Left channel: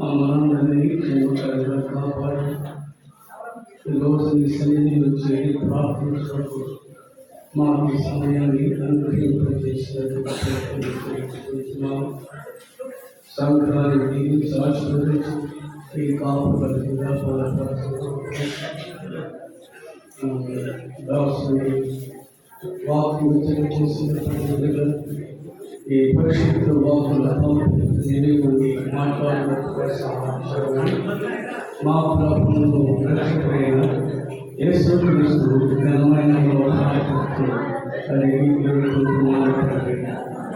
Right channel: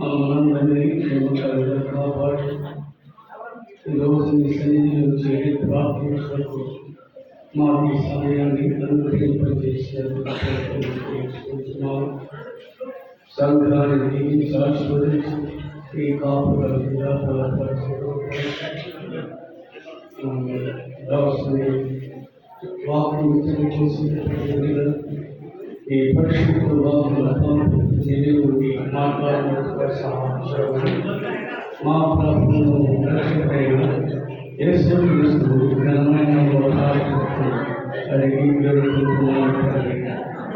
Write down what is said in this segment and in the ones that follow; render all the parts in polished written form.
మనందరినీ క్షేమకరంగా కాపాడు. ఈరోజు నీ సన్నిధిలో చేరి ప్రార్థించడానికి మాకు ఈ సమయాన్ని అనుగ్రహింపజేసినందుకు తెలుసుకుంటున్నాము. సంఘాన్ని దీవించి ఆశీర్వదించి ఈ కాపురంగా దాసుని వాక్యం తెలియజేసిన ఈ పరిశుద్ధ వాకులతో దేవుని మాట్లాడినట్టుగా సహాయం మా ప్రభువును రక్షకుడైన యేసుక్రీస్తు ఘనమైన ప్రార్థిస్తూ అడిగి వేడుకుంటున్నాము తండ్రి.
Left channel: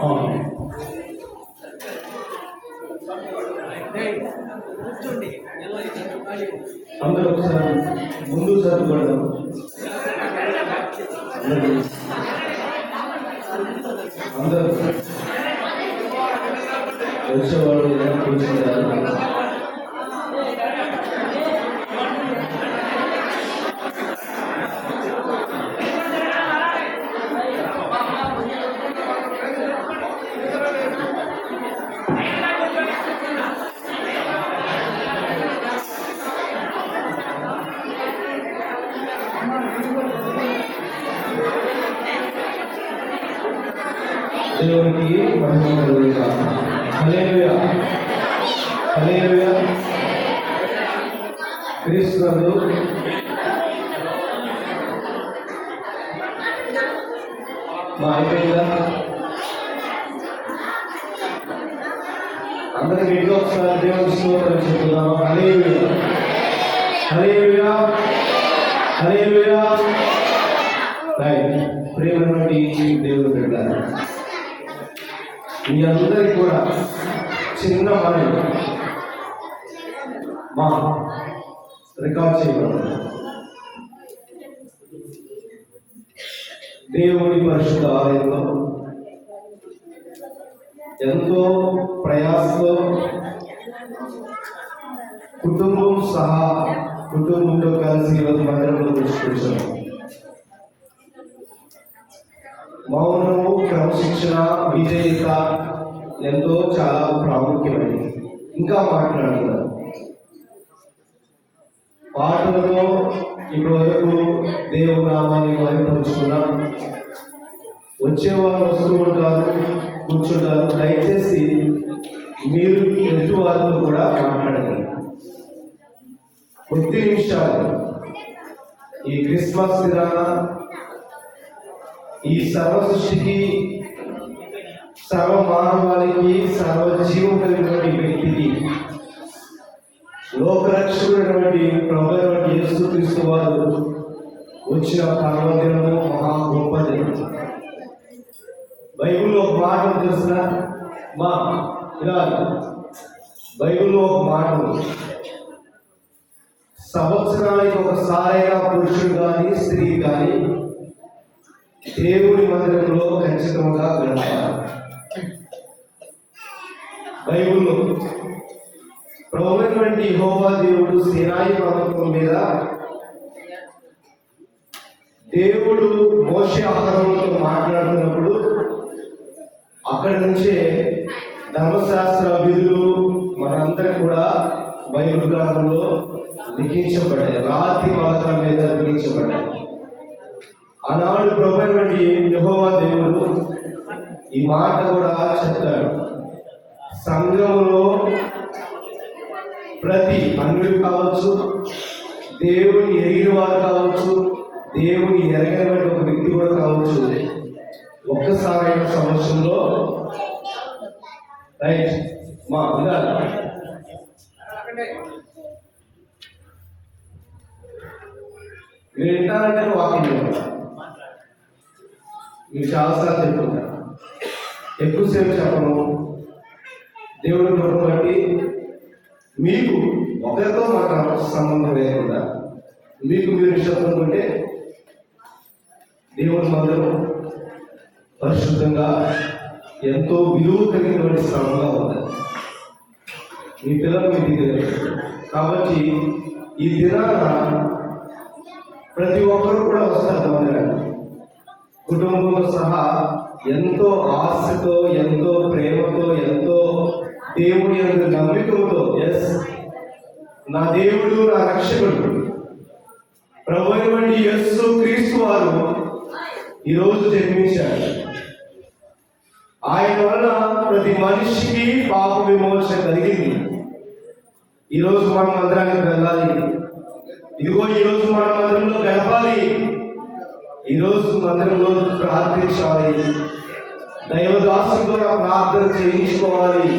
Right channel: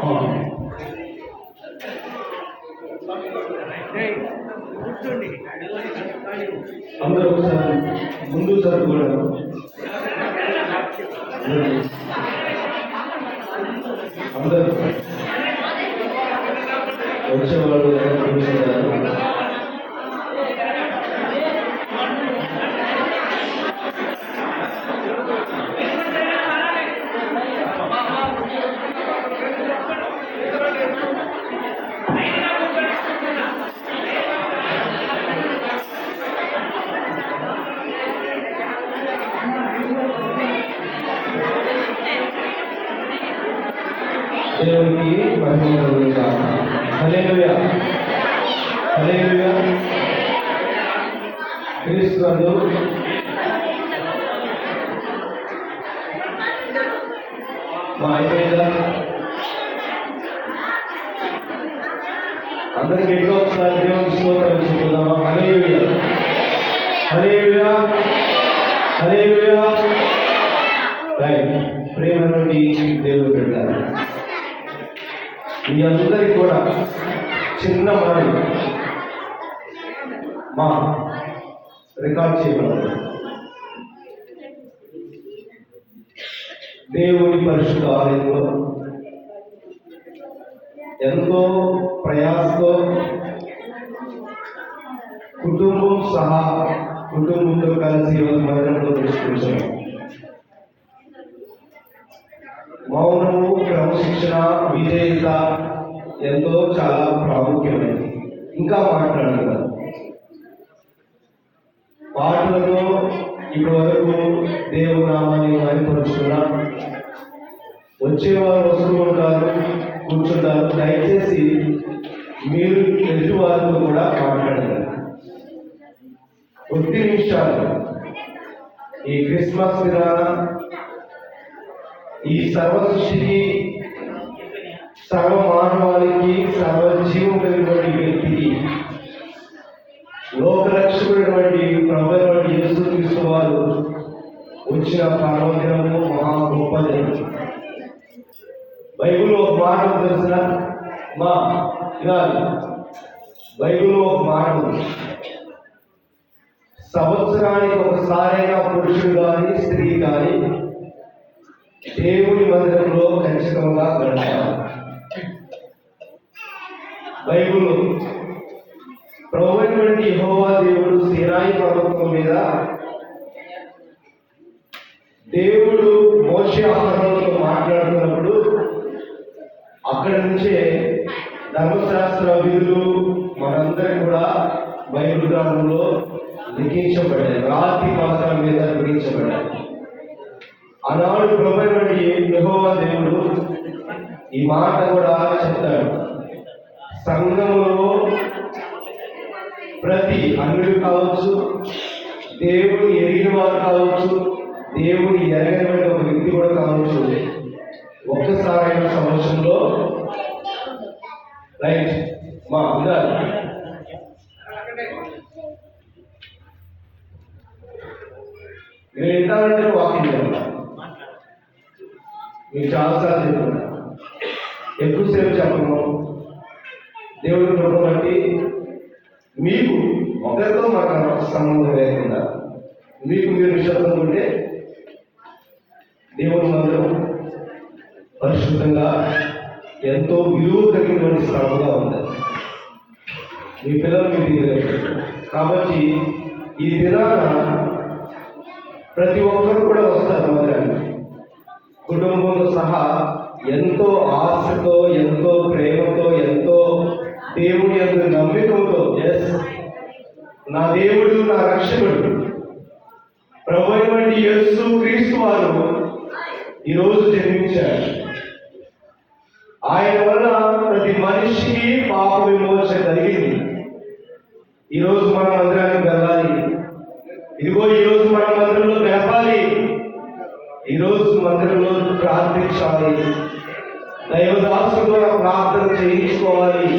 ఆమేన్. అందరూ ఒకసారి ముందు జరుపుకోవడం. అందరూ వచ్చేవాళ్ళు కూర్చుంటారు. దేవునికి మహిమ కలుగుగాక. హల్లెలూయా, హల్లెలూయా. క్రీస్తు గారు మా అయిపోయిందా? అందరికి గట్టిగా ఒకసారి దేవునికి స్తోత్రం చెప్తున్నామా? హల్లెలూయా, హల్లెలూయా, హల్లెలూయా. ప్రేమ నుండి దేవుడు పెట్టారు. మీ అందరికీ కూడా చిన్న మాట మా రికార్డ్ చేయబడాలి. దేవుని పరిశుద్ధ ఆలయంలో ఎంతో ప్రయాసతో కుటుంబంతో కలిసి మందిరంలో దృష్టించాము. మౌనము, క్రమశిక్షణ, విజేత ఎంతో చాలా ప్రాముఖ్యమైనది. ఇంకా మాట్లాడగలరు. పాటలతో ఇప్పటి వరకు దేవుని నామాన్ని మహిమపరుచుకున్నా. వచ్చేవారు వస్తూ ఉంటారు, కూర్చుంటారు. దయచేసి మీరు ఎదుటి వారితో కూడా మాట్లాడగలరు. కొద్ది నిమిషాలు ఈ క్రిస్మస్ దినాన ఈ సర్వ సృష్టికి, సర్వ మానవాళికి, సర్వ జీవం కలిగినటువంటి వ్యక్తికి, లోకరక్షకుడైనటువంటి ప్రభువైన యేసుక్రీస్తు వారు వచ్చిన పర్వదినము మహా గొప్ప దినం. బైబిల్లో ఒక మాట తెలిసిన మా ఇలా బైబిల్లో ఒక మాట సంవత్సరానికి ఒకసారైనా పురుషుడు కానీ స్త్రీ కానీ దేవుని మందిరంలో ఖచ్చితంగా గడపాలి. బైబిల్లో ప్రభువైనటువంటి యెహోవా దేవుడు సీనాయి పర్వతం మీద దేవుడు మోషే అహరోనుతో మాట్లాడుతున్నప్పుడు అక్కడి నుంచే ధర్మశాస్త్ర విధులు మనందరం కూడా బైబిల్ గ్రంథంలో లిఖించబడ్డాయి. రాతి పాత్ర మీద లిఖించబడ్డాయి. ఆనాడు ప్రభువైనటువంటి యెహోవా దేవుడు ఈ మాట కూడా చెప్తాడు. సంఘములో ప్రతి అన్యుడు కావచ్చు, దేవుని ఎరిగిన వారు కావచ్చు, దేవుని ఎరగినటువంటి ఒక వ్యక్తి కూడా కావచ్చు, ఒక్కసారైన సంవత్సరంలో రైట్ మా ఉండాలి. మీరు వింటారంటే వాకింగ్ మీకు చాలాసార్లు చెప్తున్నా, ఎక్కువసేపు చెప్పను. దేవుడి కృపను బట్టి మీకు ఒకరితో మాకు సంబంధం లేకుండా మీకు మీరు నిశ్శబ్దం ఉంటే దేవుని మందిరం పరిశుద్ధంగా ఎంతో విలువ కలిగినటువంటి స్థలంగా ఉంది. మీ పిల్లలు మీ దగ్గర కాబట్టి ఈ దినాన ప్రతి ఒక్కరు కూడా వస్తారు మందిరానికి. కుటుంబంతో సహా ఎంతో ఆశతో, ఎంతో ప్రేమతో, ఎంతో దేవుని యొక్క నమ్మికతో రక్షకుడు ప్రభు అయినటువంటి యేసు క్రీస్తు వారు ఈరోజు జన్మించారు. ఆయన వలన ప్రతి మనిషికి పాప విమోచన కలిగింది. ఈరోజు మనం మందిరానికి వెళ్ళాలి. ఇదిగో ఈరోజు మనం మందిరంలో గడపాలి. ఈరోజు మందిరంలో ప్రార్థించాలి. దైవదాసుగా ప్రార్థన చేయించుకోవాలి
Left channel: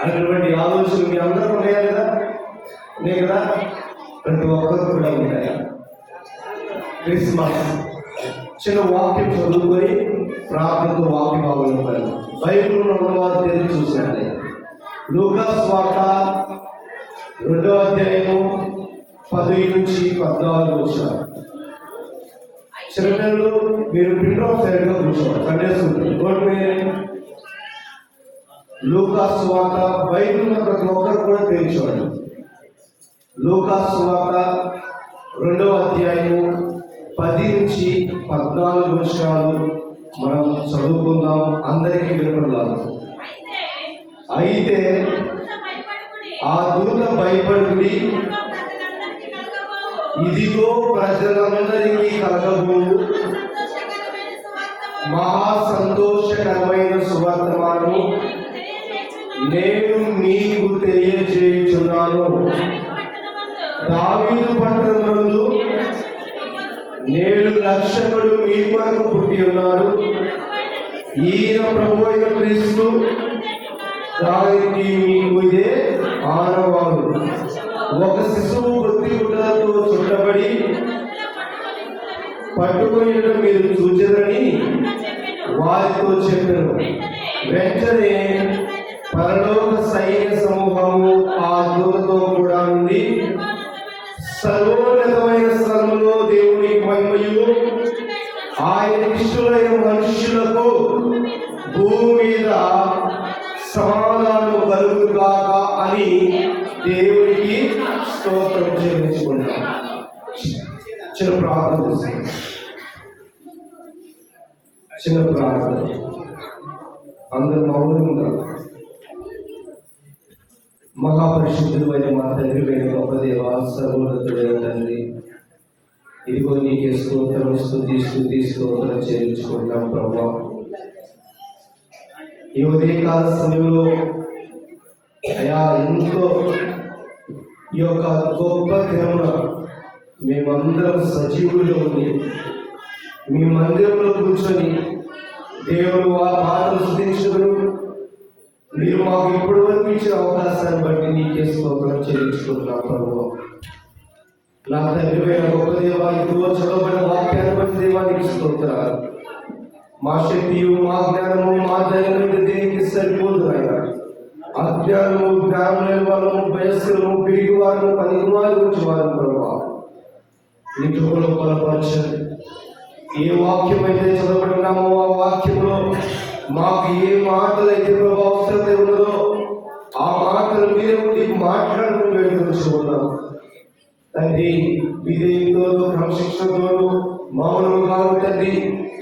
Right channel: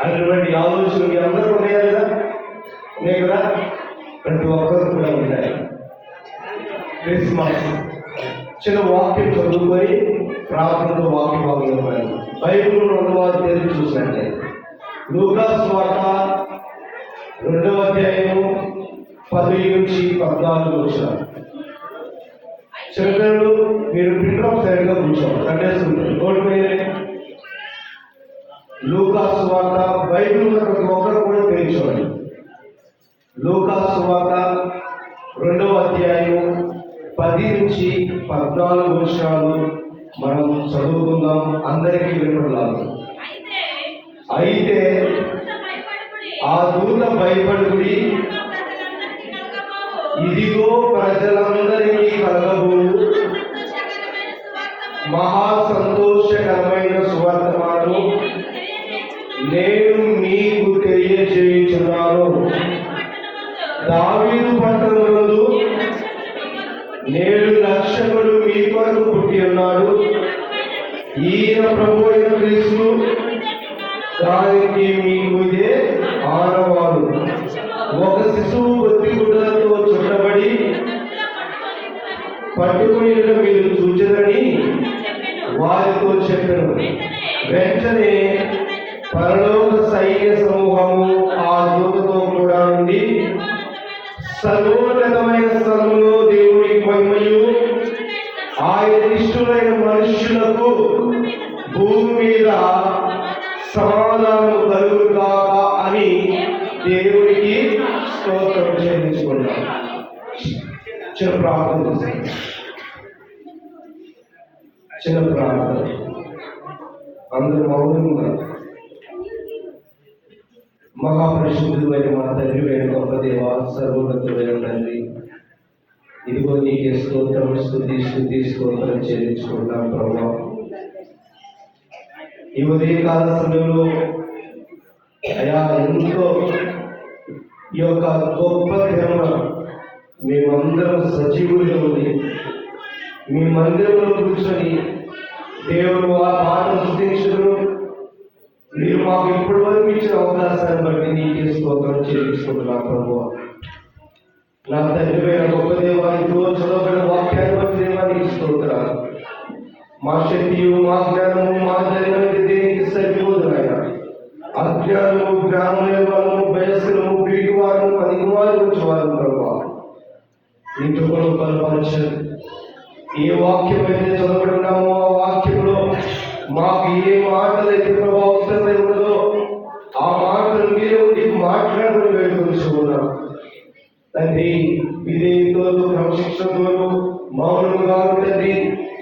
అనేటువంటి ఆలోచన మీ అందరూ ఉన్నాయి కదా, ఉన్నాయి కదా, ప్రతి ఒక్కరు కూడా ఉన్నాయి. క్రిస్మస్ చిన్న వాక్యం చదువుకొని ప్రార్థనతో వాక్య భాగంలో బైబిల్ రెండవ తెరిచి చూసినట్లే లూకా సువార్త 2వ అధ్యాయము 10 నుంచి 14 వచ్చారు. చిన్నపిల్లలు మీరు ప్రింట్ సైడ్ గా కూర్చోవాలి. సండే స్కూల్ లూకా సువార్త బైబిల్ ప్రతి ఒక్కరు కూడా తెరిచోండి. లూకా సువార్త 2వ అధ్యాయము 10 నుంచి 14 వచనాలు మనం చదువుకుందాం. అందరికీ వినపడాలి. అయితే ఆ దూత భయపడుడి, ఇదిగో ప్రజలందరికీ కలగబోవు మహా సంతోషకరమైన సువర్తమానము నేను మీకు తెలియజేయుచున్నాను. దావీదు పట్టణమందు నేడు రక్షకుడు మీ కొరకు పుట్టి ఉన్నాడు. ఈయన ప్రభు అయిన క్రీస్తు. దానికి మీకు ఇదే ఆనవాలు. ఒక శిశువు కొద్ది గుడ్డలతో చుట్టబడి పట్టుకుని మీరు చూచెదని వారితో చెప్పారు. వెంటనే పరలోక సైన్య సమూహము ఆ దూతతో కూడా నుండి సర్వోన్నతమైన స్థలంలో దేవునికి మహిమయు ఆయన ఇష్టమైన మనుషులకు భూమి మీద సమాధానం కలుగుగాక అని దేవునికి స్తోత్రం చెల్లించుకుంటాం. చిన్న ప్రార్థన అందరూ మౌనంగా మహాపరిశుద్ధుడు అయిన మా తండ్రి అయిన గొప్ప దేవ, సర్వోన్నతుడైన తండ్రి, ఇదిగో నీకే స్తోత్రం స్తోత్రం చెల్లించుకుంటాం ప్రభా. ఈ ఉదయకాల సమయంలో అయా ఎంతో ఈ యొక్క గొప్ప దినమున మేమందరం సజీవులుగా ఉంది మీ మందిరంలో కూర్చొని దేవుడు ఆ పాటలు స్తుతించును. మీరు మాకు ఇప్పటి వరకు ఇచ్చిన అవకాశాన్ని బట్టి నీకే స్తోత్రం చెల్లించుకుంటున్నాం ప్రభువా. నా తండ్రి గొప్ప దేవానికి చదవబడిన వాక్యాన్ని బట్టి దేవానికి స్తోత్రాలు. మా శక్తియు మా జ్ఞానము మా ధైర్యమైన దేనికి సరిపోతున్నాయా. అజ్ఞానము జ్ఞానమైన వాళ్ళము వయస్సులము పిరిగివారు పనికివారు ఉంచేవారు ప్రభువా. ఇంటి కూడా బలపరచండి. ఏ వాక్యం అయితే చదవబడినామో ఆ వాక్యంలో మాకు ఏ మాటలు అయితే ప్రభావత ఉన్నదో ఆ మాటలు మీరే ఉండి మాట్లాడడం వేడుకొంచుకున్నాం తండ్రి. విధేయతతో క్రమశిక్షణతో మౌనంగా తండ్రి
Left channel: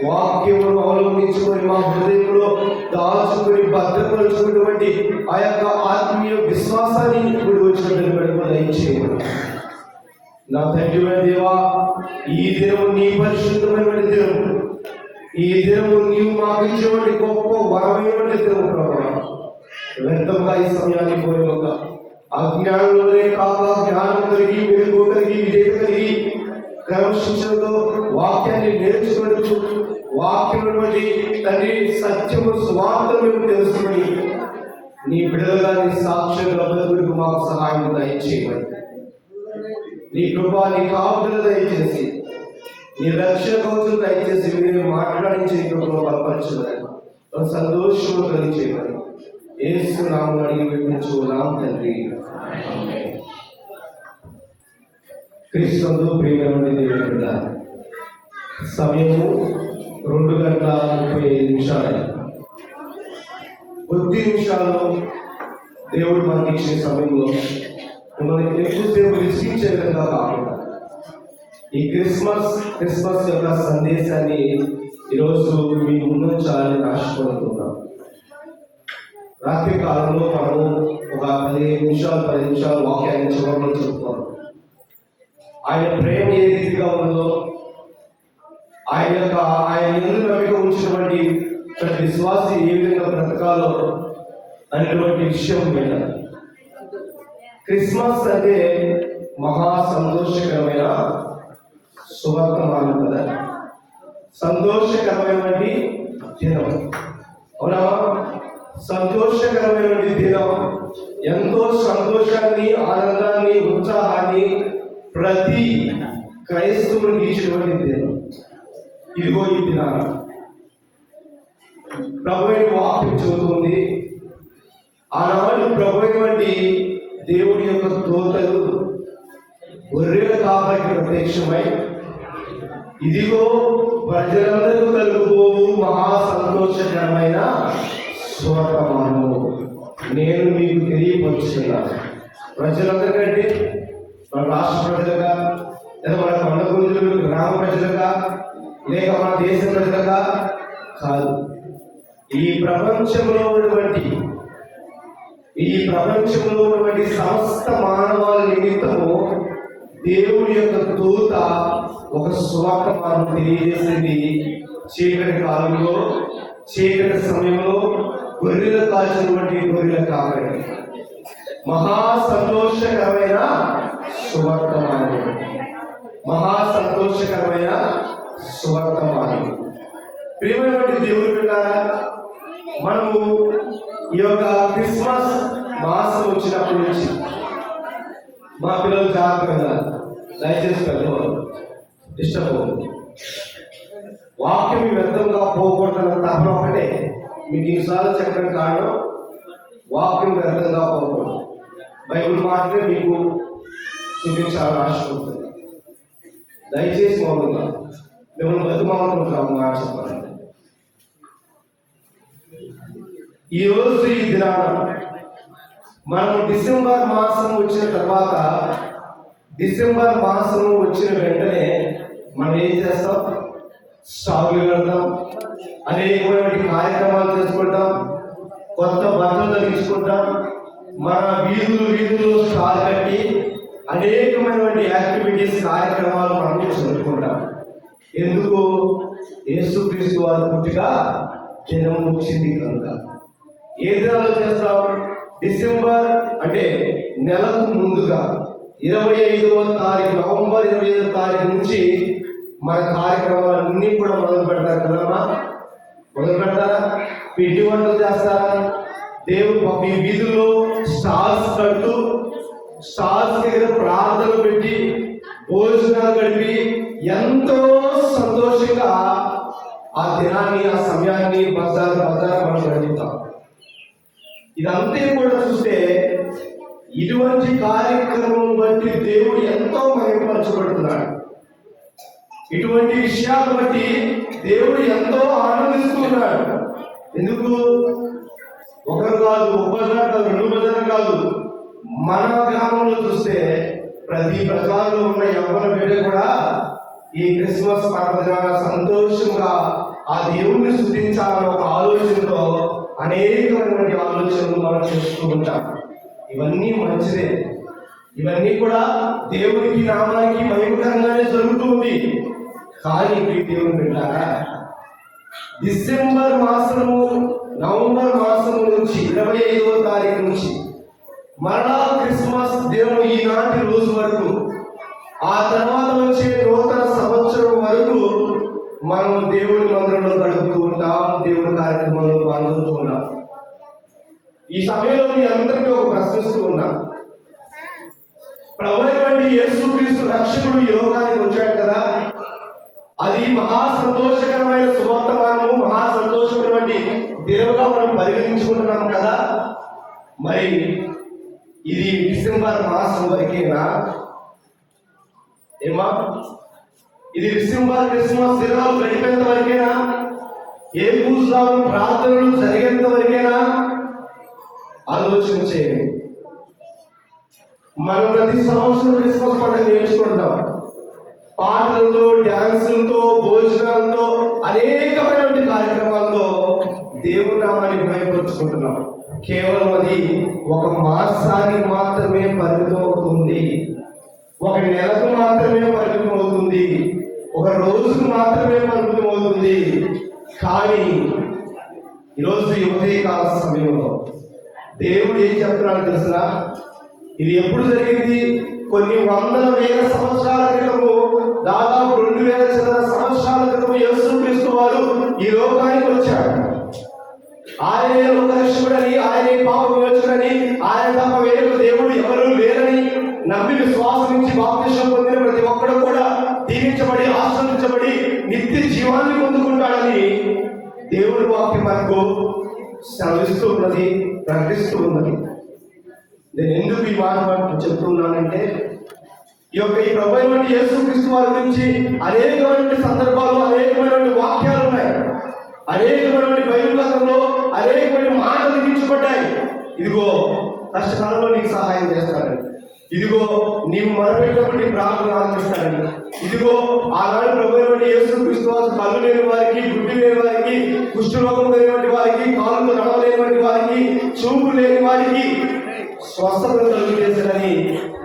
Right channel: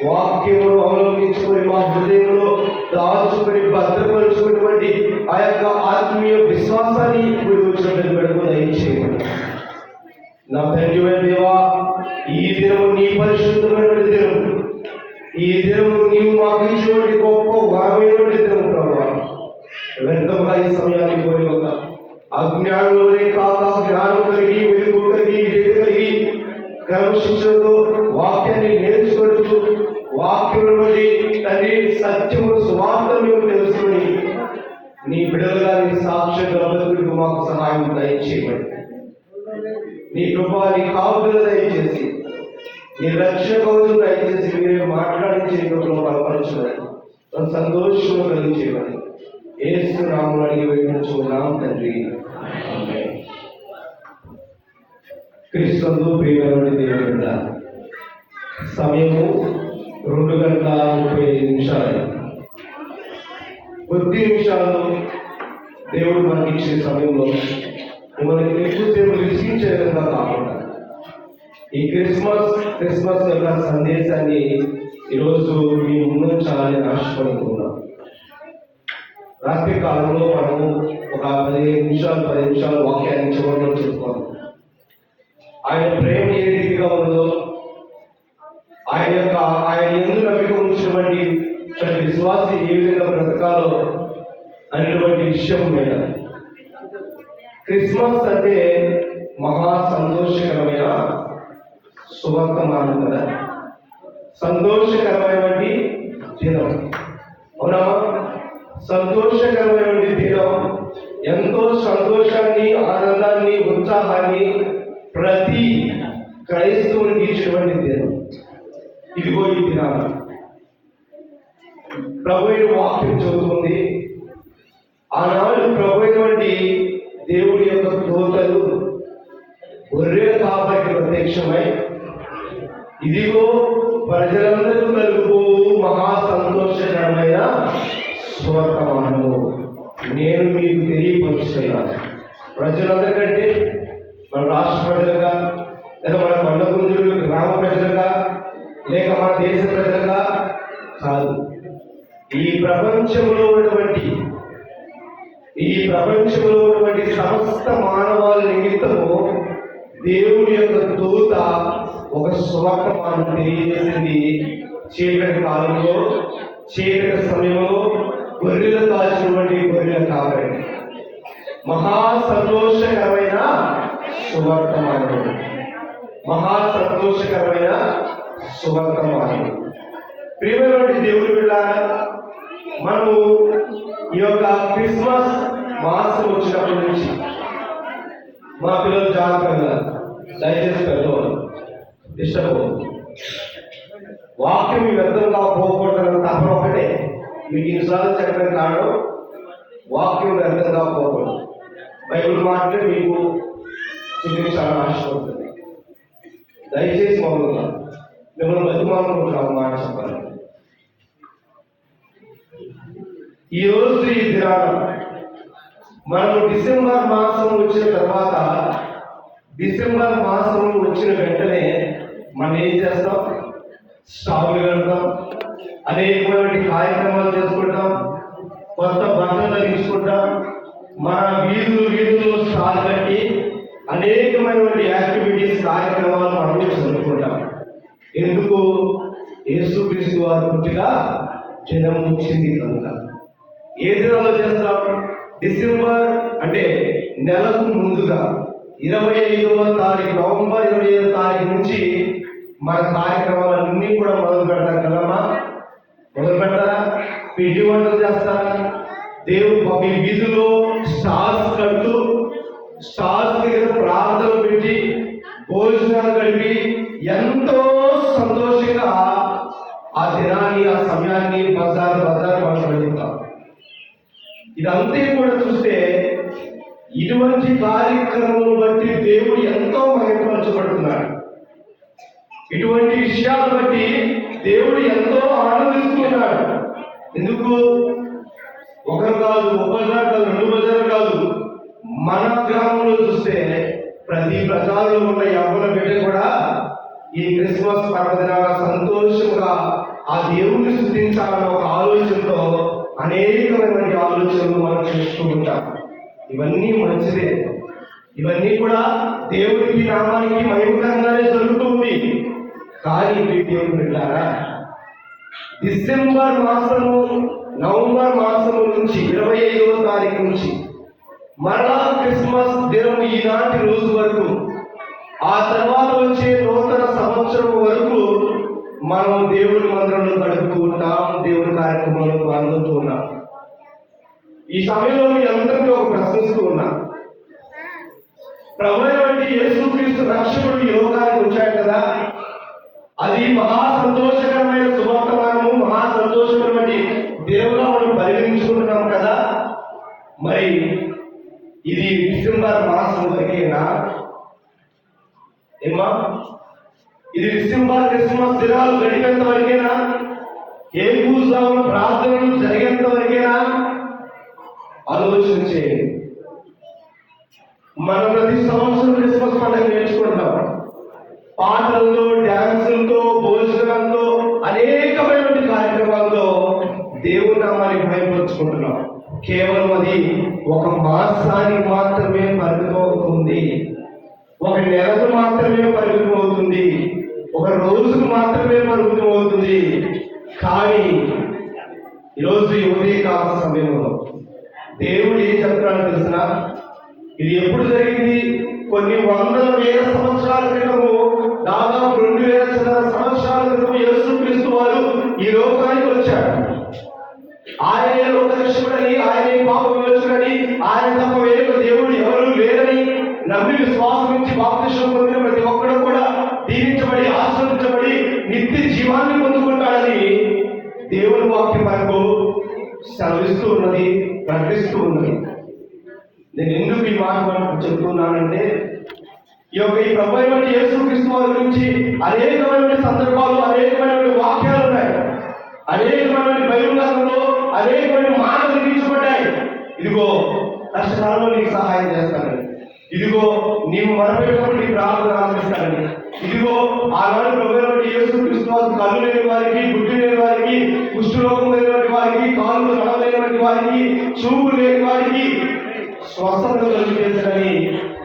వాక్యమును అవలంబించుకొని మా హృదయంలో దాచుకొని భద్రపరుచుకున్నటువంటి ఆ యొక్క ఆత్మీయ విశ్వాసాన్ని ఇప్పుడు వచ్చిన దయచేయమని నా తండ్రి దేవా. ఈ దినము నీ పరిశుద్ధమైన దినము, ఈ దినము నీవు మాకు ఇచ్చేటువంటి గొప్ప వరమైనటువంటి దినము ప్రభావ. వ్యర్థంగా ఈ సమయానికి పోయి ఒక అజ్ఞానంలోనే కాక జ్ఞానం కలిగి వెలుగు కలిగి విజయ కలిగి క్రమశిక్షణతో వాక్యాన్ని నేర్చుకుంటూ వాక్యం బట్టి తండ్రి సత్యము స్వార్థ మేము తెలుసుకుని నీ బిడ్డలుగా నీ సాక్ష్యంగా బతుకు మాకు సహాయం దయచేయమని, నీ కృప నీ కాపుదల దయచేసి నీ రక్షణ కవచం దయచేసి మీరే మాట్లాడించే కృపలో బలపరచుదని సంతోషంలో కలిగించేయమని యేసు నామమున అడిగి వేడుకొంచున్నాము తండ్రి. క్రీస్తునందు ప్రియమైన దేవుని బిడ్డ, సమయము 2:35 కొద్ది నిమిషాల్లో దేవుడు మనకి ఇచ్చిన సమయంలో మనకి ఎక్కువసేపు విసిగించే విధంగా కాకుండా ఈ క్రిస్మస్ యొక్క సందేశాన్ని ఈరోజు మీ ముందుంచాలని ఆశపడుతున్నాం. రాత్రి కాలంలో మనము ఒక 10 నిమిషాలు వాక్యాన్ని చివరిలో చెప్పుకోవాలి. ఆయన ప్రేమ ఏ రీతిగా ఉందో, ఆయన ఎందుకు నమ్మిక ఉంచినటువంటి ప్రతి విశ్వాసి ఏ విధంగా బ్రతకాలో అనేటువంటి విషయం మీద. క్రిస్మస్ అంటే మహా సంతోషకరమైన శుభవర్తమానం కదా, సంతోషకరమైనటువంటి దినం. అవునా? సంతోషకరమైనటువంటి దినం, ఎంతో సంతోషాన్ని, ఆనందాన్ని, ఉత్సాహాన్ని ప్రతి క్రైస్తవునికి ఇచ్చినటువంటి దినం. ఇదిగో ఈ దినాలు ప్రభువైన వాక్యం చదువుతుంది. ఆనాడు ప్రభువైనటువంటి దేవుడి యొక్క దూతలు గొర్రెల కాపరికి ప్రత్యక్షమై, ఇదిగో ప్రజలందరూ కలుగుబోవు మహా సంతోషకరమైన శుభవర్తమానము నేను మీకు తెలియపరుస్తున్నాను. ప్రజలందరికంటే మన రాష్ట్ర ప్రజలుగా, లేదా మన కొండ గురుజులు గ్రామ ప్రజలుగా, లేక మన దేశ ప్రజలుగా కాదు, ఈ ప్రపంచంలో ఉన్నటువంటి సమస్త మానవాళి నిమిత్తము దేవుని యొక్క దూత ఒక సువర్తమానం తెలియజేసింది. చీకటి కాలంలో, చీకటి సమయంలో గొర్రెలు కాల్చినటువంటి గొర్రెల కాపరి మహా సంతోషకరమైన సువర్తమానం, మహా సంతోషకరమైన సువర్తమానం. ప్రియమైనటువంటి దేవుని బిడ్డ, మనము ఈ యొక్క క్రిస్మస్ మాసం వచ్చినప్పటి నుంచి మా పిల్లలు జాగ్రత్తగా, దయచేసి పెద్దవాళ్ళు డిస్టర్బ్ వాక్యం వ్యర్థంగా పోకూడదు. తప్ప ఒకటే మీకు ఇన్నిసార్లు చెప్పడం కారణం, వాక్యం వ్యర్థంగా పోకూడదు. బైబిల్ మాత్రమే మీకు చూపించాలని ఆశ ఉంటుంది. దయచేసి మౌనంగా మిమ్మల్ని బతుమానుకుంటున్నాము మాట చెప్పాలి. ఈరోజు ఈ దినాన మనం డిసెంబర్ మాసం వచ్చిన తర్వాత, డిసెంబర్ మాసం వచ్చిన వెంటనే మనం ఏం చేస్తాం? స్టాగులు కడతాం, అనేకమైన కార్యక్రమాలు చేసుకుంటాం, కొత్త బట్టలు ధరించుకుంటాం, మన వీధుల్లో స్టాల్ కట్టి అనేకమైనటువంటి యాక్టివిటీస్, కార్యక్రమాలు మనం జరుపుకుంటాం. ఎందుకు? యేసుక్రీస్తు వారి పుట్టిక దినం వచ్చింది కనుక. ఏ దినాల్లో చేస్తాం? డిసెంబర్ అంటే నెలకు ముందుగా 25వ తారీఖు, నవంబర్ 25వ తారీఖు నుంచి మన కార్యక్రమాలన్నీ కూడా మొదలు పెడతారు కదమ్మా. మొదలు పెడతారా? పిండి వంటలు చేస్తారా? దేవుడు మీ వీధుల్లో స్టాల్స్ కడుతూ, స్టాల్స్ దగ్గర ప్రార్థనలు పెట్టి, భోజనాలు గడిపి ఎంతో సంతోషంగా ఆ దినాన్ని, ఆ సమయాన్ని బజార్ మనం గడుపుతాం. ఇదంతా కూడా చూస్తే ఇటువంటి కార్యక్రమం బట్టి దేవుడు ఎంతో మహిమపరచబడుతున్నాడు. ఇటువంటి విషయాలు బట్టి దేవుడు ఎంతో ఆనందిస్తున్నాడు. ఎందుకు? ఒకరు కాదు, ఒక బజార్ కాదు, 2 బజార్ కాదు, మన గ్రామంలో చూస్తే ప్రతి బజార్లో ఉన్న యవ్వన బిడ్డ కూడా ఈ క్రిస్మస్ పర్వదినాన సంతోషంగా ఆ దేవుణ్ణి స్తుతించాలన్న ఒక ఆలోచనతో అనేకమైనటువంటి ఆలోచనలు మనం చేస్తూ ఉంటాం. ఇవన్నీ మంచిదే, ఇవన్నీ కూడా దేవుడికి, నామానికి మహిమకరంగానే జరుగుతుంది. కానీ దేవుడు పెట్టారా, డిసెంబర్ మాసము, నవంబర్ మాసము నుంచి 25వ తారీఖు నుంచి మరలా క్రిస్మస్ దినం ఈనాటి రోజు వరకు, ఆ తర్వాత వచ్చే నూతన సంవత్సరం వరకు మనం దేవుని మందిరంలో గడుపుతూ ఉంటాం, దేవుని కార్యక్రమంలో పాల్గొంటూ ఉన్నాం. ఈ సమయంలో మీ అందరికీ ఒక ప్రశ్నిస్తూ ఉన్నా, ప్రభువైన యేసుక్రీస్తు రక్షకుడు ఈ లోకానికి వచ్చాడు కదా, అది మహా సంతోషకరమైన శుభవర్తమానము, మహా సంతోషమైనటువంటి దేవుగా మనం పరిగణించుకుంటున్నాం కదా. మరి ఇది డిసెంబర్ మాసం వరకేనా? ఏమా, ఇది డిసెంబర్ క్రిస్మస్ దినాలు గడిపేంత వరకేనా? ఏ పూజలు, ప్రార్థనలు జరిగేంత వరకేనా? ఆలోచన చేయండి. మనం ప్రతి సంవత్సరం క్రిస్మస్ పండుగ నేర్చుకుంటాం. పాటలతో, డ్యాన్సులతో, భోజనాలతో, అనేకమైనటువంటి కార్యక్రమాలతో దేవుని నామాన్ని మహిమపరుచుకుంటున్నాం. కేవలం అది ఒక మాసానికి మాత్రమే పరిమితం అవుతుంది, ఒక నెలకు మాత్రమే ఇది ఎప్పుడు జరిగింది? కొన్ని వందల వేల సంవత్సరాల క్రితము, దాదాపు 2000 చిల్లర సంవత్సరాల క్రితం యేసుక్రీస్తు వారు ఈ లోకానికి వచ్చారు. ఆయనే లోకరక్షకుడని, ఆయనే పాప విమోచకుడని, ఆయన తప్ప వేరొక దేవుడు ఎవరు లేరని నమ్మి విశ్వాసించి బాప్తిసం పొందిన ప్రతి ఒక్కడు కూడా దీవించబడి, ఆశ్రయించబడి నిత్య జీవాన్ని పొందుకుంటాడని దేవుని వాక్యం మనకు సెలవిస్తూ ఉన్నది, ప్రకటిస్తూ ఉన్నది. నేను ఎందుకు ఈ మాట చెప్తున్నానంటే, ఈ ప్రభు అయిన యేసుక్రీస్తు వారి గురించి అనేకమైన సందర్భాలు, అనేకమైన వాక్యాలు ఉన్నాయి. అనేకమైన బైబిల్ గ్రంథంలో అనేకమైన మాటలు లిఖించబడ్డాయి. ఇదిగో కష్టకాలంలో నీకు సహాయం చేస్తానని, ఇదిగో నీవు మొరపెట్టినప్పుడు నీ ప్రార్థన ఆలకిస్తానని, ఇదిగో ఆనాడు ప్రభు అయిన యేసుక్రీస్తు వారు కళ్ళు లేని వారికి, గుడ్డి లేని వారికి, కుష్ఠరోగం లేనటువంటి వారికి, కాళ్ళు నడవలేనటువంటి వారికి, చూపు లేని వారికి స్వస్థత కలుగజేశాడని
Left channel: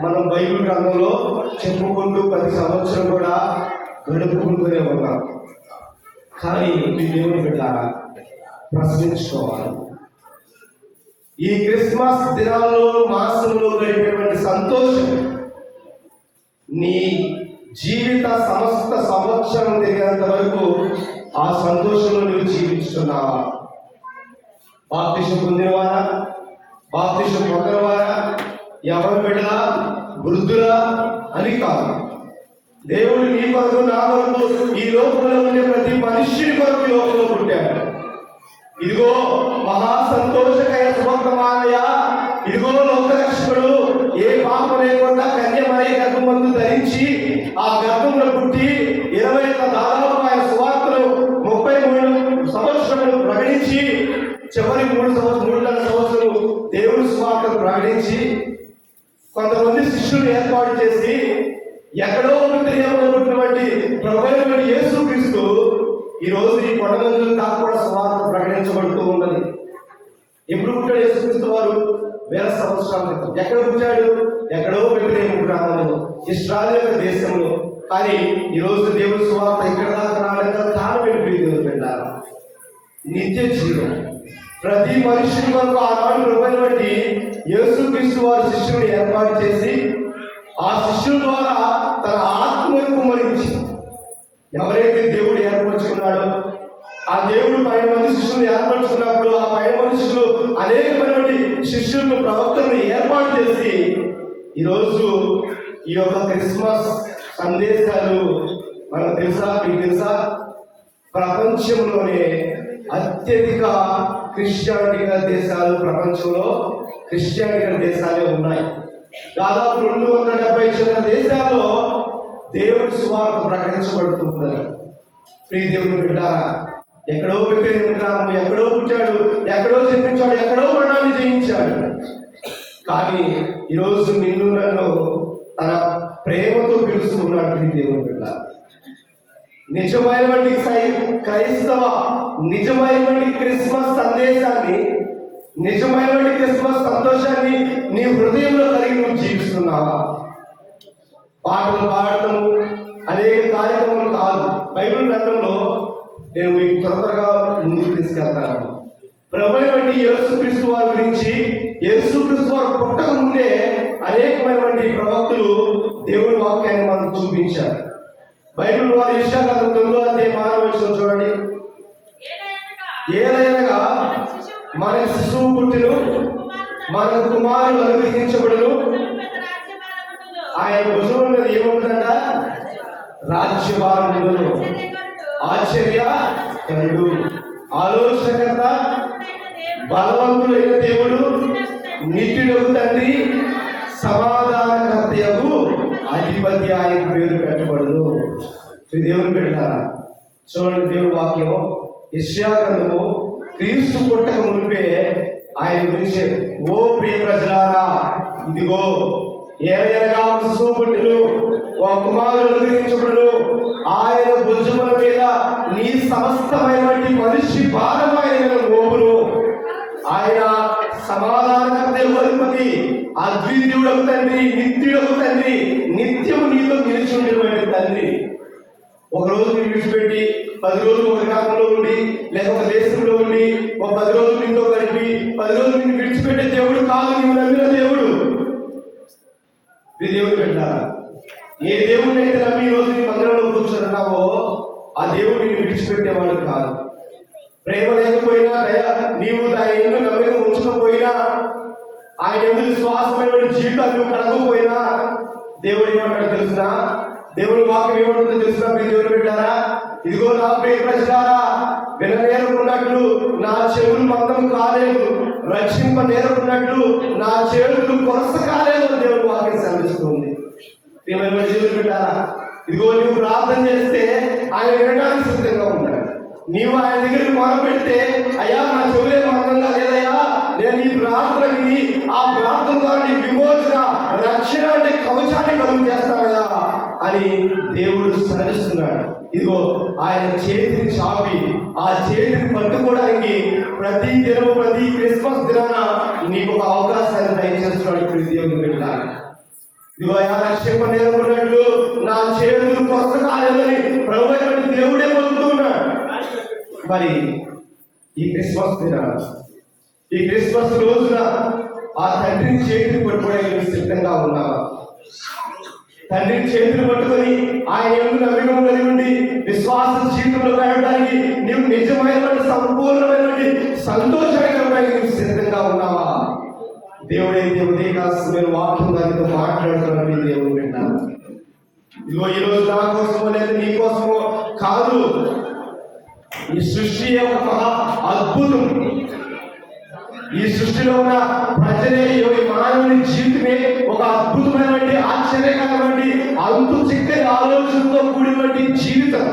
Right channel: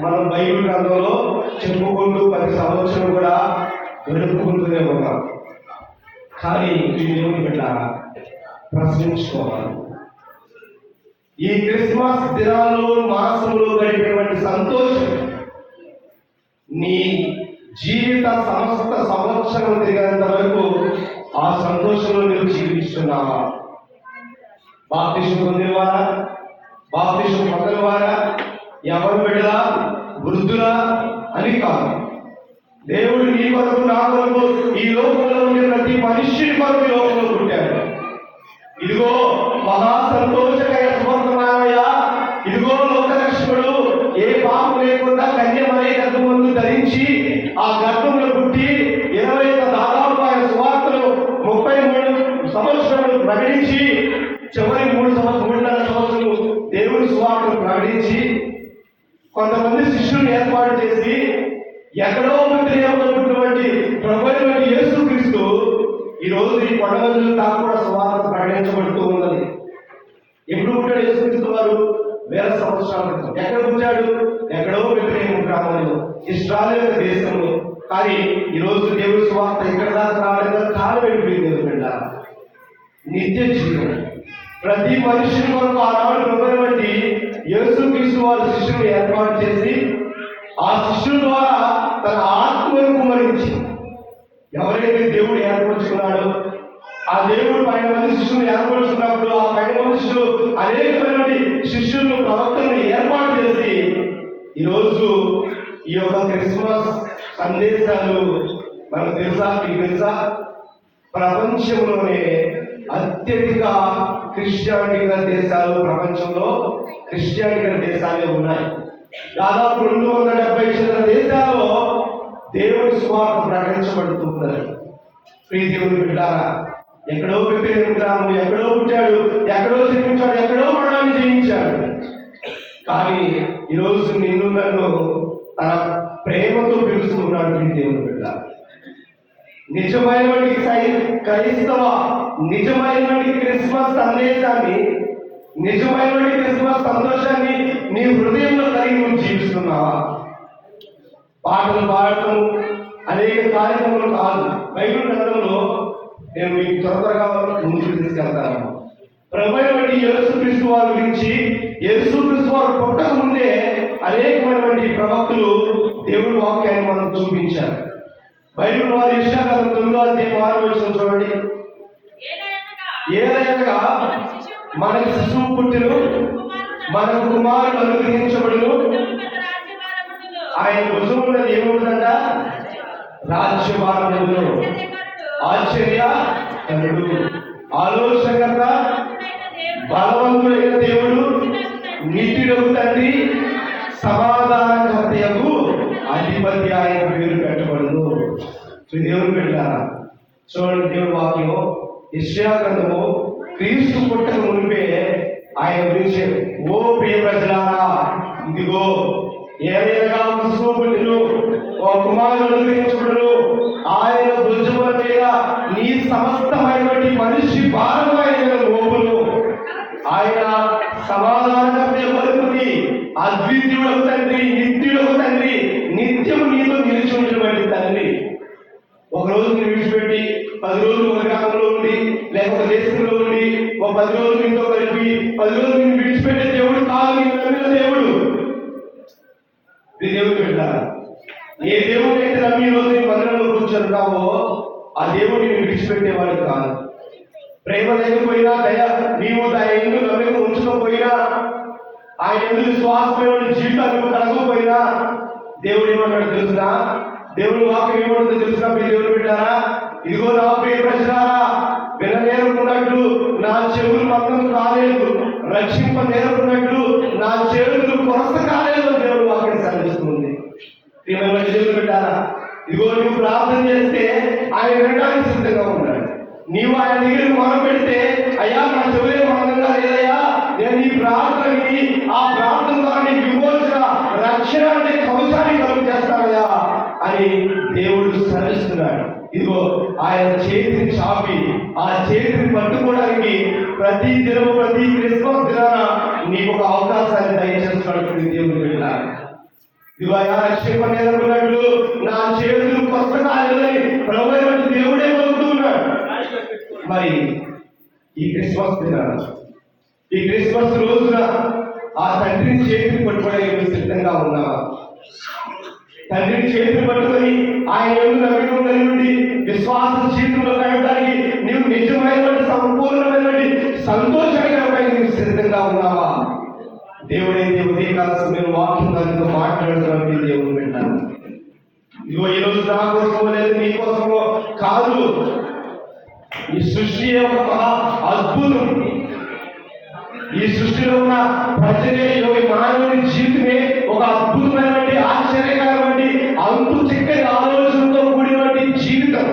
మనం బైబిల్ గ్రంథంలో చెప్పుకుంటూ ప్రతి సంవత్సరం కూడా గడుపుకుంటూనే ఉన్నాం. కానీ ఈ దేవుని బిడ్డ ప్రశ్నించుకోవాలి. ఈ క్రిస్మస్ దినాల్లో, మాసంలో గడిపేటువంటి సంతోషం నీ జీవిత సమస్త సంవత్సరం తిరిగినంత వరకు ఆ సంతోషంలో నువ్వు జీవిస్తున్నావా? బాప్తిసం పొందినవారా, బాప్తిసం పొందనివారా, ఎవరి బిడ్డలా, వృద్ధులా అని కాదు. దేవుడు నీ కొరకు, నా కొరకు, ఈ లోకంలో ఉండే ప్రతి మనుష్యుని కొరకు లోకంలో పుట్టాడు. ఇదిగో మహా సంతోషకర శుభవర్తమానమయ్య, ఇదిగో లోకరక్షకుడు ఏ పాపం లేకుండా కన్యమయ్య గర్భమందు ధరించి ఆ గర్భంలో పుట్టి 20 దాదాపు ఆయన సువార్తలు 33 సంవత్సరాలు ప్రకటించి, చివరి 3.5 సంవత్సరాలు దేవుని సువార్తలు ప్రకటించి కొంతమంది శిష్యులు ఏర్పాటు చేసి ఎక్కడో విగ్రహంలో ఉన్నటువంటి ప్రభువైన యేసుక్రీస్తు ఈ రోజు ఈ కొండమందులు కాకుండా సువార్త ప్రకటించబడుతూ ఉన్నది. ఎప్పుడు పుట్టాడు యేసుక్రీస్తు వారు? 1000 సంవత్సరాల క్రితం. ఎక్కడ పుట్టాడు? ఎక్కడో విగ్రహం గ్రామంలో, ఇశ్రాయేలు దేశంలో. కానీ ఈ రోజు దేవుడి సువార్త ఇక్కడ దాకా రావడానికి కారణం ఏంటి? నిత్య జీవనం. ప్రతి మనిషిని కొరకు ఆనాడు ప్రభువైన యేసుక్రీస్తు వారు శిష్యుని ఏర్పాటు చేసి ఆ శిష్యుల ద్వారా తన ఆత్మను కుమరించి, ఎవరైతే దేవుడు ఏర్పరచుకున్నాడో ఆ దేవుడు 10 మంది శిష్యులు ఏర్పరచుకున్నప్పుడు ఆ 10 మనుషులు అనేకమైనటువంటి శిష్యులను, ప్రవక్తలను ఏర్పాటు చేసి ఈరోజు ఈ యొక్క క్రిస్మస్ సందేశాలు మనకు తెలుసా, మీకు తెలుసా? ప్రపంచంలోనే అత్యధిక క్రిస్టియానిటీ దేశాలు, ప్రపంచంలో క్రిస్టియానిటీ దేశాలే ఉన్నాయి. దాదాపు 270 చిన్న దేశాల్లో దేవుడి సువార్త ప్రకటించబడుతున్నారు. ప్రియ దేవుని బిడ్డలారా, ఎక్కడో విగ్రహం గ్రామం, ఎక్కడో పుట్టాడు, ఎక్కడో జన్మించాడు, ఎక్కడో మరణాన్ని జయించాడు. కానీ ఈరోజు నిన్ను నన్ను తన ప్రేమతో పిలుస్తున్నాడు. ప్రియ దేవుని బిడ్డ, నిజమైనటువంటి క్రైస్తవ, నిజమైనటువంటి క్రిస్మస్ సందేశాన్ని, నిజమైనటువంటి క్రిస్మస్ సంతోషాన్ని నీ హృదయంలో కలిగి నువ్వు జీవిస్తున్నావా? పాటలు పాడటం, అనేక కార్యక్రమాలు కాదు. బైబిల్ గ్రంథంలో నేను మీకు త్వరగా ముందుకు తీసుకెళ్తాను. ప్రభువైన యేసుక్రీస్తు వారి గురించి, యేసుక్రీస్తు వారు పుట్టక ముందే అనేకమైనటువంటి ప్రవక్తలు దేవుడి వాక్యాన్ని మనకు చూపించారు. బైబిల్ వారి యెషయా 9:6 చూడండి. ఏదైనా మనకు శిశువు పుట్టెను, మనకు కుమారుడు అనుగ్రహించబడును, ఆయన భుజమున ఏమవుతుందంట? రాజ్యభారమును, ఆశ్చర్యకరుడు, ఆలోచనకర్త, బలవంతుడైన దేవుడు, నిత్యుడగు తండ్రి, సమాధానకర్తయగు అధిపతి ఆయన పేరు పెట్టబడును. దేవుని పెట్టారా? చూడండి, దేవుని వాక్యం యెషయా గ్రంథము క్రీస్తు పుట్టక మునిపే ఆయన గురించి, ఓ ప్రియ ప్రజలారా, ఇదిగో ఏదైనా శిశువు పుట్టెను, ఓ కుమారుడు అనుగ్రహించబడును, ఆయన భుజముల మీద నీ సమస్తమైనటువంటి మనిషి భారమైన మోపును, ఆయన సమాధానకర్త, అధిపతి, అద్వితీయుడగు తండ్రి, నిత్యుడగు తండ్రి, నిత్యం నీతో నిలిచి ఉండేటువంటి తండ్రి. ఒక రోజు విడిచిపెట్టి 10 రోజులు ఒక గ్రామంలో ఉండి, లేకపోతే దేశంలో ఉండి, ఒక 10 రోజులు మీతో కలిపి 10 రోజులు నిన్ను విడిచిపెట్టే దేవుడు కాదు. నీవు నమ్మిన దేవుడు ఇది దేవుడు పెట్టారా? ఏ దేవుడిని అయితే నమ్మి ఈ రోజు నీ మందిరంలో కూర్చుంటున్నావో ఆ దేవుడిని నేను విడిచిపెట్టేవాడు కాదు. ప్రేమ లేకపోయినా, దయ నీవు ఆయన ఎందుకు నమ్మకం ఉంచకపోయినా, ఆయన ఎందుకు విశ్వాసమైన జీవితాలు నువ్వు కలగకపోయినా, దేవుడు ఏమన్నాడు తెలుసునా? దేవుని వాక్యం ఏమంటుందో తెలుసునా? మీ దేవుడు పెట్టారా? ఇదిగో నా ప్రియ ప్రజలారా, విననేరుకున్నట్లు నా చెవులు మందము కాలేదు, రక్షింప నేరుకున్నట్లు నా చేతులు కొరస కాలేదు. దేవుడు వాక్యం సెలవిస్తుంది. దేవుడు పెట్టారా? ఇదిగో నువ్వు ప్రార్థన చేస్తే ఆయన వినడానికి సిద్ధంగా ఉన్నాడు. నీవు ఆయన దగ్గరికి మొదలు పెడితే, అయ్యా నా చెవులే మందంగా లేదయ్యా, నేను ఈ ప్రార్థన విని ఆ ప్రార్థన ద్వారా నీ విమోచన, రక్షణ అనే కవచాన్ని కలుగు చేస్తానయ్యా అని దేవుడు సెలవిస్తున్నాడు. ఇదిగో ఆయన చేతిని చాపి ఆ చేతిని పట్టుకోవడానికి ప్రతి దినము, ప్రతి క్రిస్మస్ దినాన నీకు ఒక అవకాశాన్ని దయచేస్తున్నాడు దేవుడు పెట్టాలి. ఇదిగో ఆయన రక్షణ నేర్చుకున్నట్లు నా చేతులు కొత్త కాలేదని ప్రభువైన దేవుడే వదులుతున్నాడు. మరి ఈ క్రిస్మస్ దినాన, ఈ క్రిస్మస్ రోజున ఆ తండ్రిని చేతిని పట్టుకోవడానికి సిద్ధంగా ఉన్నావా? తండ్రిని చేతులు పట్టుకొని ఆయన యందు నమ్మకం కలిగి ఉండి విశ్వాస జీవితంలో గడపడానికి నీవు నిజమైన సంపూర్ణమైన సంతోషాన్ని కలగడానికి నీవు సిద్ధంగా ఉన్నావా? దేవుడైతే ఉదయకాల సమయంలో వాక్యం దానితో మాట్లాడుతున్నది దేవుడు వింటాను. ఇదిగో ఈ రోజు నా కోసమో లేదు నీ కోసమో కాదు, ఈ సృష్టి ఒక అద్భుతం. ఈ సృష్టిలో ఉన్న ప్రజలే, ఈ మానవుని జీవితమే ఒక అద్భుతమైనటువంటి, ఆశ్చర్యకరమైనటువంటి, అంతు చిక్కని ఆలోచనతో కూడినటువంటి జీవితం.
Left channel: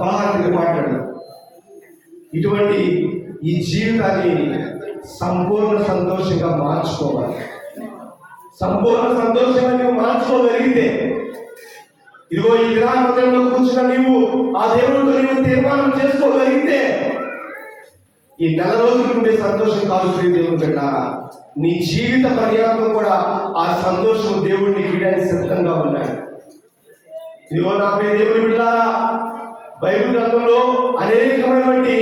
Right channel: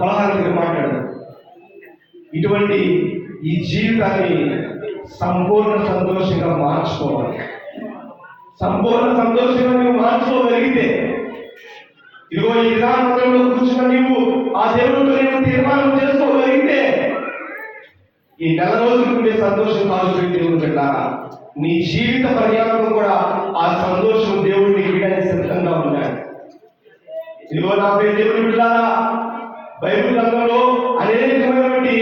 పలహారంగా మాట్లాడు. ఇటువంటి ఈ జీవితాన్ని సంపూర్ణ సంతోషంగా మార్చుకోవాలి. సంపూర్ణ సంతోషంగా నువ్వు మార్చుకోగలిగితే, ఇదిగో ఈ విధానంలో కూర్చున్న నీవు ఆ దేవుడితో నీవు తీర్మానం చేసుకోగలిగితే, ఈ నెల రోజులు ఉండే సంతోషం కాదు దేవుడు పెట్టారా, నీ జీవిత పర్యాంతం కూడా ఆ సంతోషం దేవుడిని ఇవ్వడానికి సిద్ధంగా ఉంటాడు. ఇదిగో నా పేరు దేవుడు పెట్టారా, బైబిల్ గ్రంథంలో అనేకమైనటువంటి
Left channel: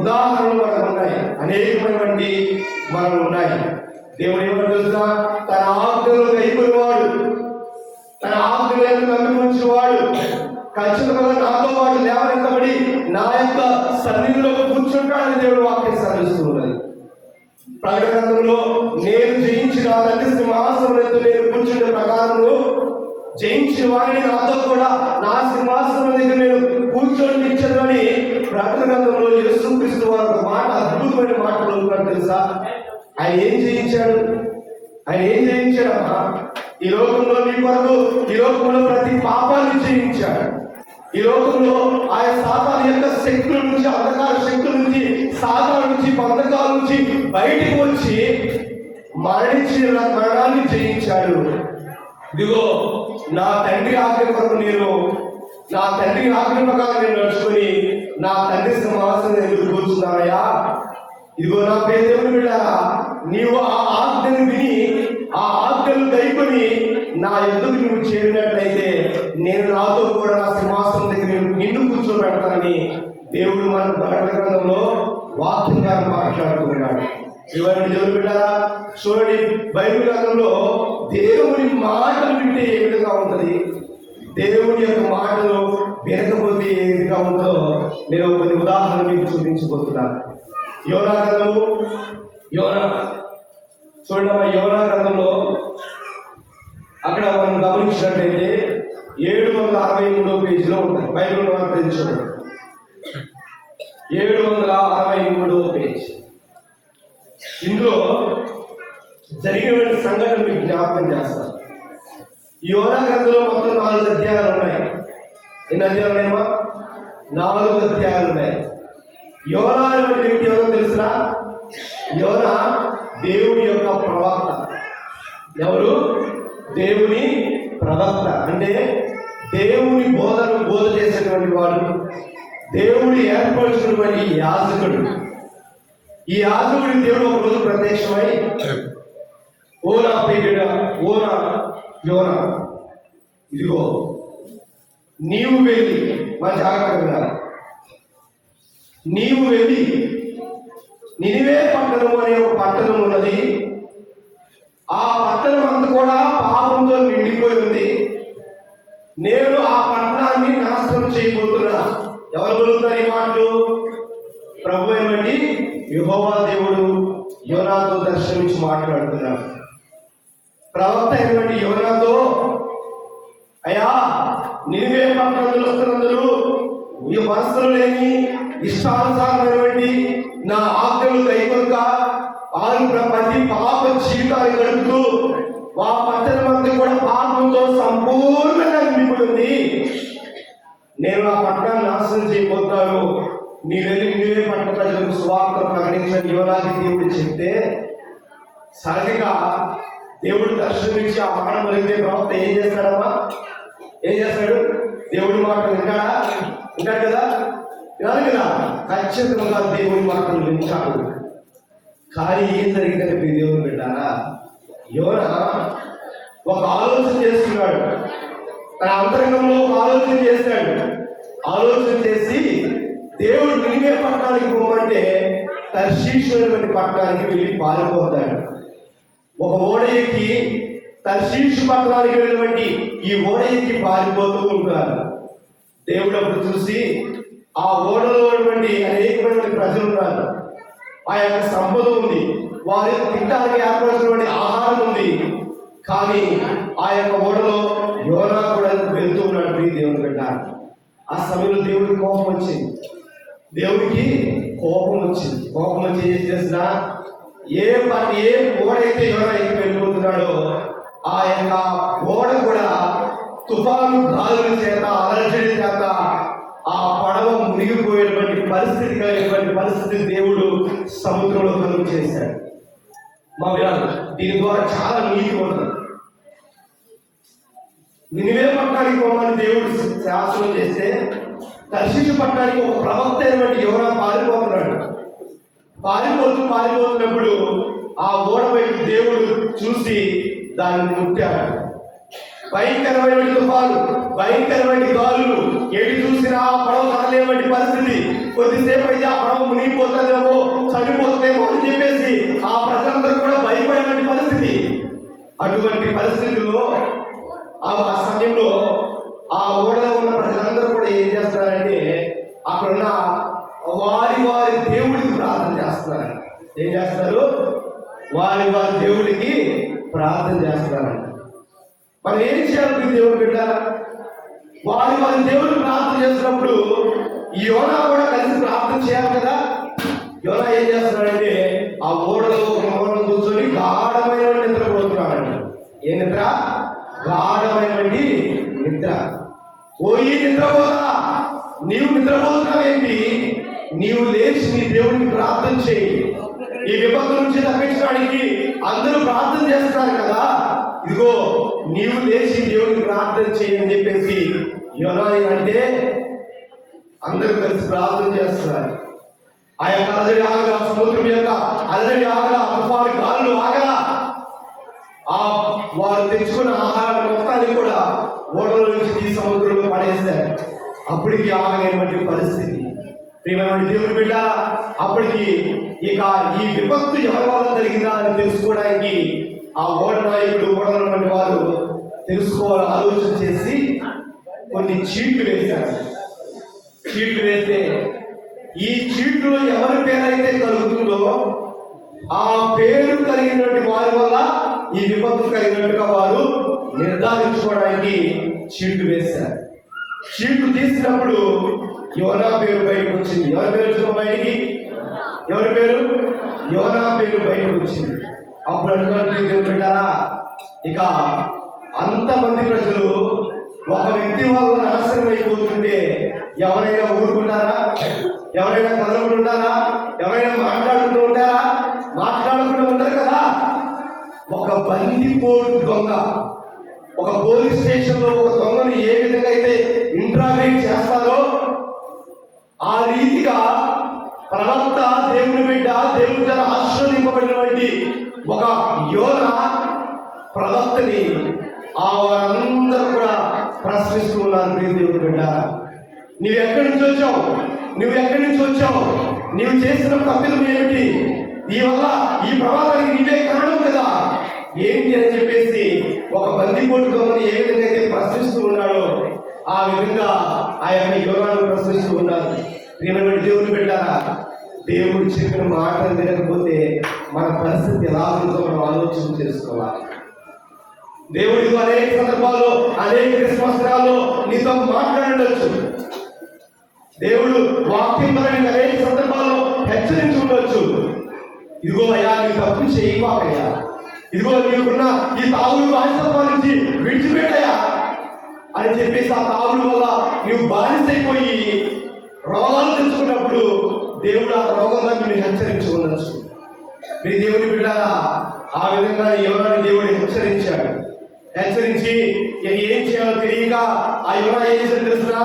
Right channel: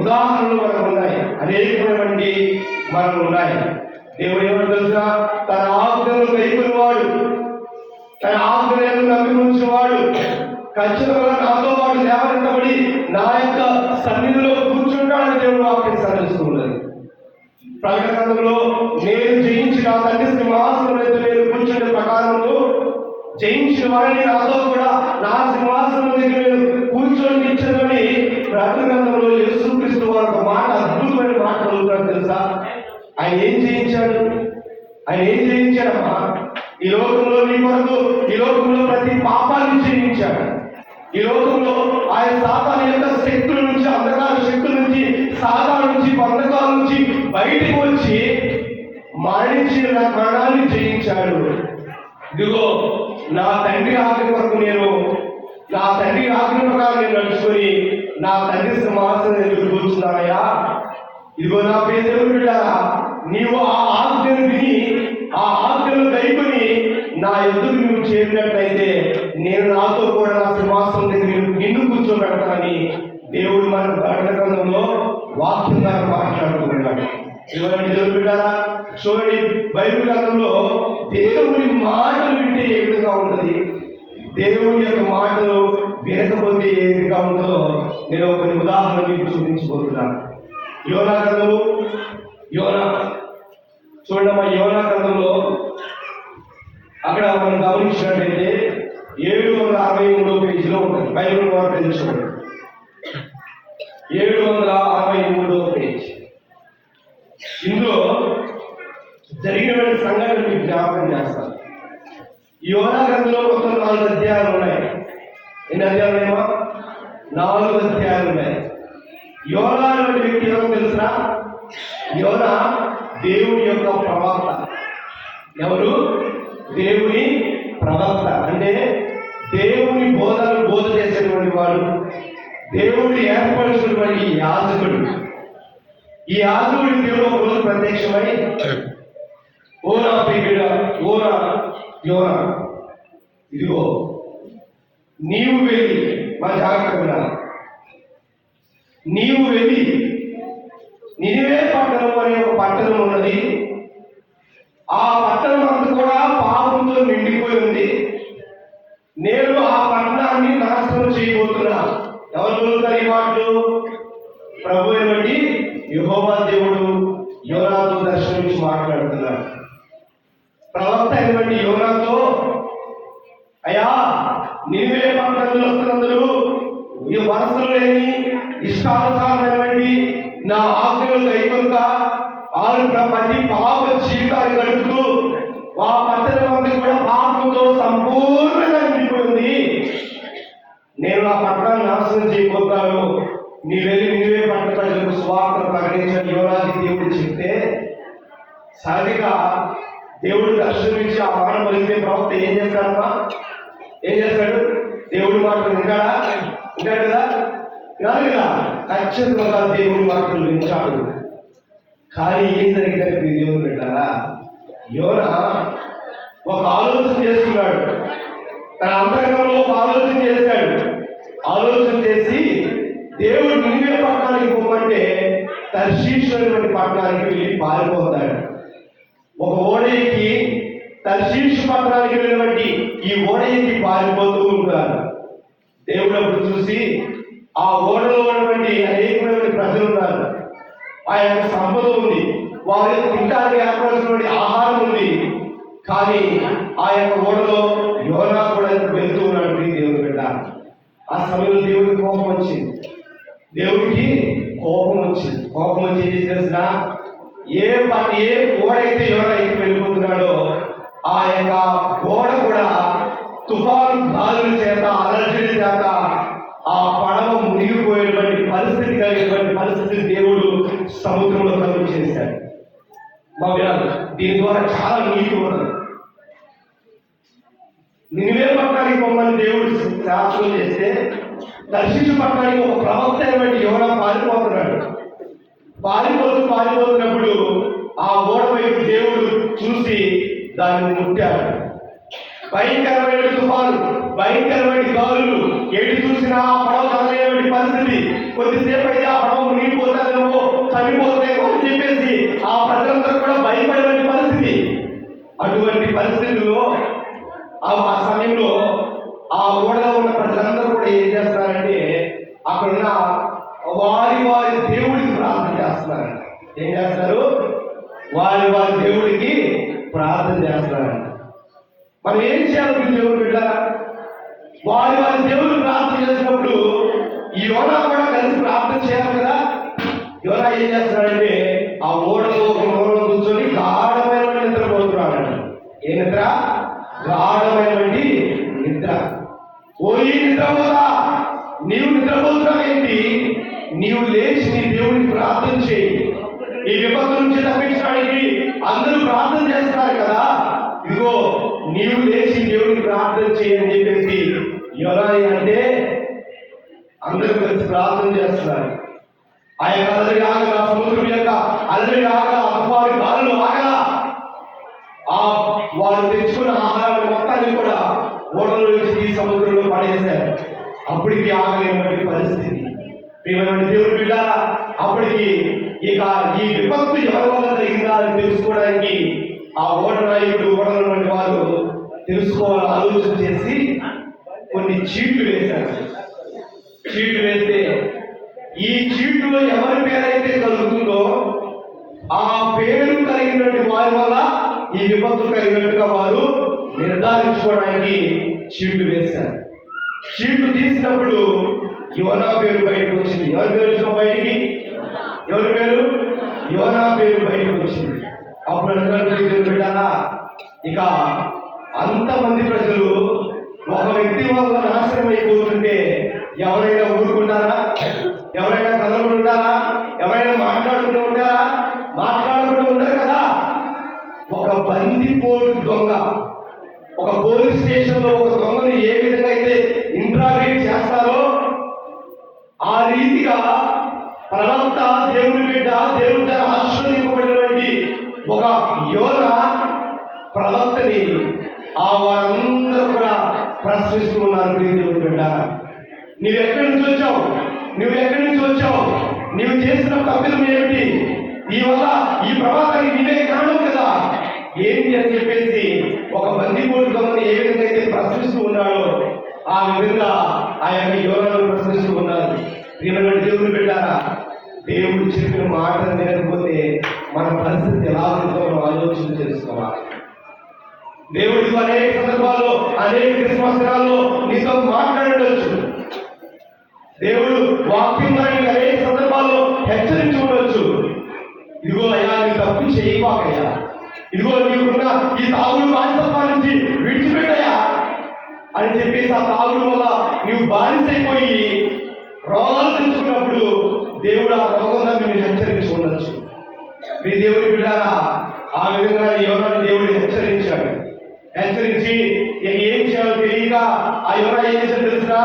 ఉదాహరణలు మనకు ఉన్నాయి, అనేకమైనటువంటి మనకు ఉన్నాయి. దేవుడు ఏమని తెలుసా? తన ఆజ్ఞలను కైకొనేవాడు, తన ఆజ్ఞలను నమ్మించేవాడు ఖచ్చితంగా నాతో పాటు లేవనెత్తబడి నా యొక్క సన్నిధిలో కూర్చుంటాడని దేవుడు వాక్యం సాధిస్తున్నది. ప్రకటన గ్రంథంలో నేను జయించిన తండ్రి సింహాసనం మీద నేను కూర్చుంటే ప్రకారంలో జయించిన వారిని నాతో కూడా నా సింహాసనం దగ్గర నేను కూర్చొని ఇచ్చానని ప్రకటన గ్రంథంలో యేసుక్రీస్తు వారు ఒక మాట, అద్భుతమైన మాటలు ఉన్నాడు తెలుసా? ఆయన ఏం జయించాడు? ఆయన ఏం జయించాడమ్మా? ఈ లోకంలో నీ కొరకు, ఈ లోకంలో ప్రతి పాపాన్ని జయించాడు. ఈ లోకంలో ఆయన సాతాను యొక్క శక్తుల నుంచి, అంధకార శక్తుల నుంచి, సాతాను నుంచి, బంధకాల నుంచి బయటకు వచ్చి మరణించిన మరణాన్ని జయించాడు. ఇదిగో నా తండ్రి ఆజ్ఞ కొరకు నేను, నా తండ్రి ఆజ్ఞ ప్రకారం నేను నడుచుకొని నా తండ్రి సింహాసనం ఎదురు కూర్చున్నాయా. ఇదిగో నా పేరు దేవుడు పెట్టారా, నీవు ఆ ఆజ్ఞను విని ఆ ఆజ్ఞను కైకొని నా ఎదురు నువ్వు చేరినట్లయితే నేను నాతో కూడా నా సింహాసనం దగ్గర నిన్ను కూర్చోబెడతానని దేవుడు మన ప్రకటన గ్రంథంలో వాక్యంగా మాట్లాడుతున్నాడు. దేవుడు పెట్టారా, చూడండి బైబిల్ గ్రంథంలో దేవుని మాటలు వింటే ఏ విధంగా ఉంటుంది, దేవుని యొక్క మాటలు వినకపోతే ఏ విధంగా ఉందో నేను ఒక ఉదాహరణ మీకు చూపించబోతున్నాను. యోనా గ్రంథము, యోనా చూడమ్మా, యోనా గ్రంథంలో అక్కడ మనం గమనించినట్లయితే 763 పేజీలో ఉంటుంది. బైబిల్ పేజీ చూడండి, 763 పేజీ. ఇందులో జరిగిన సంఘటన మీకు జ్ఞాపకం చేస్తాను. యోనా గ్రంథంలో మొత్తం 4 అధ్యాయాలు ఉన్నాయి. ఎన్ని అధ్యాయాలు ఉన్నాయో? 4 అధ్యాయాలు ఉన్నాయి. యోనా అనే వ్యక్తి ఎవరో తెలుసా? యోనా దేవుని యొక్క ప్రవక్త. ఎవరు? దేవుని ప్రవక్త. అంటే దేవుని బోధ చేసినటువంటి వాడు, దేవుని ఏర్పరిచినటువంటి యాజకుడు. ఈ యాజకుడు దేవుడు ఒక రోజు ప్రత్యక్షమై, ఓనా పేరిట, ఓనా యోనా, ఇదిగో నీవు వెళ్ళి, మా జాగ్రత్తగా నీవు వెళ్ళి నినివే పట్టణం అనే ఒక పట్టణం ఉన్నది, ఆ పట్టణం అంతా నేను ఆ పట్టణాన్ని నాశనం చేయబోతున్నా. ఎవరు పలుకుతారు ఈ మాటలు? ప్రభువుని బట్టి యెహోవా దేవుడు యోనాతో దర్శనమిచ్చి మాట్లాడుతున్నాడు. ప్రవక్త అయినటువంటి యోనాతో, అయ్యా నినివే పట్టణంలో ఈ వరుసలు లేని ఇష్టానుసారమైనటువంటి నా ఆజ్ఞలు కైకొనక ప్రతి పాప జీవితాలు గడుపుతూ ఆ పట్టణం అంతా కూడా పాపంతో సంపూర్ణంగా నిండిపోయింది. నేను ఆ పట్టణాన్ని నాశనం చేయబోతాను. నీ వెళ్ళి నీవే పట్టణ ప్రజలకు సువార్త ప్రకటించని యువరాజు దేవుడు చెప్తే, సహజంగా దేవుడు దర్శనమిచ్చి ఆ మాట పలికితే ప్రవక్త ఏం చేస్తాడమ్మా? ఏం చేస్తాడు? దేవుడి మాటలు ఉంటాడు కదా? కాదు కదా? ఖచ్చితంగా దేవుడి మాటలు వింటాడు. కానీ ఏం జరిగిందంటే మీ దేవుడు పెట్టారా, యోనా ఒక ఆలోచన చేస్తున్నాడు. తన అంతరంగంలో ఒక ఆలోచన చేస్తాడు. ఆలోచన చేసి దేవుడు నినివే పట్టణానికి పోమంటే తర్షీషు పట్టణానికి వెళ్ళి పారిపోతాడు. ఒక ఓడ ఎక్కి తర్షీషు పట్టణానికి వెళ్ళినటువంటి ఈ ఓడ ఎక్కి పారిపోతూ ఉంటారు. దేవుడు అప్పుడు చూసి ఆ ఓడలో ఉన్నటువంటి అనేకమైన ప్రజలు ఉన్నారు. ఆ యొక్క సంపద ఉంది, వారి తినడానికి ఏర్పడినటువంటి ఆహారం ఉంది. కానీ ఆ యొక్క ఓడలో యోనా కూడా వెళ్తూ ఉన్నాడు. దేవుడు బిడ్డ, ఆ సమయంలో దేవుడికి కోపం వచ్చింది. కోపం వచ్చి ఏం చేసిన, ఏ ఓడ అయితే యోనా ఎక్కి వెళ్ళిపోతున్నాడో ఆ యొక్క ఓడ కూడా తుఫాను గాలుల చేత అలజడి చేత ఆ పడవ మునిగిపోయేటువంటి పరిస్థితి కలిగినటువంటి పరిస్థితి దేవుడు సముద్రంలో కలుగు చేశాడు. మా దీని ద్వారా చాలా నీతి ఉన్నది. నినివే పట్టణానికి పోమని దేవుడు శాసనం చేస్తే తర్షీషు పట్టణానికి ఒక ప్రవక్త అయినటువంటి యోనా పారిపోతున్నప్పుడు ఆ ఓడ వైపు దేవుడు చూసి దాన్ని ముట్టాడు. భయంకరమైన తుఫాను, భయంకరమైన గాలులు, ఎటు చూసినా ఆ పడవ కదలేటువంటి పరిస్థితి. కొద్దిసేపు అయితే ఆ పడవ మునిగిపోతుందేమో, చనిపోతుందేమో అని చెప్పేసి ఆ ప్రజలందరూ కూడా భయపడేటువంటి పరిస్థితి. అటువంటి పరిస్థితుల్లో ఆ సమయంలో ఆ ఓడలో ఉన్న ప్రజలందరూ కూడా ఏం చేస్తున్నారంటే అక్కడున్న వారి దేవుడికి ప్రార్థన చేస్తున్నారు. ఏం చేస్తారు? వారి దేవుడికి ప్రార్థన చేస్తున్నారు. మనం ఏం చేయాలి? దేవుడు బిడ్డ, వారి దేవుడికి ప్రార్థన చేసినప్పుడు ఈ యోనా కూడా కలిసి ప్రార్థన చేయాలి కదా. యోనా ఏం చేస్తున్నాడంటే ఆ ఓడలో ఒక మూలం కూర్చొని గాఢమైన నిద్రపోతున్నాడు. ఏ నిద్ర? గాఢమైనటువంటి నిద్ర. ఓ ఈ నిద్రపోతా, నీవు నిద్రపోతున్నావేంటి? నీవు లేచి నీ దేవుడికి ప్రార్థన చేయి. ఈ విపత్తు నుంచి తప్పించడానికి అందరూ ప్రార్థన చేస్తున్నారు కదా, ఇదిగో నీవు లేచి దేవుడికి ప్రార్థన చేయని చెప్పేసి యోనా అంటే అందరూ కలిసి ప్రార్థన చేస్తున్నారు. ఆ యొక్క అలజడి ఆగల, సముద్రం యొక్క అలజడి ఆగల, తుఫాను గాలులు ఆగల. ఆ వారు తెచ్చుకున్న ఆహారాన్ని మొత్తాన్ని కూడా ఓడలో నుంచి సముద్రంలో పడేస్తారు. అప్పటికి ఆగలేనటువంటి పరిస్థితి. ప్రియమైన దేవుడు బిడ్డ, అప్పటికి ఇక ఈ విపత్తు ఎవరి వల్ల జరిగిందా అని తెలుసుకోవడానికి ఆ ఓడ నాయకుడు, ఓడలో వారు తెలుసుకోవాలని ఆలోచన చేసి కొన్ని చీట్లు వేశారు. చీట్లు వేస్తే ఈ చీట్లో ఎవరి పేరైతే కలుగుతుందో ఆ పేరు కలిగినటువంటి వారి వల్ల ఈ విపత్తు కలిగినట్టుగా వారు నిర్ధారించుకోవడానికి చీట్లు వేశారు. చీట్లు తీసినప్పుడు యోనా పేరు బయటకు వచ్చింది. ఎవరి పేరు వచ్చిన బయటికి? ఎవరి పేరు? యోనా పేరు బయటకు వచ్చింది. అప్పుడు పెట్టారా, ఇక అంతమంది ప్రజలు ఒక వ్యక్తి వల్ల నాశనం అయిపోతుంటే ఎవరైనా ఊరుకుంటారా? ఎవరైనా కదలకుండా ఉంటారా? ఎవరైనా మాట్లాడుకుంటూ ఉంటారా? మాట్లాడకుండా ఉంటారు కదా. ఒక బందిపోటు దొంగ ఒక పోలీస్ స్టేషన్ లో ఒక దొంగని ఏ విధంగా అయితే ఇంట్రాగేట్ చేస్తారో ఆ రీతిగా ప్రవక్త, దేవుని బిడ్డ, దేవుడి ఆశీర్వదింపబడినటువంటి ఒక యోనా ప్రవక్తని ఆ వారందరూ కూడా ప్రశ్నిస్తున్నారు. దేవుని బిడ్డ, నువ్వు ఎక్కడి నుంచి వచ్చావు? నువ్వు చేసిన తప్పిదం ఏమిటి? నీ వల్ల ఈ ప్రమాదానికి నీవే కారణం కదా ఏంటి అని చెప్పేసి ఒక బందిపోటు దొంగని ఏ విధంగా అయితే ప్రశ్నిస్తూ ఉన్నాడో ఆ విధంగా ఆ యొక్క యోనాను ప్రశ్నిస్తూ ఉన్నారు. ప్రియమైన దేవుని బిడ్డారా, దేవుడు చెప్పిన మాటలు వినకపోతే మన పరిస్థితి ఎలా ఉందో మనం ఆలోచన చేసుకోవాలి. దేవుడితో అనేక సందర్భాల్లో అనేక క్రిస్మస్లో నీతో మాట్లాడవచ్చు. దేవుడు వాక్యం ద్వారా అనేక సందర్భాల్లో హెచ్చరించి ఉండవచ్చు. ఇదిగో అయ్యా, నీ తప్పు చేయకపోయా, ఇదిగో నీకున్న ఈ తాగుడు వాస్తవం నుంచి విడిచిపెట్టాయా అని చెప్పేసి ఆ తాగుడు వల్ల నువ్వు బానిసైపోయి రోగాలు తెచ్చుకున్నప్పుడు దేవుడు ఆ రోగంగా మీరు హెచ్చరించి ఉండొచ్చు. మీ దేవుని బిడ్డారా, ఆ విధంగా యోనాను దేవుడు హెచ్చరించాడు. హెచ్చరించి ఏం చేయాలో తెలియక ఆ యోనా ఏం చేశాడు తెలుసా?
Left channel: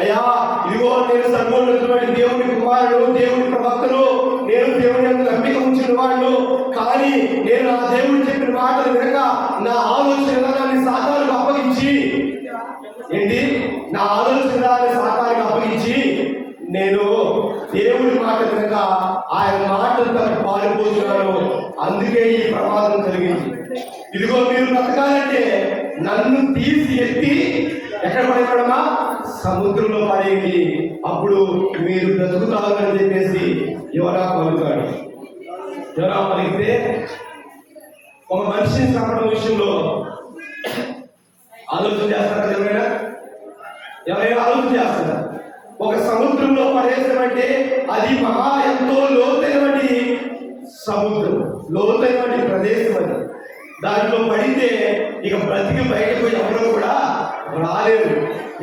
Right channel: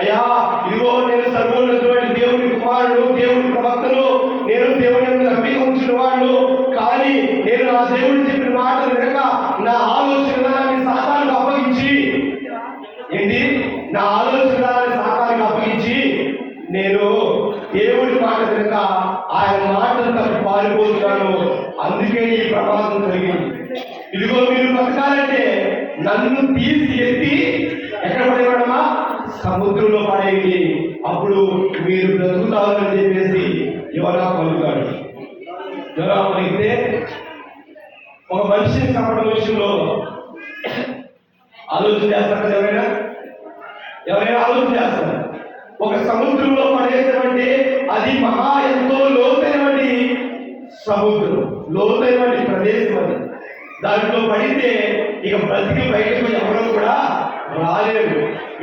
అయ్యా, ఇదిగో నేను సర్వోన్నతమైన దేవుని కుమారుడు, దేవుని ప్రవక్తను, నేను దేవుని నమ్మిక ఉంచిన వాడు. కానీ నేను నా దేవుడు చెప్పిన మాటలు వినక నా ఆలోచన విధానాన్ని సాతానుకు అప్పగించి, ఏంటి, నా ఆలోచన విధానాన్ని సాతానుకు అప్పగించి నేను దేవుడి మాట వినక ఆయన మాటలు తప్ప పారిపోతున్నాను. అందుకే ఈ ప్రమాదం జరిగింది. ఇదిగో మీరు బతకాలంటే నన్ను తీసి ఎత్తి ఎక్కడ పడేవాడమా? సముద్రంలో పడేయండి, అప్పుడు మీరు బ్రతుకుతారని చెప్పేసి యోనా పలుకుతాడు. యోనా పలికితే ఒక మనిషిని చంపడం విషయంలో ఆలోచన చేస్తారు. ఎవరైనా ఆలోచన చేస్తారు. ఒక సముద్రంలో పడేసామంటే అది మహా ఎంతో లోతైనటువంటి సముద్రం, లోతైనటువంటి ప్రదేశం. అది దాంట్లో పడితే ఇక బ్రతికి బయటకు ఎవరు కూడా రాలేరు.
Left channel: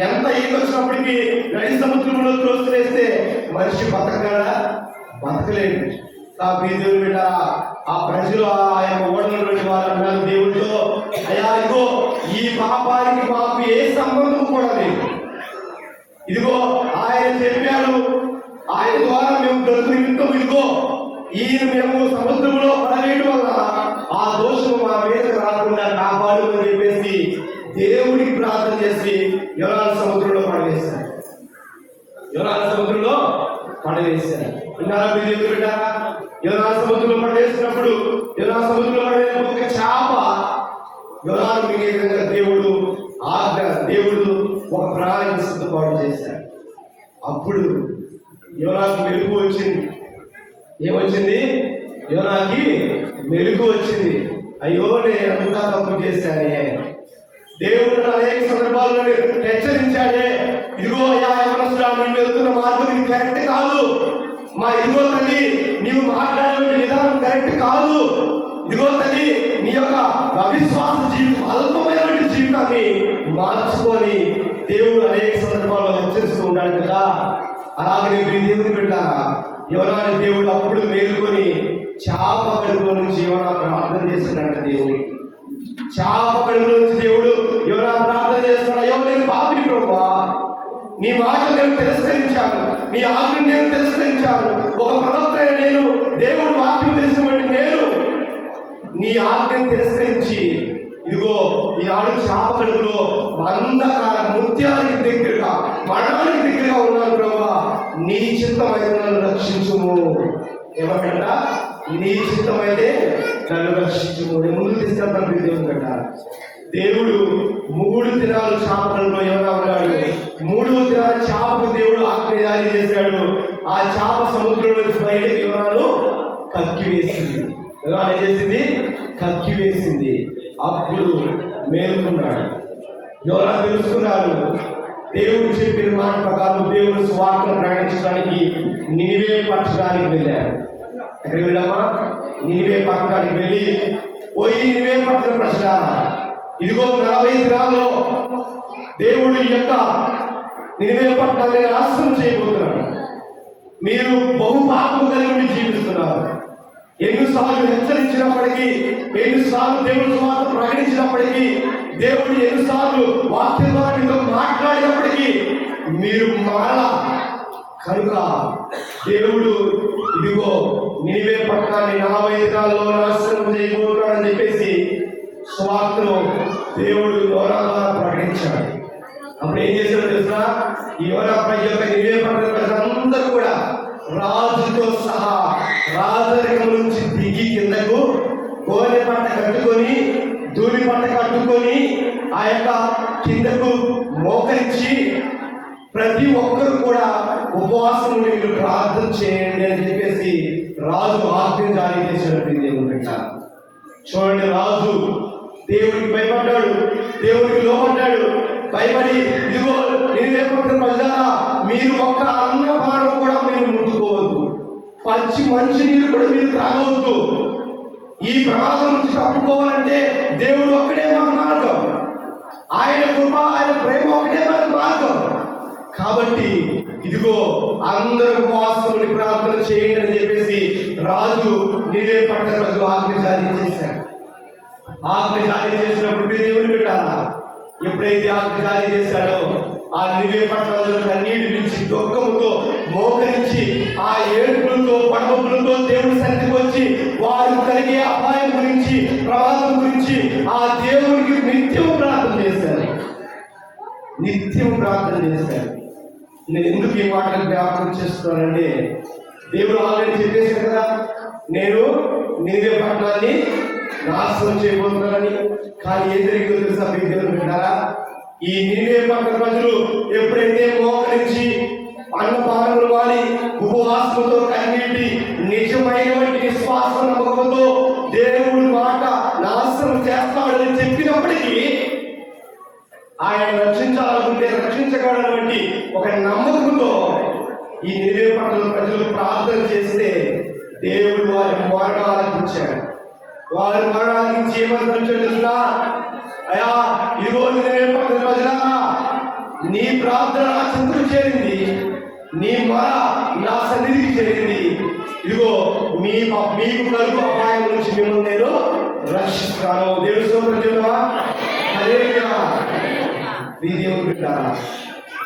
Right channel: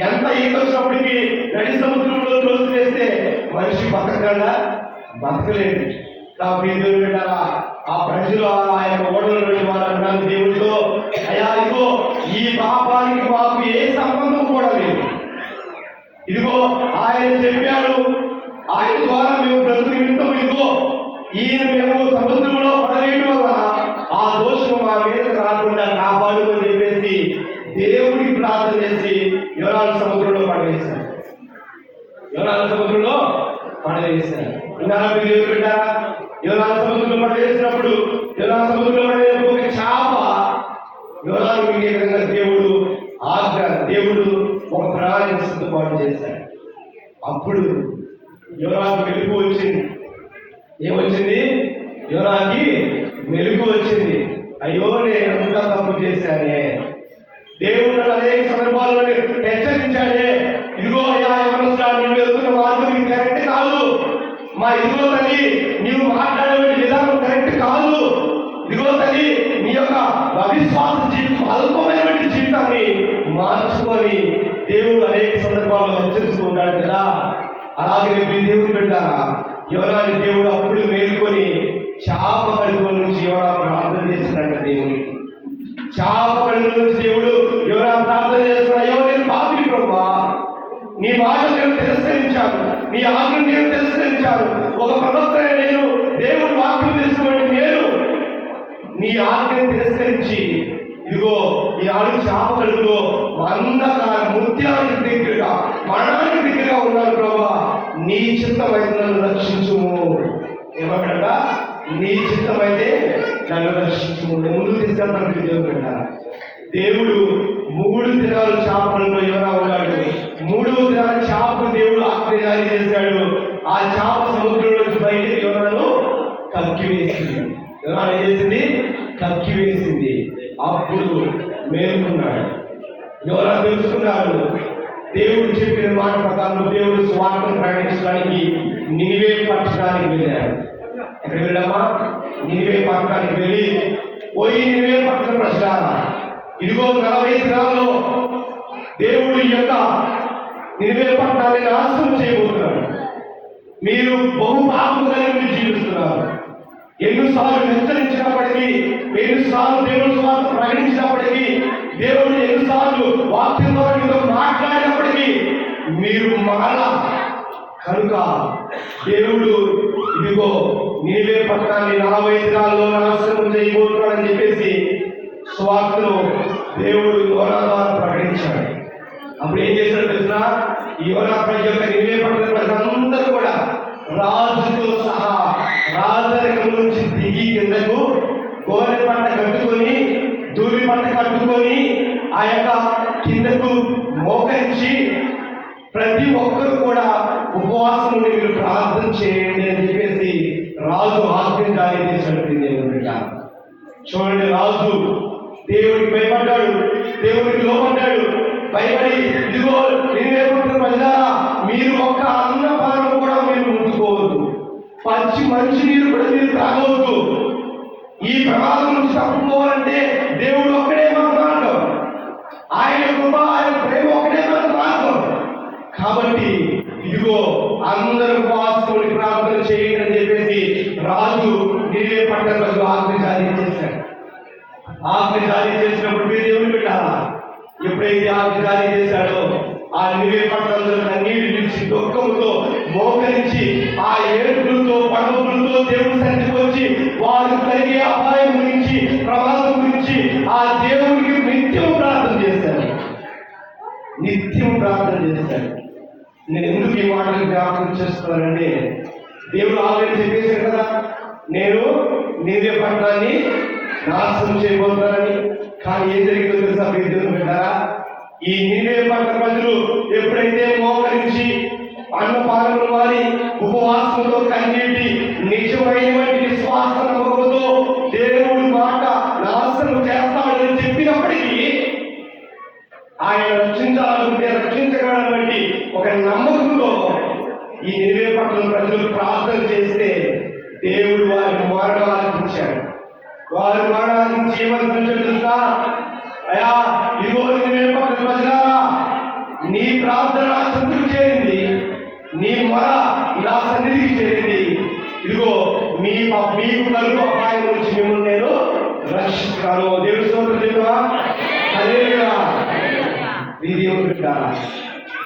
ఎంత ఈత వచ్చినప్పటికీ నడి సముద్రంలో త్రోసి వేస్తే మనిషి బతకగలడా? బతకలేడు. ఆ ప్రజలు ఆ యొక్క ఓడలో వారు దేవుడితో, అయ్యా, ఇదిగో ఈ పాపానికి మాకు ఏ సంబంధం కూడా లేదు. ఇదిగో ఆయన చెప్పాడు, ఆయన ద్వారా మేము బ్రతుకు వింటాం. ఇదిగో ఈయన మేము సముద్రంలో పడవేయడం వల్ల ఆ దోషం మా మీద రాకుండా కాపాడు అని చెప్పేసి దేవుడికి ప్రార్థన చేసి యోనాను సముద్రంలో పడవేశారు. యోనాను సముద్రంలో పడవేశారు. దేవుడు బిడ్డారా, యోనాను సముద్రంలో పడవేసినప్పుడు ఒక చేప యోనాను మింగే విధంగా దేవుడు ఒక ప్రాణాన్ని సిద్ధపాటు చేశాడు. అప్పుడు యోనాకు మెలుగు వచ్చింది. ఏమొచ్చింది? యోనాకి మెలుగు వచ్చింది. అయ్యో, నేను ఎంత తప్పు చేశానే, దేవుడు అనేక సందర్భాల్లో హెచ్చరించాడే. ఇదిగో అయ్యా, నువ్వు వెళ్తున్న మార్గం నీకు కరెక్ట్ కాదు. ఇదిగో తల్లి, నీవు మాట్లాడే విధానం కరెక్ట్ కాదు. ఇదిగో తల్లి, నీ యొక్క అవిశ్వాస జీవితం, అల్పమైనటువంటి జీవితాన్ని మార్చుకొని దేవుడు అనేక సందర్భాల్లో హెచ్చరిస్తూ ఉన్నాడు కదా. అలాగే మీ దేవుని బిడ్డారా, యోనాని దేవుడు అప్పుడు మేలుకొని చేప కడుపులో నుంచి యోనా ప్రార్థన చేసినట్టు దేవుడికి. చేప కడుపులో నుంచి దేవుడు యోనా ప్రార్థన చేస్తున్నాడు. అయ్యో, నేను పాపిని ప్రభువా, నీ మాటలు నేను తిరస్కరించాను, నీ ఆజ్ఞ నేను తిరస్కరించాను. ఒక ప్రవక్త నేను దేవుడు వాక్యం తెలుసుకున్నట్టు నేను నీ ఆజ్ఞను తిరస్కరించి ఇదిగో ఈనాడు చేప కడుపులో ముత్యానికి దగ్గరగా, మరణానికి దగ్గరగా ఉన్నాను ప్రభువా, నీ చిత్తమైతే నన్ను రక్షించుము. ఏమంటారా? నీ చిత్తమైతే నన్ను రక్షించుము. ముందు తీసుకెళ్తాను దేవుడు అంటారు. దేవుడు 3 దినాలు చేపలలో యోనా ఉన్నాడు. 3వ దినాలు చేపకు దేవుడు ఆజ్ఞ జారీ చేశాడు. ఆ చేప సముద్రం నుంచి బయటకు యోనాను కక్కివేసింది. యోనా ఏం చేసింది? కక్కివేసింది. అప్పుడు మేలుకున్నాడు. యోనా తెలుసుకున్నాడు. దేవుడు చెప్పిన మాట ప్రకారం దేవుడు స్వార్థం ప్రకటించడానికి నినివే పట్టణానికి వెళ్ళాడు. ఎక్కడికి వెళ్ళామా? నినివే పట్టణానికి వెళ్ళి, పోయి నినివే పట్టణ ప్రశ్నారా, ఇదిగో 40 దినాల్లో దేవుడు ఈ యొక్క నినివే పట్టణాన్ని నాశనం చేయబోతున్నాడు. మీరు బహుపాపం కలిగి జీవిస్తున్నారు. ఎన్నిసార్లు హెచ్చరించినప్పటికీ, ఎన్నిసార్లు దేవుడు స్వార్థం ప్రకటించినప్పటికీ, దేవుడు ఎన్నిసార్లు వాక్యం ద్వారా మీతో మాట్లాడినప్పటికీ మీరు మారా. కనుక దేవుడు ఇదిగో నినివే పట్టణాన్ని 40 దినాల్లో నాశనం చేయబోతున్నాడని చెప్పేసి స్వార్థను దేవుడు యోనా ద్వారా ప్రకటించాడు. అప్పుడు ఏం చేశాడు తెలుసా? ఈ యోనా యొక్క నినివే పట్టణ ప్రజలందరూ కూడా రాజుతో సహా రాజరికం నుంచి దిగి కిందకు గోనె పంట కట్టుకొని, ధూళి పంట కట్టుకొని ఆ యొక్క కిందకు మోక మోకరించి ప్రతి ఒక్కరు కూడా ఉపవాసం ఉండి మీరు ప్రార్థన చేయండి అని చెప్పేసి రాజు ఆజ్ఞ జారీ చేశాడు. దేవుడు బిడ్డ చూడండి, రాజు దేవుడికి భయపడ్డాడు, దేవుడికి లోపడ్డాడు. భయపడి ఇదిగో నిన్నే పట్టిన ప్రజలారా, మీరు ఒక్క అన్నపానం కూడా మీరు ముట్టుకోవద్దు, పచ్చి మంచి నీరు కూడా మీరు తాగవద్దు. ఈ ప్రమాదం నుంచి తప్పుకోవాలంటే దేవుడు ఒక్కడే మన మార్గం, ఆయన కృప ఆయన ప్రేమ ఒకటే మన మార్గం. కాబట్టి ఇదిగో అందరూ ఉపవాసముని ప్రార్థన చేయండి అని చెప్పేసి రాజు నిన్నే పట్టిన ప్రజలు ఆజ్ఞ జారీ చేశాడు. ఆజ్ఞ జారీ చేసినప్పుడు మీరు దేవుని పెట్టాలా? ఎప్పుడైతే ఆజ్ఞ జారీ చేశాడో ఆ నివే పట్టణంలో కన్నీటి నుంచి దుఃఖముతో మోకరించి ఆ ఏడుపులతో పడవలతో దేవుని సన్నిధికి వచ్చి వారు కలిగే అపాయం గురించి ప్రమాదం గురించి ఆ దేవునికి నిత్యం ప్రార్థన చేశారు. నిత్యం ప్రార్థన చేశారు. నేను ఎందుకు ఈ మాటలు జ్ఞాపకం చేస్తున్నానంటే, దేవుడు ఆల్రెడీ చెప్పేశాడు కదా, నేను నివే పట్టణాన్ని నాశనం చేయబోతున్నానని. కానీ ఏం జరిగిందో తెలుసా మీకు? దేవుడు విన్నారా? ఈ నివే పట్టణ ప్రజలు ఎప్పుడైతే మోకరించి అన్నపానములు మారి ఉపవాసంతో కన్నీటి నిజమైనటువంటి విశ్వాస నమ్మకంతో దేవుడి మాట నాశనం చేస్తాడని చెప్పినప్పటికీ ఆయన రక్షించాలనుకుంటే రక్షించగలటువంటి ఒక నమ్మకంతో ఈ నివే పట్టణ ప్రజలు ప్రార్థన చేస్తే దేవుడు వారికి మరణాలించాడు. వారు మరణాలించి ఏమని తెలుసా? అయా ఇదిగో నివే పట్టణ ప్రజలారా, నీ ప్రార్థన నా చెంతకు చేరింది, నీ మొర నా సన్నిధికి చేరింది. ఇదిగో మీకు కలుగు అపాయం నుంచి మిమ్మల్ని నేను రక్షిస్తాను. దేవుడు సోదరుడా,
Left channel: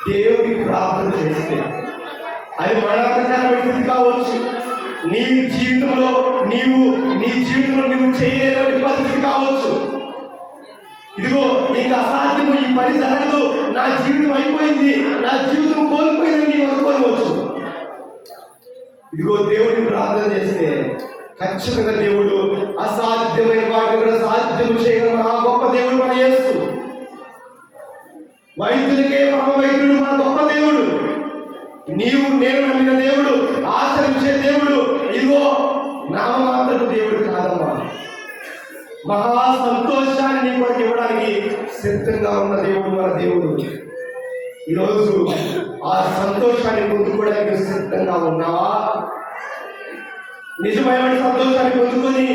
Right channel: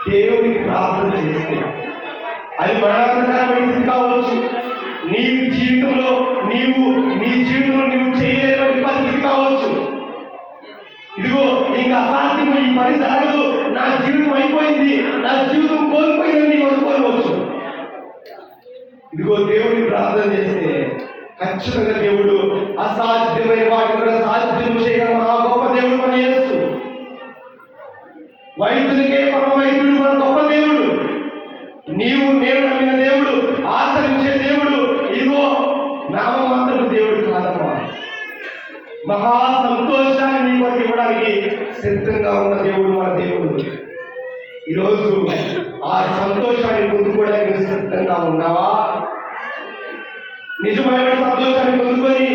దేవుడికి ప్రార్థన చేస్తే అది మరణకరమైన స్థితి కావచ్చు, నీ జీవితంలో నీవు చేయలేని పరిస్థితి కావచ్చు. ఇదిగో నీకు అసాధ్యం, ఈ పని జరగదు, నా జీవితం అయిపోయింది, నా జీవితం కోల్పోయిందని నీకు అనుకోవచ్చు. ఇదిగో దేవుడిని ప్రార్థన చేస్తే ఖచ్చితంగా దేవుడు అసాధ్యమైన వాటిని కూడా సాధ్యం చేయగల మహా గొప్ప దేవుడు మన యేసు. వైద్యునికే మహావైద్యుడు మన గొప్ప దేవుడు. నీవు నేను నమ్మిన దేవుడు, ఆచరించే దేవుడు, ఇదిగో నామమాత్రపు దేవుడు కాదమ్మా. మహా సంతోషాన్ని నీకు ఇవ్వడానికి సిద్ధంగా ఉన్న దేవుడు మన దేవుడు. ఈరోజు ఆ సంతోషాన్ని పొందుకోవడానికి సిద్ధంగా ఉన్నావా? నిజమైన సంతోషాన్ని పొందుకొని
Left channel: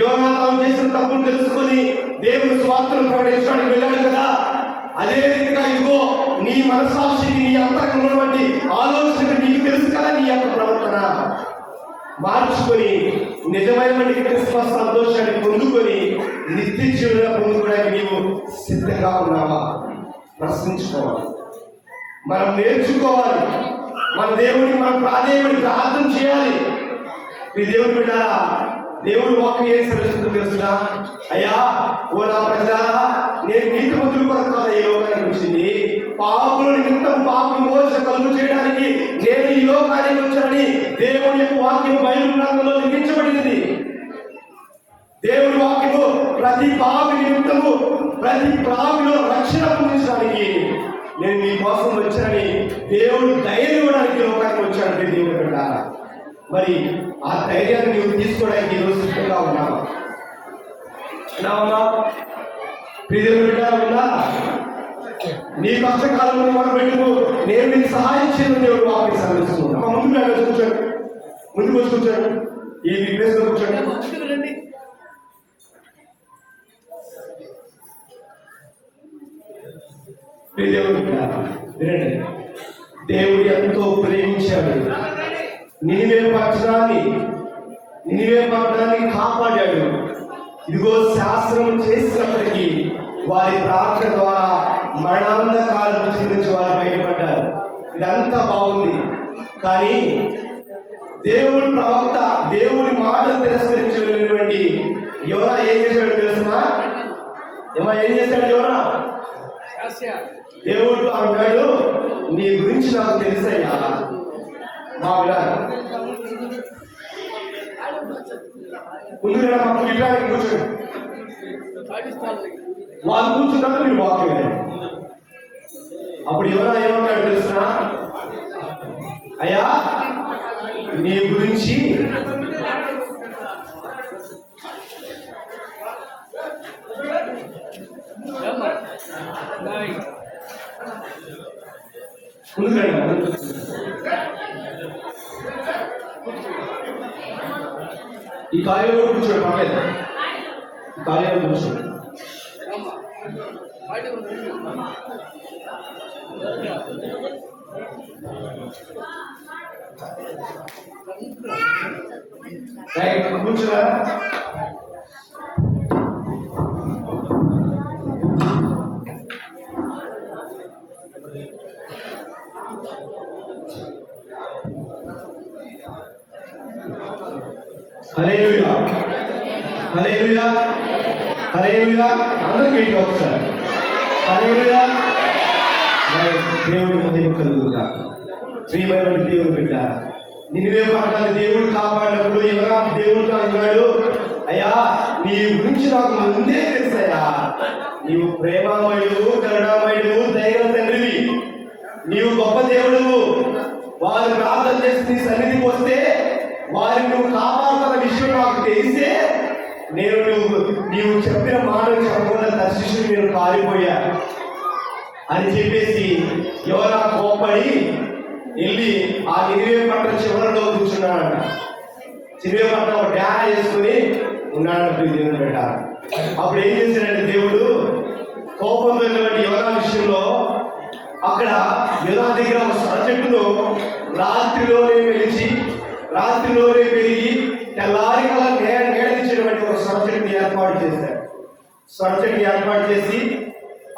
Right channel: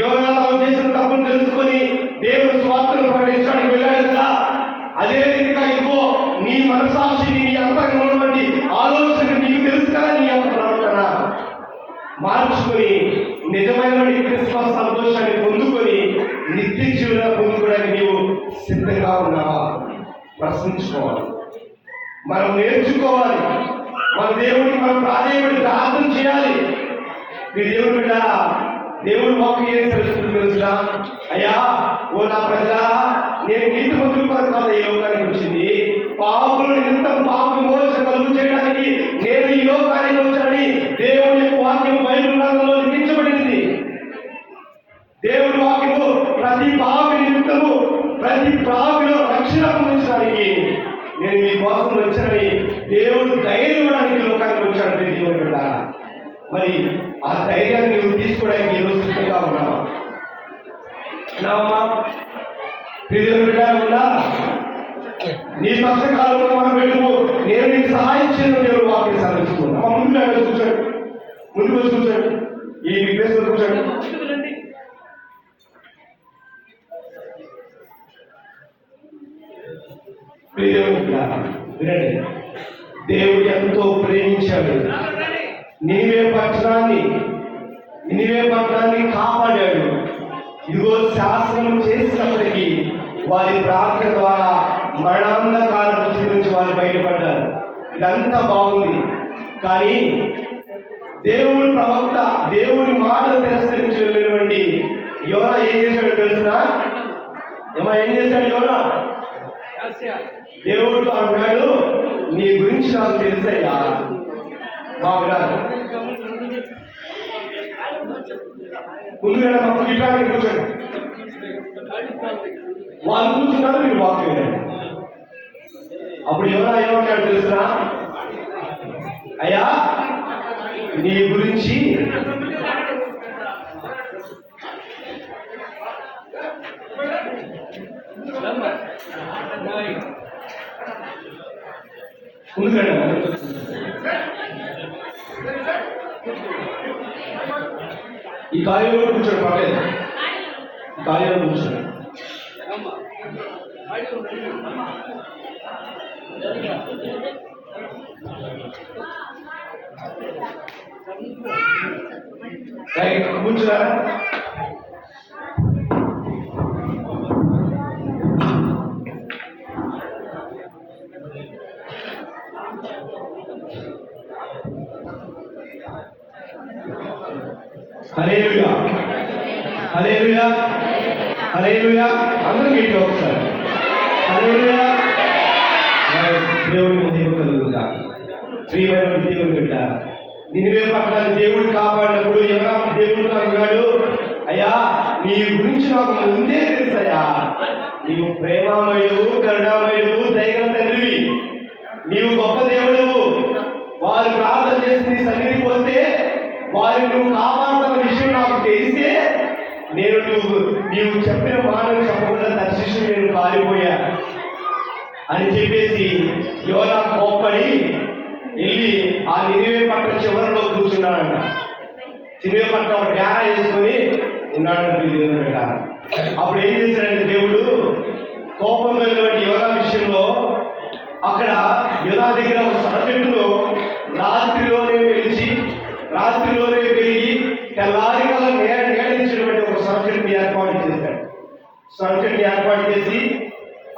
యోనాతాను చేసిన తప్పును తెలుసుకొని దేవుని స్వార్థను ప్రకటించడానికి వెళ్ళాడు కదా, అదే రీతిగా ఇదిగో నీ మనసాక్షిని, నీ అంతరంగంలో ఉన్నటువంటి ఆలోచనకి నీకు తెలుసు కదా, నీ యొక్క ప్రవర్తన మార్చుకొని నిజమైన క్రిస్మస్ సంతోషాన్ని పొందుకొని నిత్య జీవనాన్ని పొందుకోవడానికి నీవు సిద్ధంగా ఉన్నావా? ప్రశ్నించుకోవాలి. మనం నేర్చుకోవాలి. మన దేవుడికి మనం ప్రార్థన చేయాలి. మీ దేవుడు బిడ్డ, దేవుడు వాక్యం ఏం తెలుసునా? అయ్యా ఓ నా ప్రజలారా, నేను నీతిమంతుల కొరకు కాదు ఈ లోకానికి వచ్చింది, పాపుల నిమిత్తం పాప విమోచన కలుగు చేయడానికి నేను ఈ లోకానికి వచ్చానని దేవుని యొక్క వాక్యం బైబిల్ గ్రంథంలో లిఖించబడింది. దేవుడి వాక్యము ప్రతి పాపి నిమిత్తము, ప్రతి పాపిలో రక్షణ పొందించడానికి నేను మీ కోసం వచ్చానని దేవుడు ధైర్యం ఇవ్వడానికి లోకానికి వచ్చాడంటే దేవుడు బిడ్డ. మరి ఆ ధైర్యాన్ని నువ్వు తీసుకోవడానికి ఈరోజు సిద్ధంగా ఉన్నావా? నీ కష్టకాలంలో మనం వెళ్ళు, నేను నీకు సహాయం చేయను దేవుడు వాక్యం సెలవిస్తున్నాను. ముందు కూర్చోండి, ముందుకు వచ్చి కూర్చోండి, ఈ ప్లేస్ లో కూర్చోండి. వినండి, దేవుడు ఎంతో ప్రేమించాడు. నినివే పట్టణాన్ని కాపాడాడు. ఇదిగో శాస్త్రం చేసినప్పటికీ వారి ప్రార్థన ద్వారా మరణాంధకారం నుంచి వారు బయటపడ్డారు. ఇదంతా బాగుంది, కానీ దేవుడి ప్రవక్త దేవుడి మాటలు తిరస్కరించి వెళ్ళినటువంటి యోనా ఏం చేశాడు తెలుసునా? ఏం చేశాడు యోనా? దేవుడు అన్నాడు, నీ గురించి నాకు తెలుసయ్యా. బాగున్నారు ముందుగా మాకు ఇట్లాంటి కూర్చోండి, వాళ్ళు కూర్చున్నారు, మీరు వాక్యం అప్పుడు యోనా ఏమన్నాడు తెలుసునా? అయ్యా నీ గురించి ఈ కార్యంలో కూర్చోండి, పర్లేదు. ఈ కార్యంలో కూర్చోండి. కూర్చున్నారా? హల్లెలూయా, హల్లెలూయా, హల్లెలూయా. అందరూ మీటి ఒకసారి హల్లెలూయా. దేవుని మహిమ కలుగుగా. ప్రియమైన దేవుని బిడ్డ, నినివే పట్టణాన్ని దేవుడు కాపాడినప్పుడు ఎలా దేవుడు అన్నాడు, అయ్యా నీ గురించి నాకు ముందే తెలుసయ్యా, నీవు ప్రేమామయుడు, కరుణామయుడు, దైవం తండ్రివి, నీవు గొప్ప దేవుడు. వారు ప్రార్థన చేసి నీ సన్నిధికి వస్తే వారిని నువ్వు కాపాడుతున్న విషయం నాకు తెలిస్తే నీవు చెప్పిన మాటలు చెప్పకుండా దర్శించి నేను పారిపోయా అని చెప్పేసి యోనా కోప్పడి వెళ్ళి ఆ నినివే పట్టణం చివరిలో కూర్చున్నాడంట. నినివే పట్టణం ధ్యాన చేసుకుని ఉన్నాడంట. అప్పుడు ఏం చేశాడంటే దేవుడు కోపం వెళ్ళినటువంటి యోనా విషయంలో అక్కడ యోనా దగ్గర ఒక సొర చెట్టును రాత్రిలోనే పెరిగి తెల్లారి వల్ల నేడించినటువంటి ఒక సొర చెట్టుని ఏర్పాటు చేశాడు. సొర చెట్టుని ఏర్పాటు చేసి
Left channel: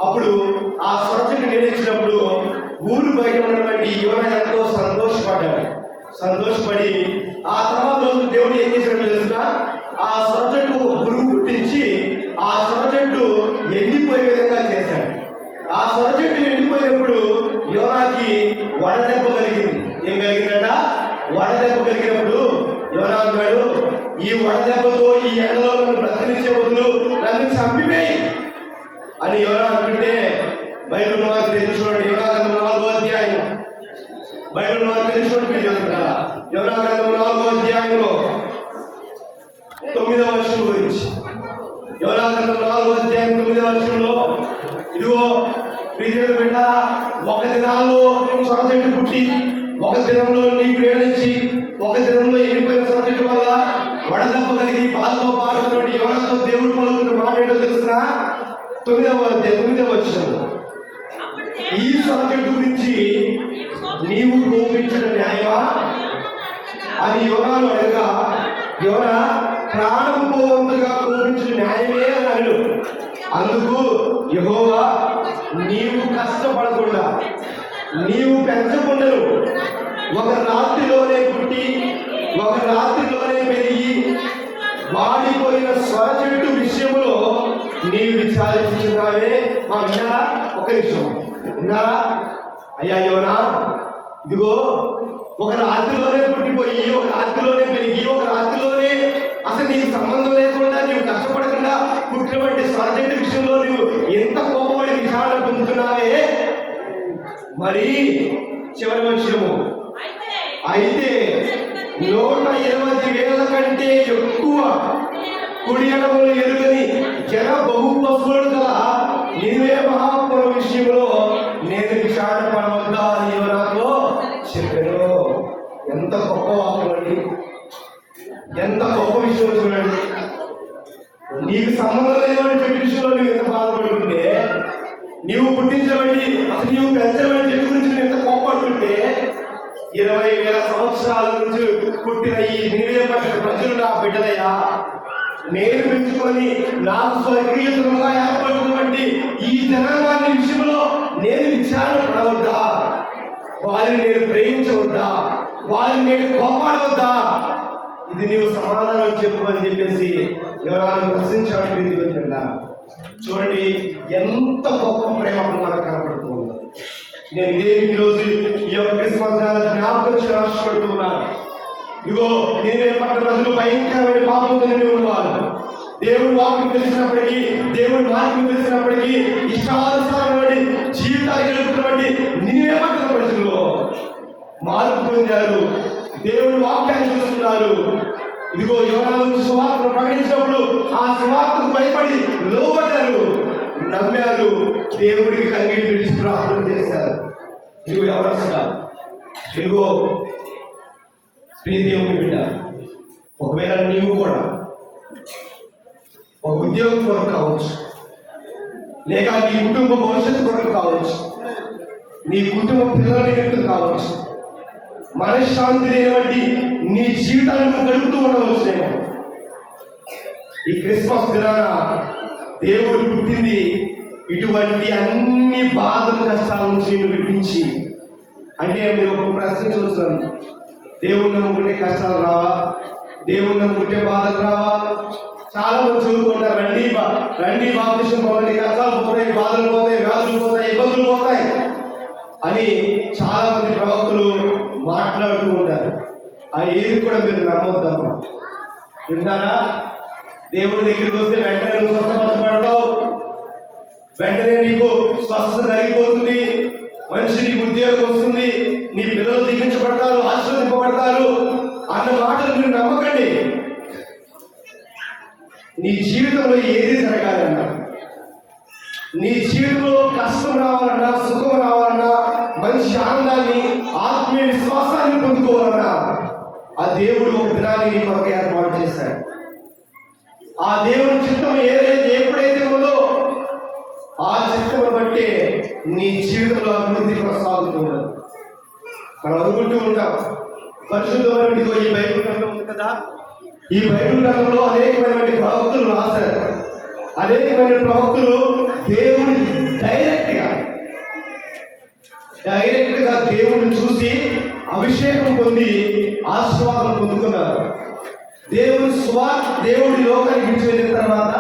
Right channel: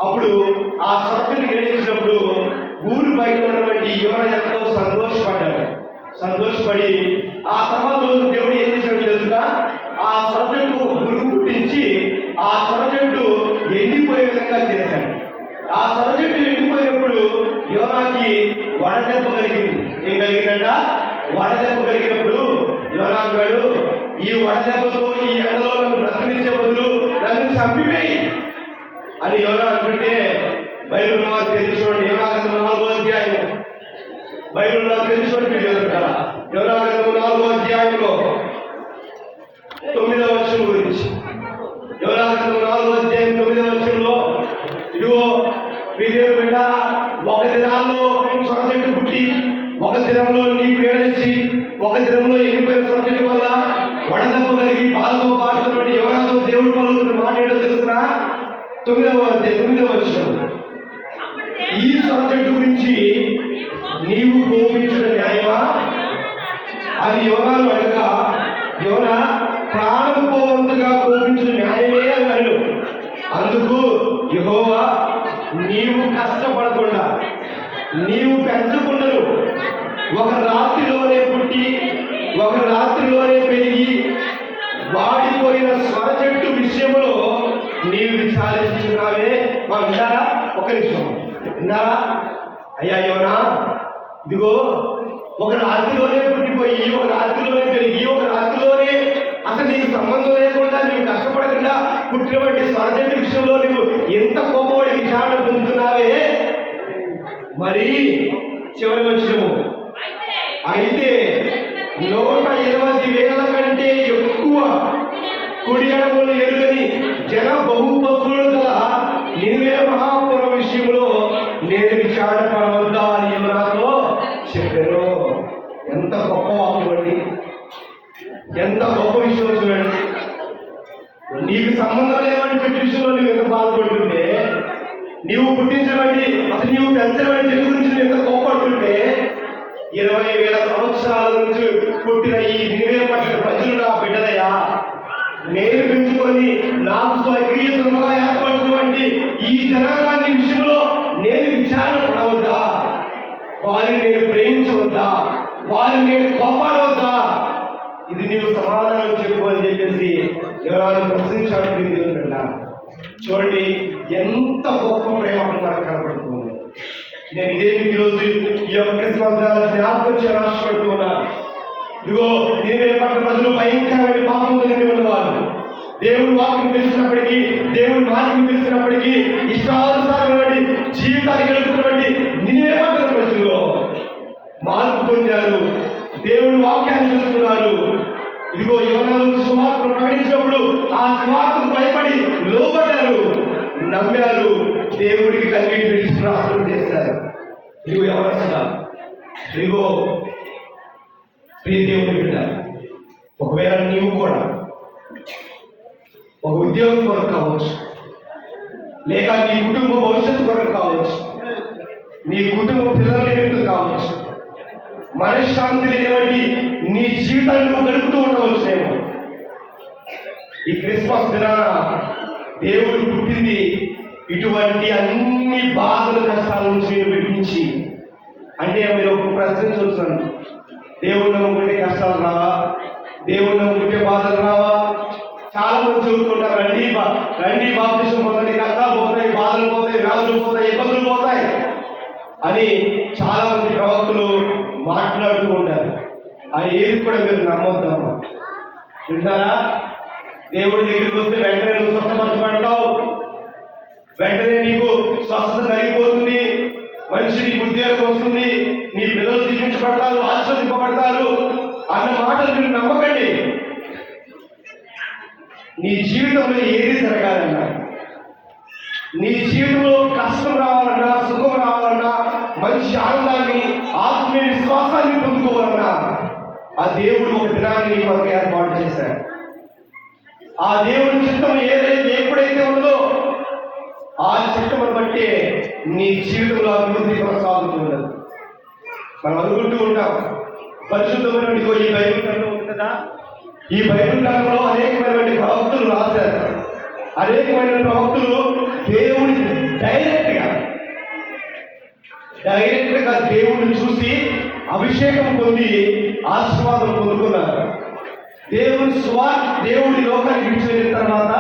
అప్పుడు ఆ సొర చెట్టు నేడించినప్పుడు ఊరు బయట ఉన్నటువంటి యోనా ఎంతో సంతోషపడి ఆ తర్వాత దేవుడు ఏం చేశాడో తెలుసుగా, ఆ సొర చెట్టు గురుగు పుట్టించి ఆ సొర చెట్టు ఎండిపోయే విధంగా చేశాడు. ఆ సొర చెట్టు ఎండిపోయినప్పుడు యోనాకి వడదెబ్బ కలిగింది. ఏం కలిగిందంట? వడదెబ్బ కలిగినప్పుడు యోనా అన్నాడు, ఈ వడదెబ్బతో ఈ ఎండలో నన్ను బ్రతికించే బదులు నన్ను చంపివేయి అని యోనా అంటుంటే బైబిల్ మనకు తెలుసుకోండి. యోనాగంధం 4వ అధ్యాయం, బైబిల్ మనకు తెలుసుకోండి. మీరు చదువుతారా? యోనాగంధం 4వ అధ్యాయంలో 9వ వచనం గురించి. యోనాగంధం 4వ అధ్యాయం 9వ వచనంలో, ఇదిగో ప్రియమైన బిడ్డ, ఒక దినాల్లో సొర చెట్టు పుట్టి ఒక దినంలో నీకు ఏడించి ఒక దినంలో ఎండిపోయిన సొర చెట్టు వల్ల వడదెబ్బ కలిగి బాధతో పాడుతున్నటువంటి యోనాతో దేవుడు పలుకుతున్న మాట ఏంటో తెలుసునా? 9వ అధ్యాయం 9వ వచనం, ఈ సొర చెట్టు గురించి నీవు కోపించిన న్యాయమా అని యోనాను అడగా, యోనా ప్రాణం పోవంతగా కోపించిన న్యాయమే అన్నాడు. అందుకు యెహోవా, నీవు కష్టపడకుండా నీవు పెంచకుండను, ఒక రాత్రిలోనే పుట్టి ఒక రాత్రిలోనే పెరిగి వాడిపోయిన స్వర చెట్టు విషయంలో నీవు విచారించున్నావే. విన్నారా? ఒక నిమిషం విన్నారా? అయ్యా యోనా, ఇదిగో ఒక రాత్రిలోనే పుట్టిపోయి ఒక రాత్రిలోనే పెరిగి ఒక రాత్రిలోనే అసలు నీకు సంబంధం లేకుండా నీవు కష్టపడకుండా పుట్టినటువంటి స్వర చెట్టు విషయంలో నువ్వు ఎంత కోపడి విచారణ పొందుతున్నావే. మరి చివరి వచ్చినము, అయితే 120,000 కంటే ఎక్కువ కుడి ఎడమలు ఎరుగని జన బహుపశువులు గల నినివే మహాపురం విషయంలో నేను విచారణ పడవద్దా అని యోనాతో చెప్పాను. ఎంత గొప్ప వాక్యం, ఎంత గొప్ప విషయం చూడండి. నీకు సంబంధం లేవని చెప్పి విషయంలో నువ్వు ఎంత బాధపడుతుంటే, నీవు పుట్టించబడి అసలు నీవు పెంచబడి చెట్టు గురించి నువ్వు ఎంత కోపడుతుంటే, 20,000 సంవత్సరాల నుంచి పుట్టిన ఈ నినివే పట్టణ ప్రజలు నా బిడ్డలయ్యా, నేను పెంచుకొని నాకు స్వకీయతలుగా ఏర్పడుతున్నటువంటి ఈ జనాంగాన్ని విషయంలో నేను విచారణ పడవద్దా, వారిని నేను ప్రేమించవద్దా, వారిని నేను కోపాడవద్దా, ఇది నీవు సమాధానం చెప్పు అని చెప్పేసి ఎవరైనా ప్రశ్నించాడు. చూడండి ఎంత గొప్ప ప్రేమ నాకు కనపడుతుంది. నేను ఇదే ఈరోజు ఈ యొక్క క్రిస్మస్ జ్ఞాపకం చేయాలనుకుంటున్నా. ఇదిగో నినివే పట్టణ ప్రజలు భయంకరమైన పాపంతో నిండి ఉన్నవారు. దేవుడి వాక్యం తెలిసినప్పటికీ, దేవుడి మాటలు తెలిసినప్పటికీ ఇష్టానుసారమైన జీవితాలు గడుపుతున్నటువంటి నమ్మారు, దేవుడికి కన్నీటి పిలిచి ప్రార్థన చేశారు. ఇదిగో ఎవరొస్తా, ఇదిగో దేవుని బిడ్డ, ఒకవేళ నీవు కూడా ఒక ఉద్యోగం కొరకు కావచ్చు, లేక నీ కుటుంబ భవిష్యత్తు కొరకు కావచ్చు, నీ కుటుంబ పిల్లల నిమిత్తం కావచ్చు, మనశ్శాంతి లేనివంటి నీ జీవితాన్ని గడుపుతూ ఉండవచ్చు. నేను ఈ క్రిస్మస్ దినాన దేవుడు పుట్టింది ఇటువంటి అన్ని బాధలు కష్టాల నుంచి నేను విడిపించి. అంటే మీరు ఒక ప్రశ్న చూస్తున్నాను, దేవుడు నమ్ముకుంటే కష్టాలు రావా, దేవుడు నమ్ముకుంటే బాధలు రావా? చాలా మంది చదువుతుంటారు, రండి బాప్తిసం పొందండి, కష్టాలు పోతాయి, బాధలు పోతాయి, వ్యాధులు పోతాయి, ఇబ్బందులు పోతాయి అని చాలా మంది ప్రవక్తలు మాట్లాడుతూ ఉంటారు. అది ఏది కూడా మీరు నమ్మొద్దమ్మా. వింటారా? దేవుడి దగ్గరికి వస్తే వెంటనే నువ్వు స్వస్థపరచబడతావు, వెంటనే నీకు స్వస్థత కలిగిపోతుంది, మంచి నీకు ఉద్యోగం వస్తుంది, నీ పిల్లలు దీవించబడతారు, ఆశీర్వదింపబడతారు అన్న మాటలు మీరు నమ్మకండి. నీ జీవితంలో ఏది జరగాలన్నా, నీ జీవితంలో కష్టం రావాలన్నా, సుఖం రావాలన్నా, మంచి ఆనందాన్ని, ఆత్మీయ విశ్వాసాన్ని పొందుకోవాలన్నా ఆ దేవుడు ఒక దినాన్ని నీ కొరకు ఏర్పాటు చేశాడు. ఆ దేవుని చిత్తం ఏదైతే ఎప్పుడైతే ఉందో ఆ చిత్తం బట్టి నీ జీవితంలో అభివృద్ధి కొనసాగుతున్నది. మనం అనుకుంటూ ఉంటాం, పరిశుద్ధమైన ఈ బైబిల్ గ్రంథం ఉంది కదా, ఈ బైబిల్ గ్రంథంలో అనేకమైనటువంటి ప్రవక్తలు రాశారు. అనేకమైన ప్రవక్తలు దేవుని డైరెక్ట్ గా దేవుడిని చూసి అభిషేకం పొంది ఆశీర్వాదం పొందుకున్నారు. దేవుడి లోకానికి విడిచిపోయిన తర్వాత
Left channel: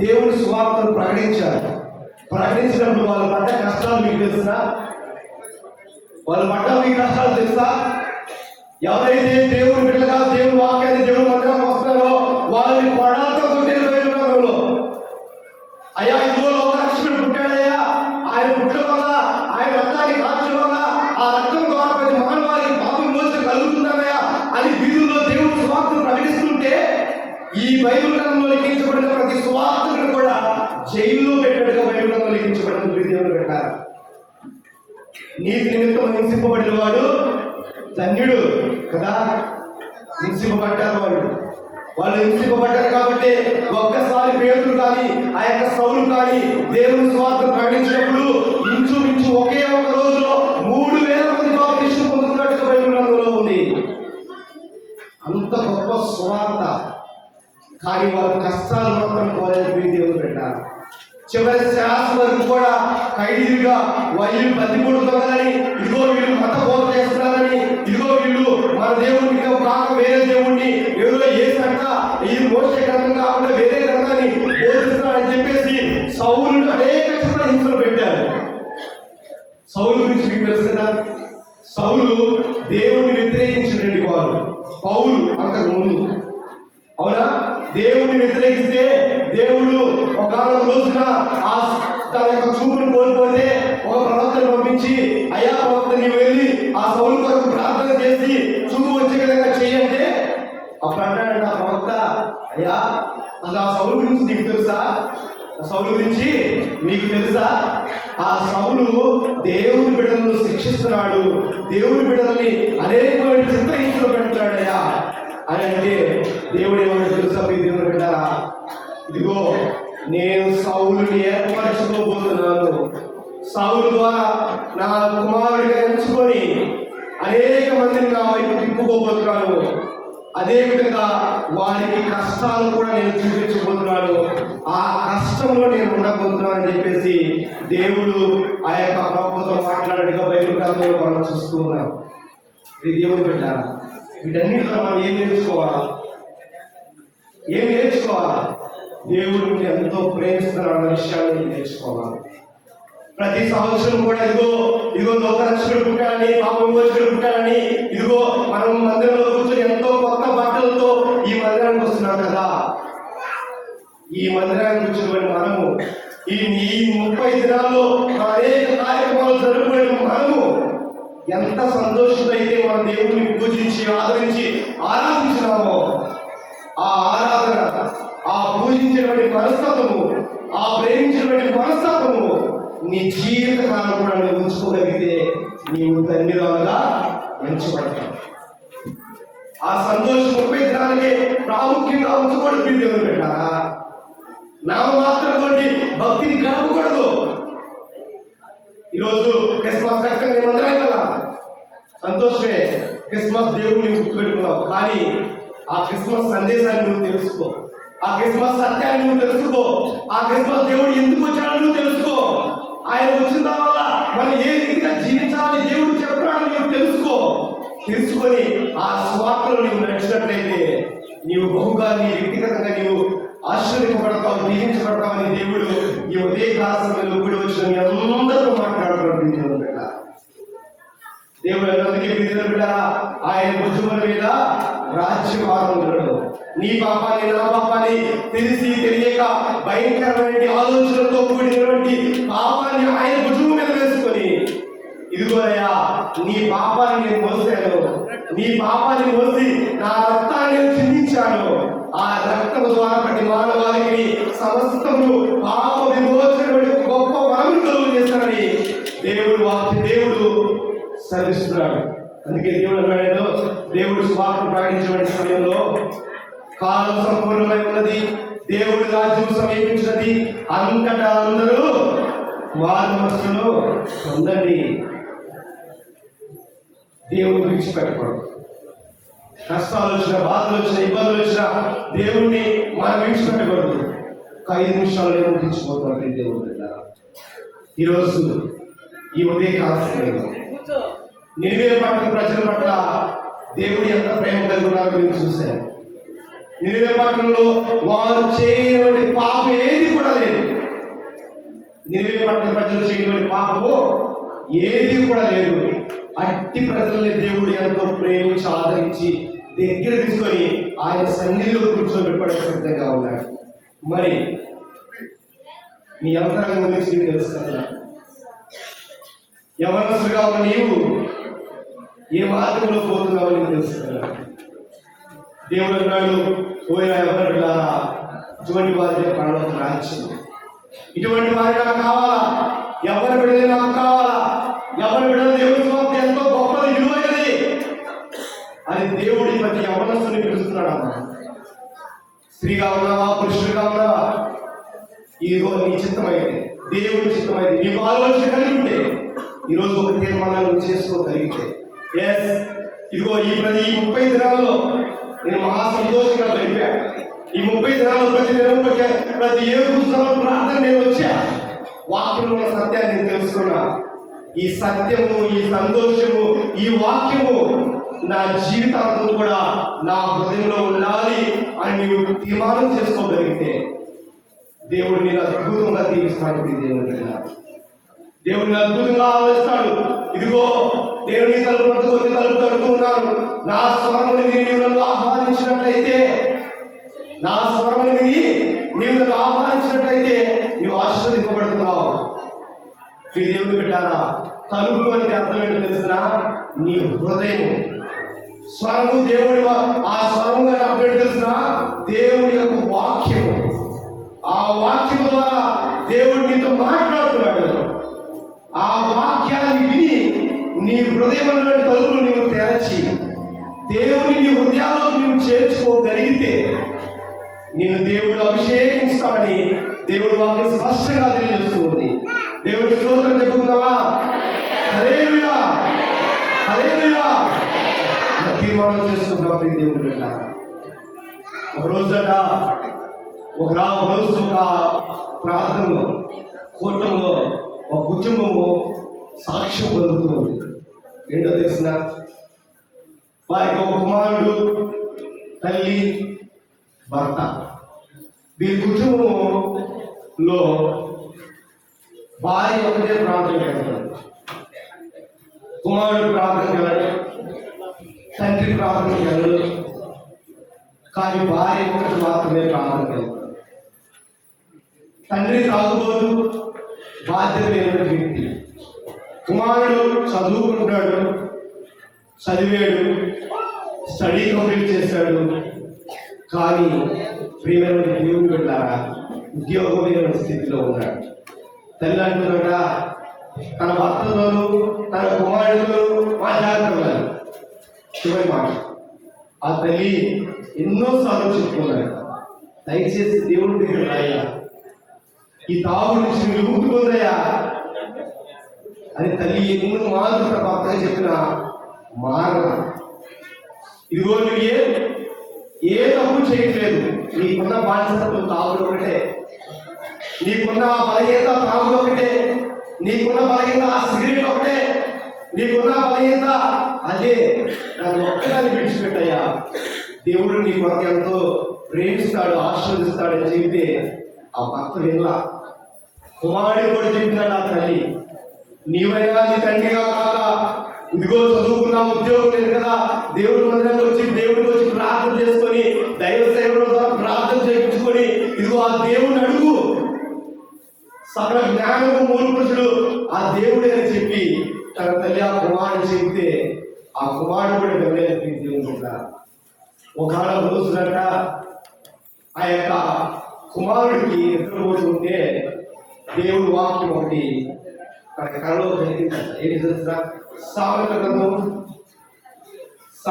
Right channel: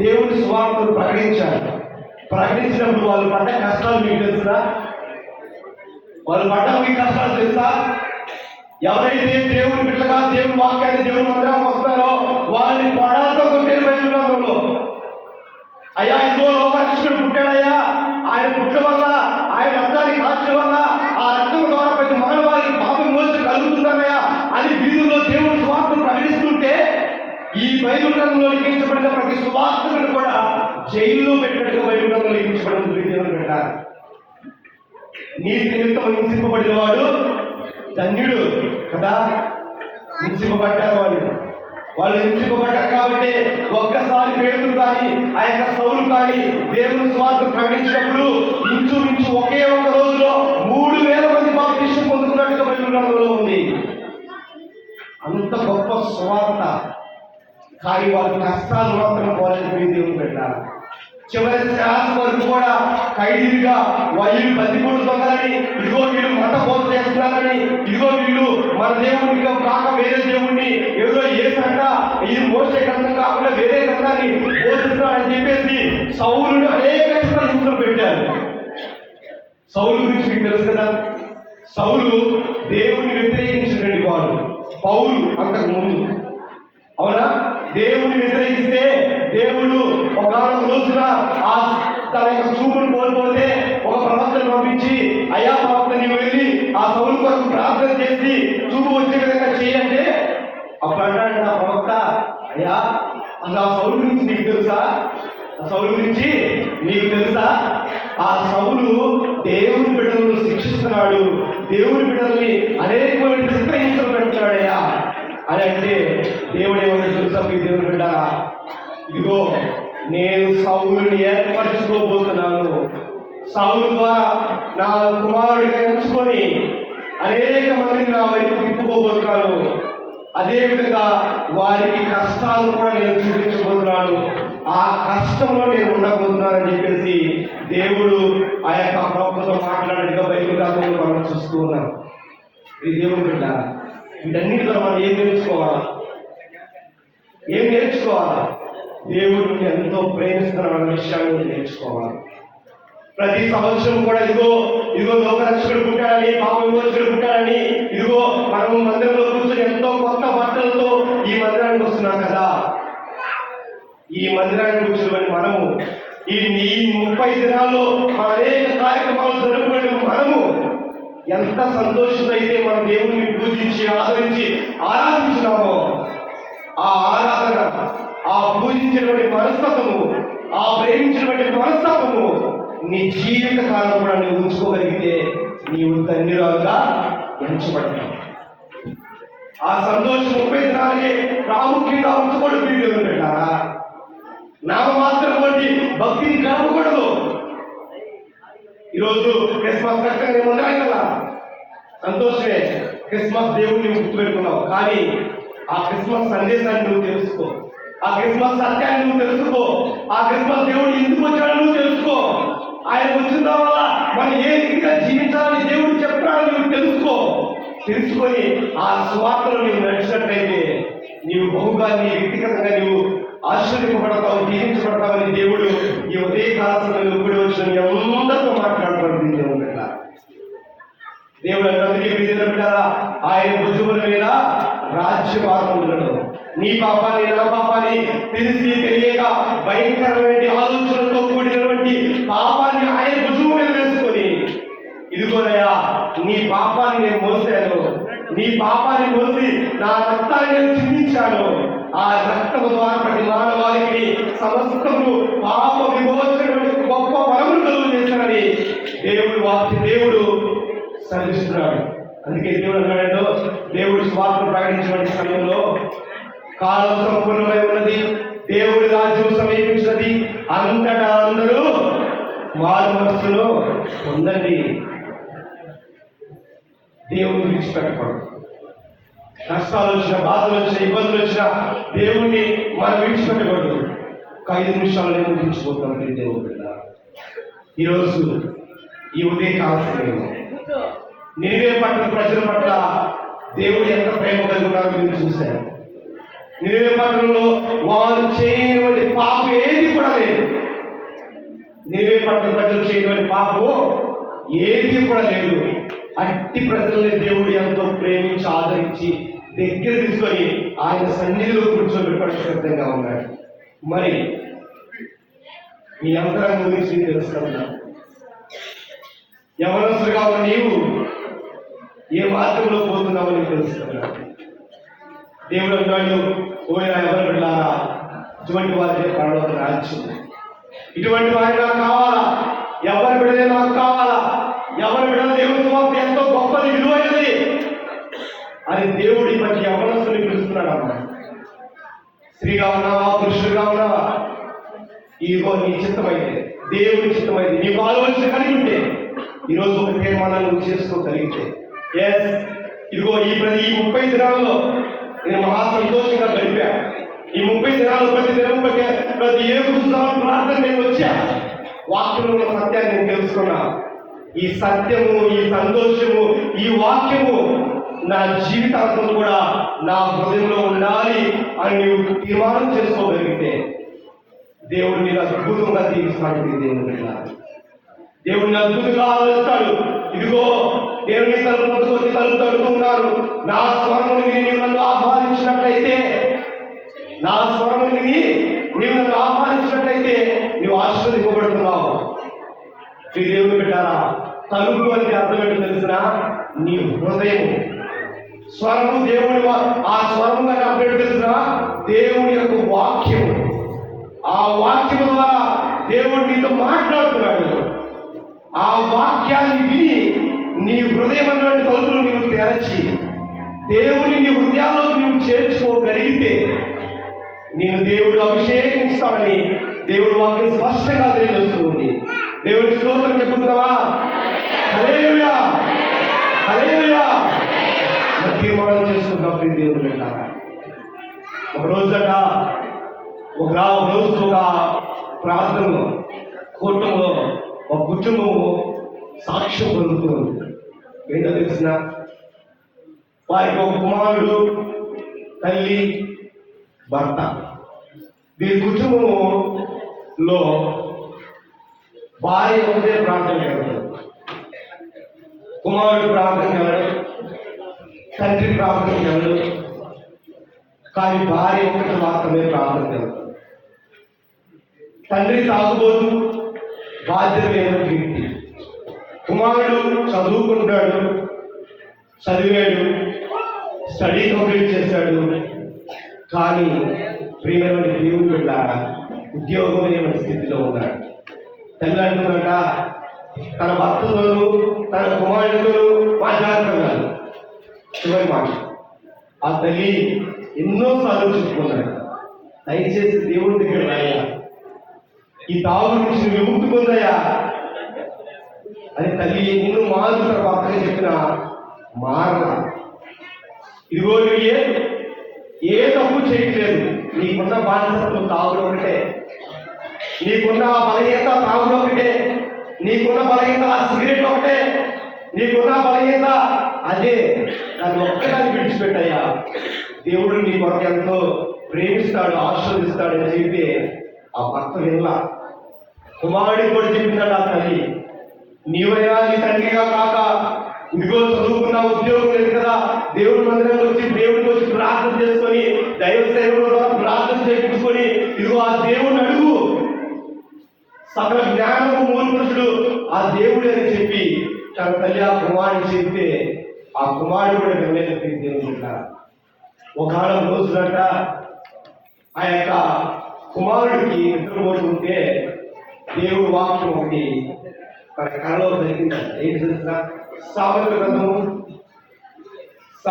దేవుని సువార్తను ప్రకటించారు. ప్రకటించినప్పుడు వాళ్ళు పడ్డ కష్టాలు మీకు తెలుసా? వాళ్ళు పడ్డ మీ కష్టాలు తెలుసా? ఎవరైతే దేవుని బిడ్డగా దేవుని వాక్యాన్ని దేవుని మందిరం వస్తారో వాళ్ళని పడాలతో కొట్టేలో, అయ్యా ఇదిగో లోకరక్షకుడు పుట్టాడయ్యా, ఆయన పుట్ట వల్ల, ఆయన రక్తాన్ని కాల్చడం వల్ల ఆ రక్తం ద్వారా ప్రతి మానవాళికి పాపం మోచన కలుగుతుందయ్యా అని వీధుల్లో దేవుని సువార్తను ప్రకటిస్తుంటే ఈ బైబిల్ గ్రంథంలో లిఖించబడిన ప్రతి సువార్తను కూడా జైల్లో పెట్టినట్టుగా బైబిల్ గ్రంథంలో లిఖించబడిన దేవుని పెట్టారు. నీతి నిమిత్తం హింసింపబడిన వాడు ధన్యుడు కదా. హింసింపబడ్డారు, వాళ్ళు హింసింపబడ్డారు కాబట్టి ఒక్కసారి పేతురు కానీ ఆ యొక్క సౌలు కానీ దేవుని స్వార్థ ప్రకటించినప్పుడు ఇంచుమించు ఒకే ఒక రోజులో 3000 మంది బాప్తిసం పొందుతున్నట్టుగా బైబిల్ గ్రంథంలో ఉంది. అంత గొప్ప స్వార్థ. కానీ వారు కష్టాలు మాత్రం పోలేని దేవుడు పెట్టారు. చివరి శ్వాస వరకు కూడా ఖైదీలుగా వాళ్ళు బతికొడుతున్నారని, ఇదిగో వీళ్ళు మత బోధ చేస్తున్నారని, ఇదిగో వీళ్ళు మన దేవుడిని కాక వేరే దేవుడిని ఏదో చేసినట్ట, ఇది మోసే గ్రంథం కాకుండా వేరే గ్రంథాన్ని బోధిస్తున్నారని చెప్పేసి సౌలుని అనేక హింసలు పెట్టారు. సౌలు గురించి మీకు తెలుసు కదా, సౌలు దేవుడిని వ్యతిరేకించినటువంటి వాడు. పౌలు అంతకు ముందు, అవునా? దేవుడిని వ్యతిరేకిస్తే దేవుడు ఒక రోజున తన యొక్క చూపును కోల్పోతే ఒక ప్రవక్తను పంపించి, అయ్యా ప్రవక్త నీవు వెళ్ళి ఆ సౌలు కొరకు ప్రార్థన చేసి చూపు వచ్చే విధంగా చేయంటే అప్పుడు అంటాడు ఆ ప్రవక్త, అయ్యా అసలు ఆ సౌలు గురించి నీకు తెలుసా? ఆ సౌలు గురించి నీకు తెలుసా? ఆ సౌలు దేవుని బిడ్డలను శిక్షిస్తున్నాడు, దేవుని బిడ్డల్ని అనేకమైన చిత్రహింసలు పెడుతున్నాడయ్యా అని అంటే దేవుడు ఏమన్నా తెలుసా? మీ దేవుని బిడ్డారా, ఇదిగో నేను సౌలుని ఏర్పరచుకోబోతున్నాను, సౌలు ద్వారా నా కుమారుడిగా ఎంచుకొని అనేక మందిని నా వైపు తిప్పుకోబోతున్నాను, అదేవిధంగా వారికి కష్టాలు కూడా నేను చూపించబోతున్నాను, ఆ కష్టంలో నేను ఉండబోతున్నాను అని చెప్పేసి దేవుడు ఆ యొక్క ప్రవక్తతో మాట్లాడిగా బైబిల్ గ్రంథంలో మనం చూస్తూ ఉన్నాం. ఇది దేవుని బిడ్డ. వీటన్నిటిలో మనం ఏం నేర్చుకోవాలా? దేవుడు ఎంతో ప్రేమిస్తున్నాడు విషయాన్ని నేర్చుకోవాలి. ప్రతి సంవత్సరం కూడా ఇదిగో లోకరక్షకుడు పుట్టాడని, పాప విమోచకుడు పుట్టాడని, ఇదిగో మనం మందిరంలో కూర్చొని ఎంతో కొత్త బట్టలతో ఈ మందిరానికి వస్తున్నాం కదా. ఈ మందిరానికి కూర్చొని మనము ఈ 30 దినాల్లో అనేక కార్యక్రమాలు జరుపుకునే మనము ఎంత సంతోషంగా అయితే మన దేవుడిని పూజించి ఆదరించి ఆరాధించినామో, ఆ ఆరాధన, ఆ పూజించినటువంటి మనస్తత్వము, ఆ ప్రేమించినటువంటి మనసు నీ జీవిత కాలం కూడా నువ్వు ఉంచుకోగలిగితే నీవు ధన్యురాలుగా ఎంచబడతావు. ఆ సంతోషం 30 దినాలకే ప్రాముఖ్యంగా ఉంచుకోవడం వీడియో పెట్టారా? నామమాత్రం వంటి భక్తిని గడపకూడదు. ఈరోజు క్రిస్మస్ కష్టంగా నేను ఉన్నాను కదా, సంతోషమే. క్రిస్మస్ దేవుడిని గుర్తుపెట్టుకున్నావు, కానీ ఆ క్రిస్మస్ సందేశాన్ని నువ్వు తెలుసుకో, ఆ క్రిస్మస్ సత్యాన్ని నువ్వు తెలుసుకో, ఆ క్రిస్మస్ దేవుడు ఎందుకు వచ్చాడో నువ్వు తెలుసుకో. ఆయన వచ్చిన వల్ల మనం ఏ రీతిగా జీవించాలని దేవుడు చెప్పాడని నువ్వు తెలుసుకొని ఆ స్వార్థలో నీవు నడిచినట్లయితే నీవు బహుగా నీ వ్యక్తిగతంగా నీవు ఆశ్చర్యపడతావు, జీవించబడతావని దేవుడు ఈ ఉదయ కాలంలో కూడి వచ్చిన మీ అందరితో మాట్లాడుతున్నాడు. దేవుడు బిడ్డ ఆయన భుజముల మీద రాజ్యభారం ఉండడు. నీ పాపాన్ని నా పాపాన్ని తెలిసి తెలియక భయంకరమైన ఆలోచనలతో కూడినటువంటి పాపాన్ని ఆయన భుజము మీద వేసుకొని, ఇదిగోనయ్యా నీ పాపాన్ని నేను మోసాను, నీ పాపాన్ని మోసి నా రక్తాన్ని నేను చిందించాను, ఆ రక్తము ద్వారా ప్రతి మానవాళికి సమస్తము పాప విమోచనటువంటి గొప్ప వరములు కలుగు చేశానని దేవుడు సరిస్తున్నాడు. అందుకే దేవుడు అన్నాడు, దేవుడు స్వార్థ ప్రకటించబడిన సమయంలో కాలం సంపూర్ణమై ఉన్నది, దేవుడి రాజ్యం సమీపించినది, అంతటా అందరూ వారి మనస్సులో ఉందండి. దేవుడిని విడిచిపెట్టకూడదు. కష్టాలు వచ్చిన, బాధలు వచ్చిన, ఇబ్బందులు వచ్చిన దేవుణ్ణి మనం విడిచిపెట్టకూడదు. 5 నిమిషాలు నేను విడిచిపోతానండి దేవుడు. ఈరోజు ఈ ఉదయ కాలం నినివే పట్టణ ప్రజల పట్ల దేవుడు ఎంత ప్రేమ కలిగి ఉన్నారో మీరు చూశారు. నినివే పట్టణంలో వారు చేయని పాపం ఏది కూడా లేదు. నినివే పట్టణ ప్రజలు చేయని పాపం ఏది కూడా లేదు. అట్టి ప్రజలని దేవుడు ఎంతో ప్రేమించి ఆదరించి దగ్గర తీసుకొని ఆయన సన్నిధిలో కూర్చోబెట్టడానికి సిద్ధంగా ఉన్నాడు. మరి మీ అంతరంగం గురించి తెలుస్తున్నా, యవనస్తుగా ఉన్న నీవు ఏ మార్గంలో పోతున్నావో నీకు తెలుస్తున్నా. దేవుడు అన్నాడు, పోయినా ఎవరు వెళ్ళారా, ఇటువంటి వారి పరలోక రాజ్యం, ఇటువంటి వారి నాకు కావాలా, ఎవరి బిడ్డలే నాకు కావాలా, ఎవరి బిడ్డల దేవుడి స్వార్థ ఎంతో గొప్పది, విలువైనది అని దేవుడి ప్రతి యవనస్తుని పిలుస్తున్నాడు. అన్న స్త్రీగా ఉన్నావా, పురుషుడిగా ఉన్నావా, ఇదిగో నీ చిత్తమైతే, దేవుడి చిత్తమైతే, నీకు ఆలోచన కలిగి ఉంటే ఈరోజు ఒక తీర్మానాన్ని చేసుకోగలిగితే, ఇదిగో ఈ 30 దినాల్లో నేను మహా సంతోషంగా గడిపా. ఈ 30 దినాలు ప్రతి దినం ప్రతి 7 సంవత్సరాలు ప్రార్థన నేను వచ్చా, వాక్యంలో ఉన్న సత్యాన్ని నేను తెలుసుకున్నా. ఈ సత్యము, ఈ సంతోషము, ఈ వాక్యము నా జీవితాంతం కూడా నా హృదయంలో ఉండాలి అని నీవు తీర్మానం చేసుకోగలిగితే దేవుడు నేను అద్భుతంగా తీరుస్తాడు. దేవుడిని అద్భుతంగా ఆలోచిస్తాడు. ఇదిగో దేవుని తలుపు తడుతున్నాను, నా స్వరముని విని నన్ను ఆహ్వానించినట్లయితే, నా స్వరముని విని నీవు నన్ను ఆహ్వానించినట్లయితే నువ్వు ఆశీర్వదింపబడుతున్నావు. దేవుని పెట్టారా, తలుపు అని అర్థం ఏంటో తెలిసిన నీ హృదయము స్వరము, దేవుడి ఆ స్వరము అని అర్థం ఏంటో తెలిసిన దేవుని యొక్క వాక్యము. ఆ వాక్యము ద్వారా దేవుడు నీతో మాట్లాడుతున్నాడు. ఆ వాక్యాన్ని విని నీ హృదయమైన తలుపులు నీవు తెరచి దేవుని నీ హృదయాల్లో నీవు చేర్చుకోగలిగితే నేను దేవుడు అభిషేకిస్తాడని దేవుడు వాక్యం స్పష్టంగా తెలియజేస్తుంది. దేవుడి స్తోత్రం చెప్పుకుందామా? హల్లెలూయా, హల్లెలూయా. తీర్మానం చేసుకుందాం. దేవుడు పెట్టారా, ఒక రోజంట ఒక ప్రార్థనలో కూటంలో ఒక కుటుంబము సాక్ష్యం కలుగుతుంది. ఏంటో తెలిసిన వారికి ఒక కుమారుడు, తల్లి, భర్త. దీని కుటుంబంలో భార్య ఒకటే ప్రార్థన చేస్తారు, కుమారుడు ప్రార్థన చేయాలి, తండ్రి ప్రార్థన చేయాలి, కానీ భార్య ఒకటి మాత్రమే ప్రార్థన చేస్తారు. తండ్రి తాగుబోతు, బాధ్యత లేని వ్యక్తి. కుమారుడు చదువుకుంటాడు, చదివాడు, స్టడీ కంప్లీట్ చేశాడు, కానీ ప్రియమైన దేవుని బిడ్డ ఉద్యోగం లేని స్థితిలో ఉన్నాడు. తల్లి అంటున్నట తన భర్తతోనూ తన కుమారుడితోనూ మాట్లాడుతున్నారు. చివరి మాట ఆ తల్లి ఎన్నోసార్లు చెప్పుకున్నాడు, దయచేసి దేవుడి దగ్గర రాయా, ఈ తాగు నుంచి విముక్తి పొందయా అని తల్లి ఎన్నో మార్లు తన భర్తగా చెప్పిన మారల. ఇదిగో నువ్వు ఏ తప్పు చేయట్లేదు, నీకున్న బాధ్యతలు తాగుడు ఒకటే, నీకున్న బలహీనత తాగుడు ఒకటే, నీకున్న బలహీనత ఆ సిగరెట్ ఒకటే, నీకున్న బలహీనత అదే, నాకు ఒక్కదాన్ని విడిచిపెట్టయ్యా, దేవుడు నీ కొరకు ఎంతో ప్రేమిస్తాడు, ఆశీర్వదిస్తాడని చెబితే ఆ భర్త వినలా. కుమారుడు కూడా చెప్పినాడు ఆ తల్లి, నీవయ్యా నీ తండ్రిగా కాక ఇదిగో చదువుకున్న ఉద్యోగం లేదు కదా, దేవుడి మందిరంలో వచ్చి దేవుడికి వచ్చి ప్రార్థన చేసుకొని దైవ సేవలో ప్రార్థన చేయించుకొని ఇదిగో ఆ దేవుడిని అడుగు, సకల జ్ఞానము మూలపురుషుడు ఆ దేవుడు అని చెప్పి తన తల్లి ఆ కుమారుడు చెప్తే ఆ కుమారుడు కూడా గమనించి దేవుడు ఒకవేళ రోజునట ఆ యొక్క కుమారుడికి నిద్రపోతూ ఉంటే దేవుడు వాక్యం ఒకటి తన కళలో జరిగిందంట. ఏంటి తెలుసా? సామెతల గ్రంథం 6వ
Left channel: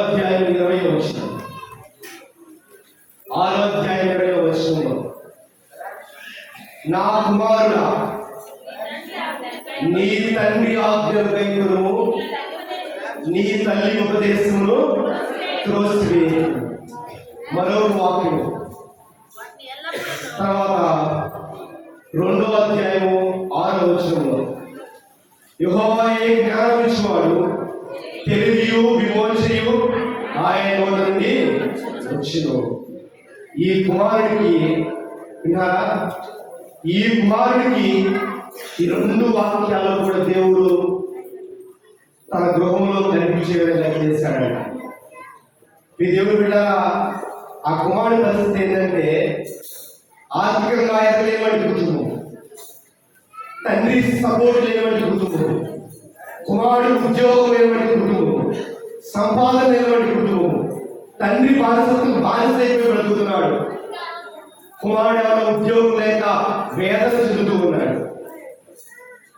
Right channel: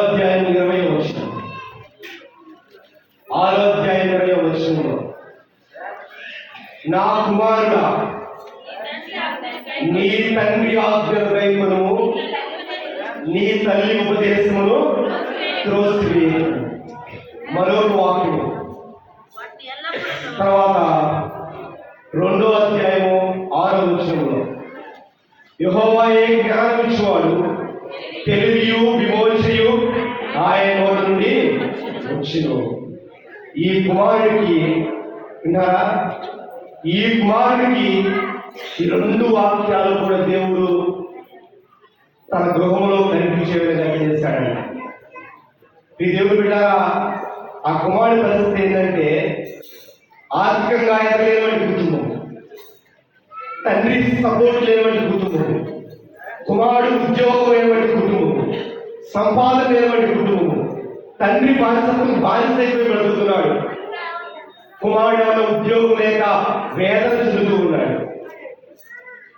అధ్యాయం 20వ వచనం. 6వ అధ్యాయం 20వ వచనంలో, నా కుమారుడా నీ తండ్రి ఆజ్ఞను గైకొనుము, నీ తల్లి ఉపదేశమును త్రోసివేయకు. మరో వాక్యము తర్వాత 2వ అధ్యాయము 6వ వచనంలో, యెహోవాయే జ్ఞానం ఇచ్చువాడు, తెలివియు విమోచనయు ఆయన నోట నుండి వచ్చును. ఈ కుమారుడికి విన్నారా, ఈ కుమారుడికి ఈ 2 వాక్యాలు కూడా దేవుడు తన గృహంలో కనిపించే విధంగా చేశాడు. ఈ దేవుడు బిడ్డ ఆ కుమారుడి పరిస్థితి ఏంటంటే ఆర్థికంగా ఎదగలేనటువంటి కుటుంబం, తండ్రి సపోర్ట్ లేనటువంటి కుటుంబం, కుమారుడు ఉద్యోగం లేనటువంటి కుటుంబం, సంపాదన లేనటువంటి కుటుంబం, తండ్రి బానిసైపోయి బ్రతుకుతున్నాడు. కుమారుడు ఉద్యోగం లేక వేదన చెందుతూ ఉన్నాడు.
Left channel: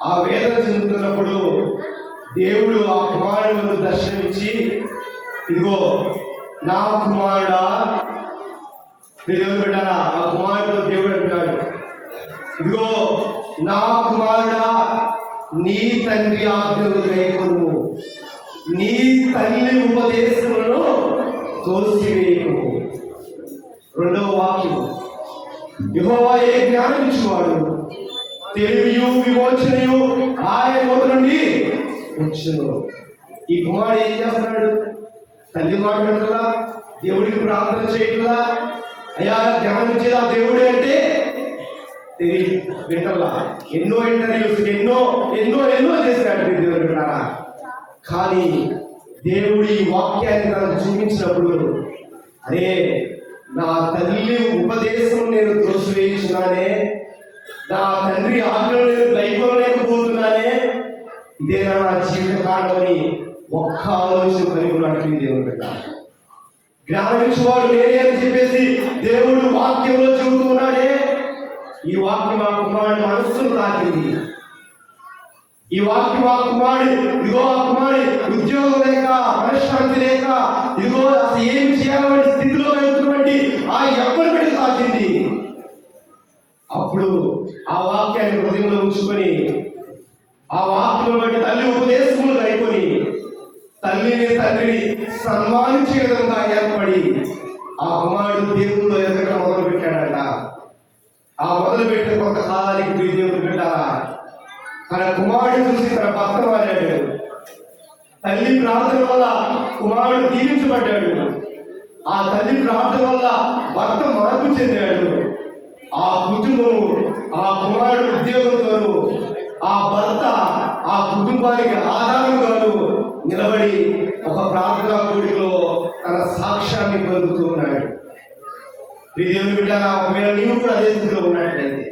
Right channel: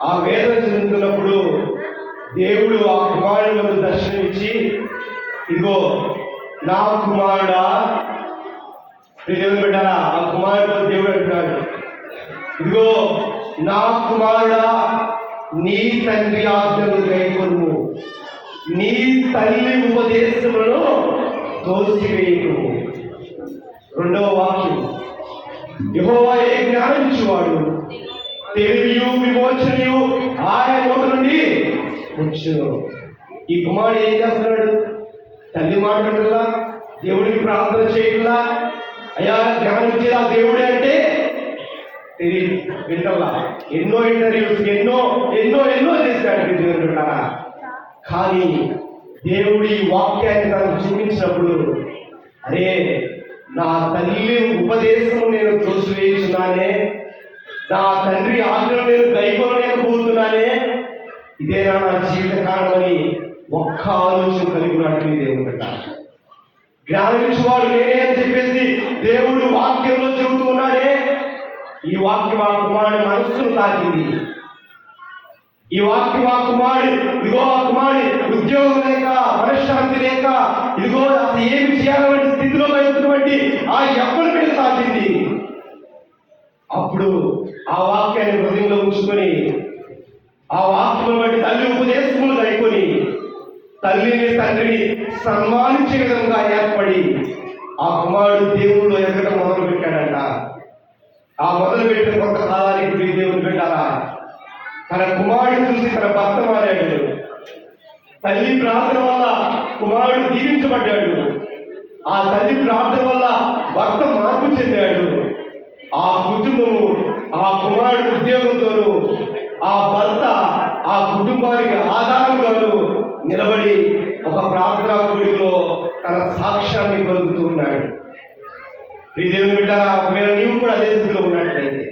ఆ వేదన చెందుతున్నప్పుడు దేవుడు ఆ కుమారుడు దర్శనమిచ్చి, ఇదిగో నా కుమారుడా, దేవుడు పెట్టారా ఆ కుమారుడు దేవుడు అంటాడు, ఇదిగో నా కుమారుడా నీ తండ్రి ఆజ్ఞను గైకొనుము, నీ తల్లి ఉపదేశములను తోసివేయకు. 2వ వాక్యం, యెహోవాయే జ్ఞానం ఇచ్చువాడు, తెలివియు విమోచనయు ఆయన నోట నుండి వచ్చును. ఈ కుమారుడు ఏం చేస్తున్నాడు? తల్లి మాట్లాడుతుందా, దేవుడికి ప్రార్థన చేయకుండా అయ్యా జ్ఞానం ఇచ్చేది ఆ దేవుడే అంటే తెలియదు, వింటలా ఎన్నో ఇంటర్వ్యూస్ ఎన్నో ఎన్నో ఎన్నో చేశాడు దేవుడు కదా. కానీ దేవుడి వాక్యాన్ని నాకు చూపించినప్పుడు, అరే నా తల్లి ఉపదేశం నేను త్రోసివేయుచున్నానే, నా తండ్రి ఆజ్ఞలు నేను గైకొనలేకపోతున్నానే, ఇదేనా నా జీవిత కారణమని ఒక్క ఆలోచన కలిగి ఉన్నట్టు దేవుడు పెట్టాలి. జ్ఞానం ఇచ్చేవాడు నేనే అని చెప్పేసి దేవుడు వాక్యంలో చెబుతున్నాడే, ఈ వాక్యం ఆ కుమారుడు మనస్సును తాకింది. ఈ వాక్యం ఆ కుమారుడు, ఇదిగో ఆ కుమారుడు ఉద్యోగం లేక మనశ్శాంతి లేక ఇదిగో అసలు ఏమి చేయాలని స్థితిలో వెళ్తున్నటువంటి ఆ ఎవ్వరి పెట్టి తాకింది. అప్పుడు ఆ వాక్యాన్ని హృదయంలో ఉంచుకొని ఆ వాక్యం బట్టి తల్లి ఉపదేశములు గైకొని తల్లిని తండ్రిని సన్మానించే విధంగా ఏర్పడి ఆ కుమారుడు దేవుళ్ళు ఎదగడం మొదలు పెట్టాడట. ఆ మొదలు పెట్టిన కొంతకాలానికి దేవుడు పెట్టారా, తన కుమారుడు చూసి తన భర్త మారాడు. తల్లి ప్రార్థన వల్ల కుమారుడు దీవించబడ్డాడు. ఆ తల్లి ప్రార్థన వల్ల భర్త మార్పు చెందాడు. ఆ కుటుంబము ఆ కుమారుడు ఉద్యోగంతోనూ ఆ భర్త ఆ కుటుంబానికి ఆధారంగాను నిలబడి ఒక ప్రార్థనా కూడికలో తన సాక్ష్యాన్ని పొందుతూ ఉన్నాడు. ఈ దేవుని బిడ్డ, ఒకవేళ నీవు కూడా అదే స్థితిలో ఉన్నట్లయితే,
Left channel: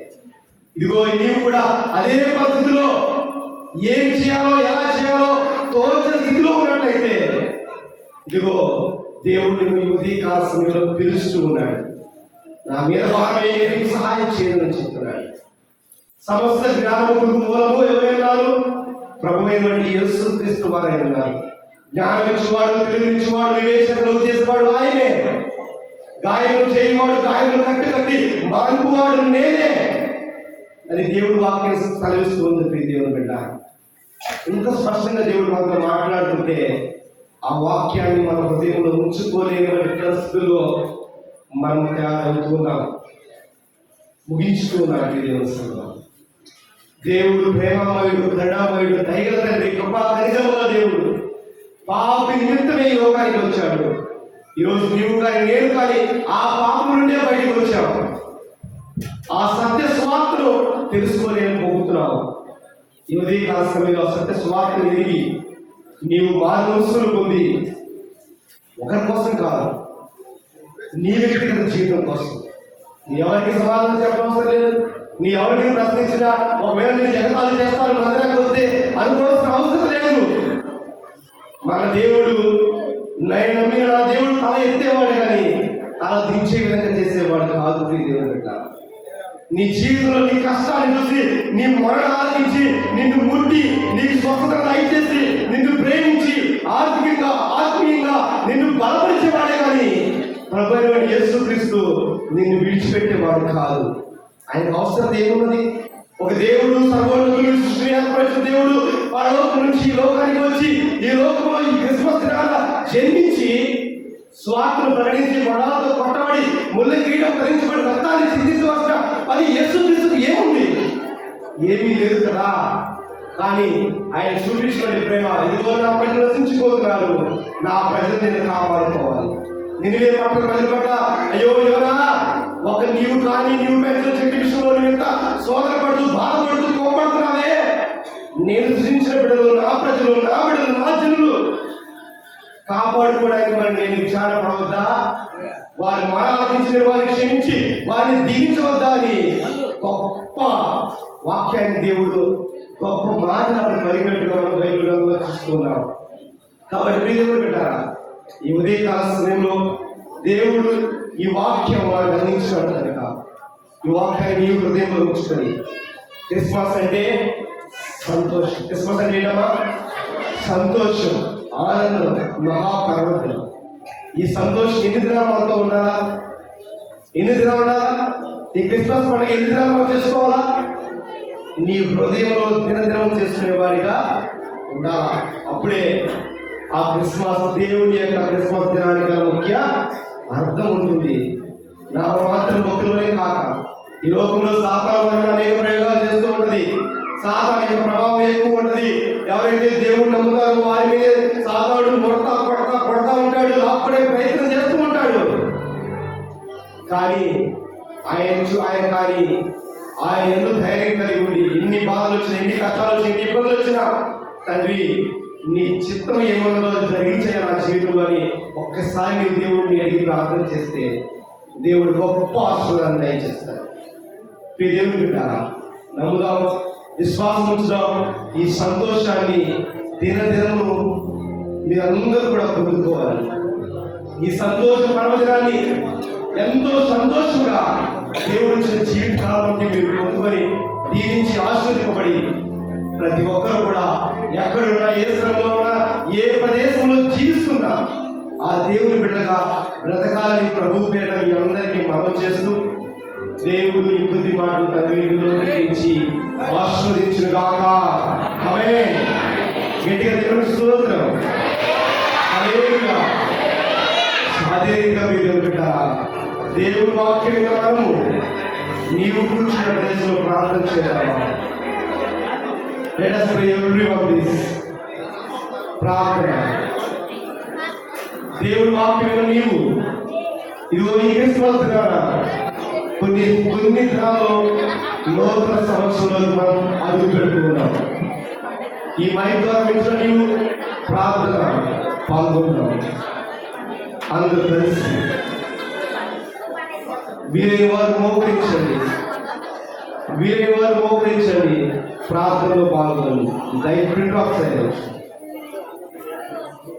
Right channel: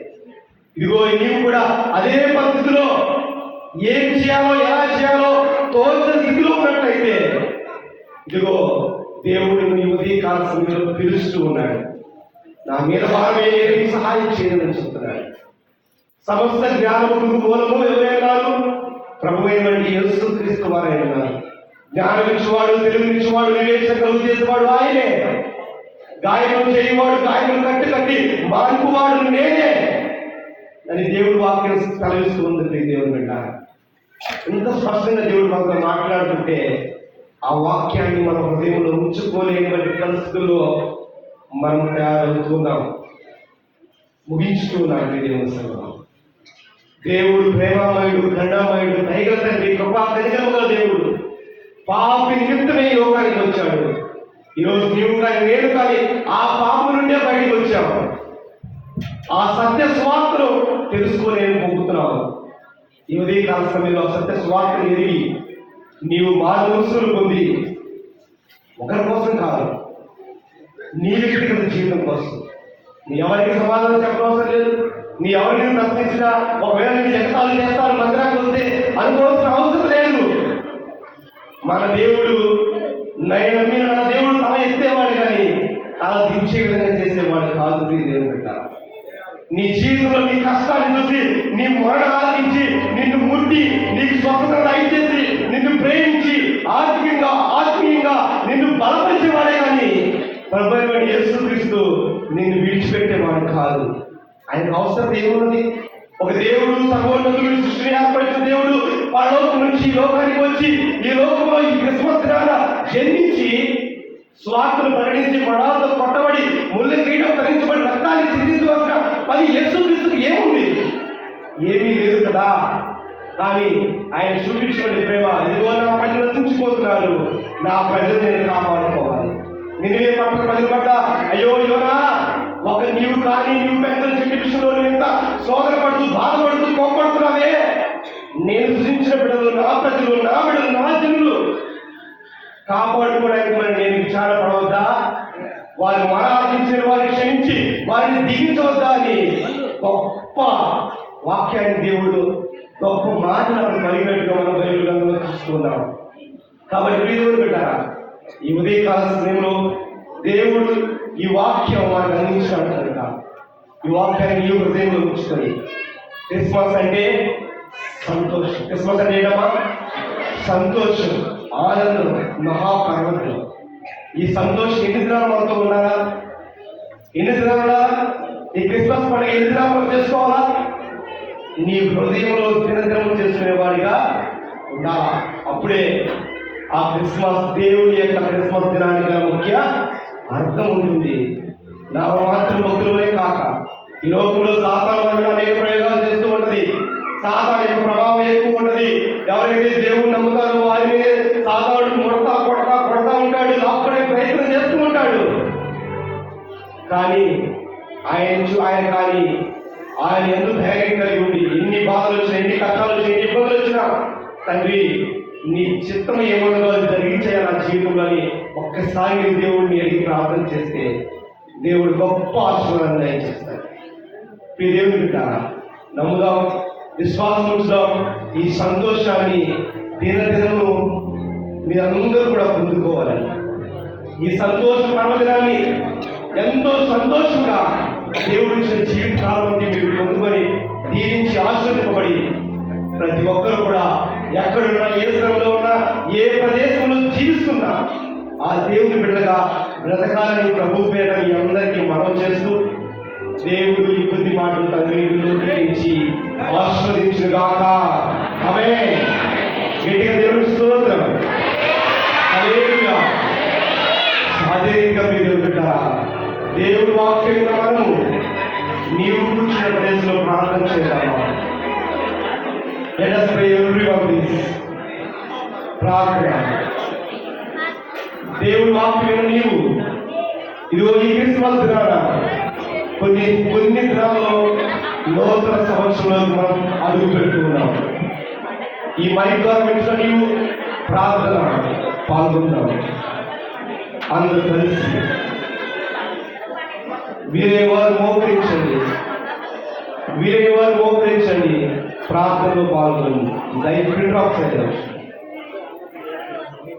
ఇదిగో నీవు కూడా అదే పద్ధతిలో ఏం చేయాలో ఎలా చేయాలో తోచిన స్థితిలో ఉన్నట్లయితే, ఇదిగో దేవుడు నీ ఉదయకాల సమయంలో పిలుస్తూ ఉన్నాడు. నా మీద భారమే నీకు సహాయం చేయమని చెప్తున్నాడు. సమస్త జ్ఞానముకు మూలము ఎవరైనారు? ప్రభువైనటువంటి యేసుక్రీస్తు వారే ఉన్నారు. జ్ఞానం ఇచ్చేవాడు, తెలివినిచ్చేవాడు, వివేచన చేసేవాడు ఆయనే. గాయం చేయవాడు, గాయం కట్టి మానుకువాడు నేనే అని దేవుడు వాక్యం సెలవిస్తూ ఉంది. దేవుడు బిడ్డ, ఇంత స్పష్టంగా దేవుడు మనతో మాట్లాడుతుంటే ఆ వాక్యాన్ని మన హృదయంలో ఉంచుకోలేని పరిస్థితుల్లో మనం తయారవుతున్నాం, ముగించుతున్నాం. దేవుడు ప్రేమామయుడు, కరుణామయుడు, దయగల తండ్రి, కృపా కనికరముల దేవుడు పాపి నిమిత్తమే ఈ లోకానికి వచ్చాడు. ఈరోజు నీవు కానీ నేను కానీ ఆ పాపం నుండే బయటికి వచ్చావు. ఆ సత్య స్వార్థను తెలుసుకోలేని పోతున్నావు. ఈ ఉదయకాల సమయంలో సత్య స్వార్థను ఎరిగి నీవు మార్గదర్శనం పొంది ఒకరి కోసం కాదు, నీ వ్యక్తిగత జీవితం కోసం. నీ ఎవరికి సమాధానం చెప్పవసరం లేదు. నీ ఎవరికి ప్రశ్నించినా ఒకవేళ నీ ఎగతాలు చేస్తాను మందిరానికి వస్తే అనుకోవాల్సిన అవసరం లేదు. మన దేవుడు మీరు నా దేవుడు తల ఎత్తేవాడు కానీ తల దించే విధంగా చేసేవాడు కాదు. దేవుడు బిడ్డ, నీ జీవితంలో నీ కష్టాన్ని చూసి నీ మొరణ ఆలకించి నిన్ను ముట్టి నీకు స్వస్థత దయచేసి నిన్ను ప్రేమించి ఆర్థికంగా ఆత్మీయంగా నిన్ను బలపరిచేవాడే కానీ ప్రభువైన యేసుక్రీస్తు నిన్ను విడిచిపెట్టేవాడు కాదు. ఆయనకు అవసరం ఏమున్నది? ఒక దేవుడు సర్వోన్నతుడు సృష్టిని ఏర్పరిచిన దేవుడు ఆ లోకం నుంచి ఈ లోకానికి వచ్చి ఈ లోకంలో ఈ క్రిస్మస్ దినాన జన్మించి స్వార్థను ప్రకటించి మడాలతో కొట్టబడి ముళ్ళ కిరీటం ధరించబడి రక్తాన్ని చిందించవలసిన అది యేసుక్రీస్తుకు ఏముంది? ఏమీ లేదు కదా. కానీ ఆయన చూపించిన ప్రేమ, ఇదిగో నా ప్రజలు రక్షించిపోతున్నారు, నా ప్రజలు నేను కాపాడుకోవాలి. నిన్నే పట్ల ప్రజలు పట్ల అయ్యో యోనా ఒక నీవు కానీ నీవు పెద్దల చెట్టు విషయంలో ఎంత సోదరపడుతూ బాధపడుతూ కోపడుతున్నావే, నేను సృష్టించిన బిడ్డలు నా ప్రజలు నా బిడ్డలు నా జనులు కాపాడుకోవడానికి మరి నేను విచారపడవద్దా? వారిని ఆరాధించిన వారిని క్షమించి వారిని దీవించవద్దా అని గొప్ప వాక్యాన్ని దేవుడు గొప్ప మాటలు పరిగెట్టుగా మనం బైబిల్లో చూస్తున్నాం. కాబట్టి దేవుడు పెట్టారా ఈ ఉదయకాల సమయంలో దేవుడు ఈ వాక్యం మనకు అందించినట్టు కనుక ఈ వాక్యాన్ని ఈ హృదయంలో ఉంచుకొని క్రిస్మస్ అంటే సంతోషం. క్రిస్మస్ అంటే ఏంటమ్మా? సంతోషం, ఆనందం, మహాపర్వతం. ఈ సంతోషం ఎన్ని దినాలు మనతో ఉన్నారా? ఎన్ని దినాలు ఉన్నారా? ఈ క్రిస్మస్ పండుగ ఎన్ని దినాలు మనం చేసుకోవాలా? నీ హృదయంలో దినదినం చేసుకునే వారిగా ఉండాలా. అప్పుడే ఆ క్రిస్మస్ దేవుడి యొక్క క్రిస్మస్ దినానికి ముఖ్య అర్థం ఉంటుంది. నా మాత్రం భక్తులనే కాక ఈ లోకంలో సాతాను వల్ల అనేక ప్రయోగాలు చేస్తూ ఉంటది. సాతాను యొక్క ప్రభావం ఎక్కువ ఉంటది. ఎవరైతే దేవుడు నమ్ముతారో వారి మీద సాతాను కొడతా ఉంటాడు, అప్పుడే ప్రయత్నం చేస్తూ ఉంటాడు. కానీ ఆయన ఎందుకు ధైర్యం కలిగి ఉండి ఎన్ని బాధలు వచ్చినా, ఎన్ని కష్టాలు వచ్చినా, ఎన్ని ఇబ్బందులు వచ్చినా తండ్రి నీ చిత్తం ఏమన్నా జరిగించాయి నా జీవితంలో అని ఒక్కసారి దేవుడిని అడిగి ప్రార్థన చేస్తే దేవుడు గొప్ప ఆశీర్వాదాన్ని దయచేస్తాడు. దేవుని బిడ్డారా, నమ్ముదాం, విశ్వాసం ఉంచుదాం. ఈ సంతోషాన్ని దినదినము మీరందరూ కూడా పొందుకోవాలని, ఈ సంతోష పర్వదినాన్ని ఎంతో సంతోషంగా దేవుడి ఇచ్చిన జీవితాలను మీరు పొందుకొని దీవించి ఆశీర్వదింపబడి ప్రతి ఒక్కరు కూడా ఎక్కడున్నా, ఏ స్థలంలో ఉన్నా, ఏ ప్రదేశంలో జీవిస్తున్నా ఆ దేవుని బిడ్డగా బ్రతకాలని ప్రభు పేర మీ అందరికీ మనవి చేస్తూ దేవుడు ఈ కొద్ది మాటలు తగ్గించి ఆశీర్వదించుగాక. ఆమేన్. గట్టిగా దేవుని స్తోత్రం. హల్లెలూయా. అదేవిధంగా మీరు బిడ్డారా, దేవుడు వాక్యం విధానము నీవు కూర్చున్న ప్రదేశంలో ప్రార్థన చేయాలా. Let us pray every one of this. ప్రార్థన. దేవుడు వాక్యం నీవు ఇదిగో ఈ క్రిస్మస్ దినాన కొన్ని దినాల్లో నూతన సంవత్సరంలో మనం అడుగు పెట్టుకున్నాం. ఈ మైక్ ద్వారా వింటున్న నీవు ప్రార్థన పాల్గొన్నావు. అందరూ కలిసి వీరేవారు మోకరించండి, ప్రార్థనలో పాల్గొనండి.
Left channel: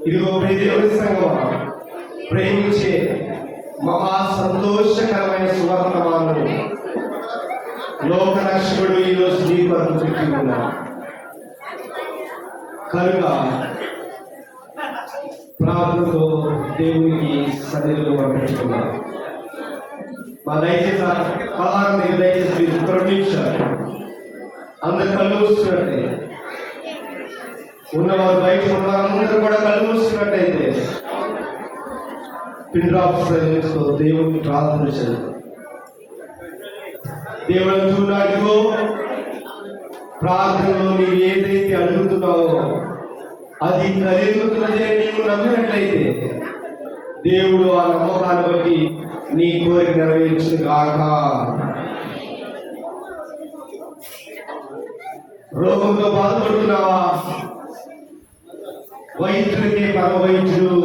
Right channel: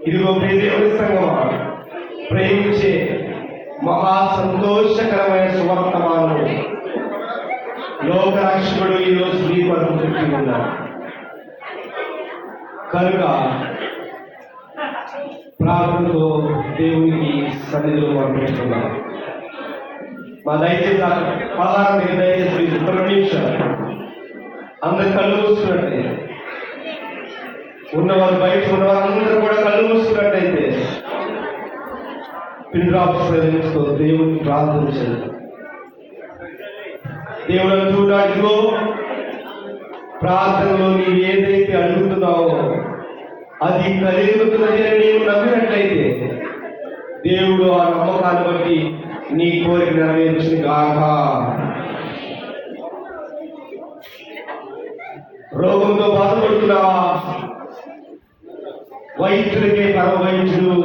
ఇదిగో దేవుని సంగమా, ప్రేమించే మహా సంతోషకరమైన శుభ రక్షకుడు ఈరోజు నీ కొరకు పుట్టి ఉన్నాడు కనుక ప్రార్థనతో దేవునికి సన్నిధిలో పంపించుకున్నాం. మా దయచేసి అలాగే దయచేసి 2 నిమిషాలు అందరు కళ్ళు మూసుకున్నట్టే, ఉన్నవారు బయట ఉన్నవారు అందరూ కూడా కళ్ళు మూసుకున్నట్టయితే పిల్లలు దేవుని ప్రార్థన చేయాలి. దేవుని చూడడానికో ప్రార్థనలో నీవు ఏదైతే అడుగుతున్నావో అది కలుగుతున్నది అని నీవు నమ్మినట్లయితే దేవుడు ఆ నమ్మకాన్ని బట్టి నీ కోరిక నెరవేర్చును గాక. రోగంతో బాధపడుతున్నావా? వైద్యుడికే పరమ వైద్యుడు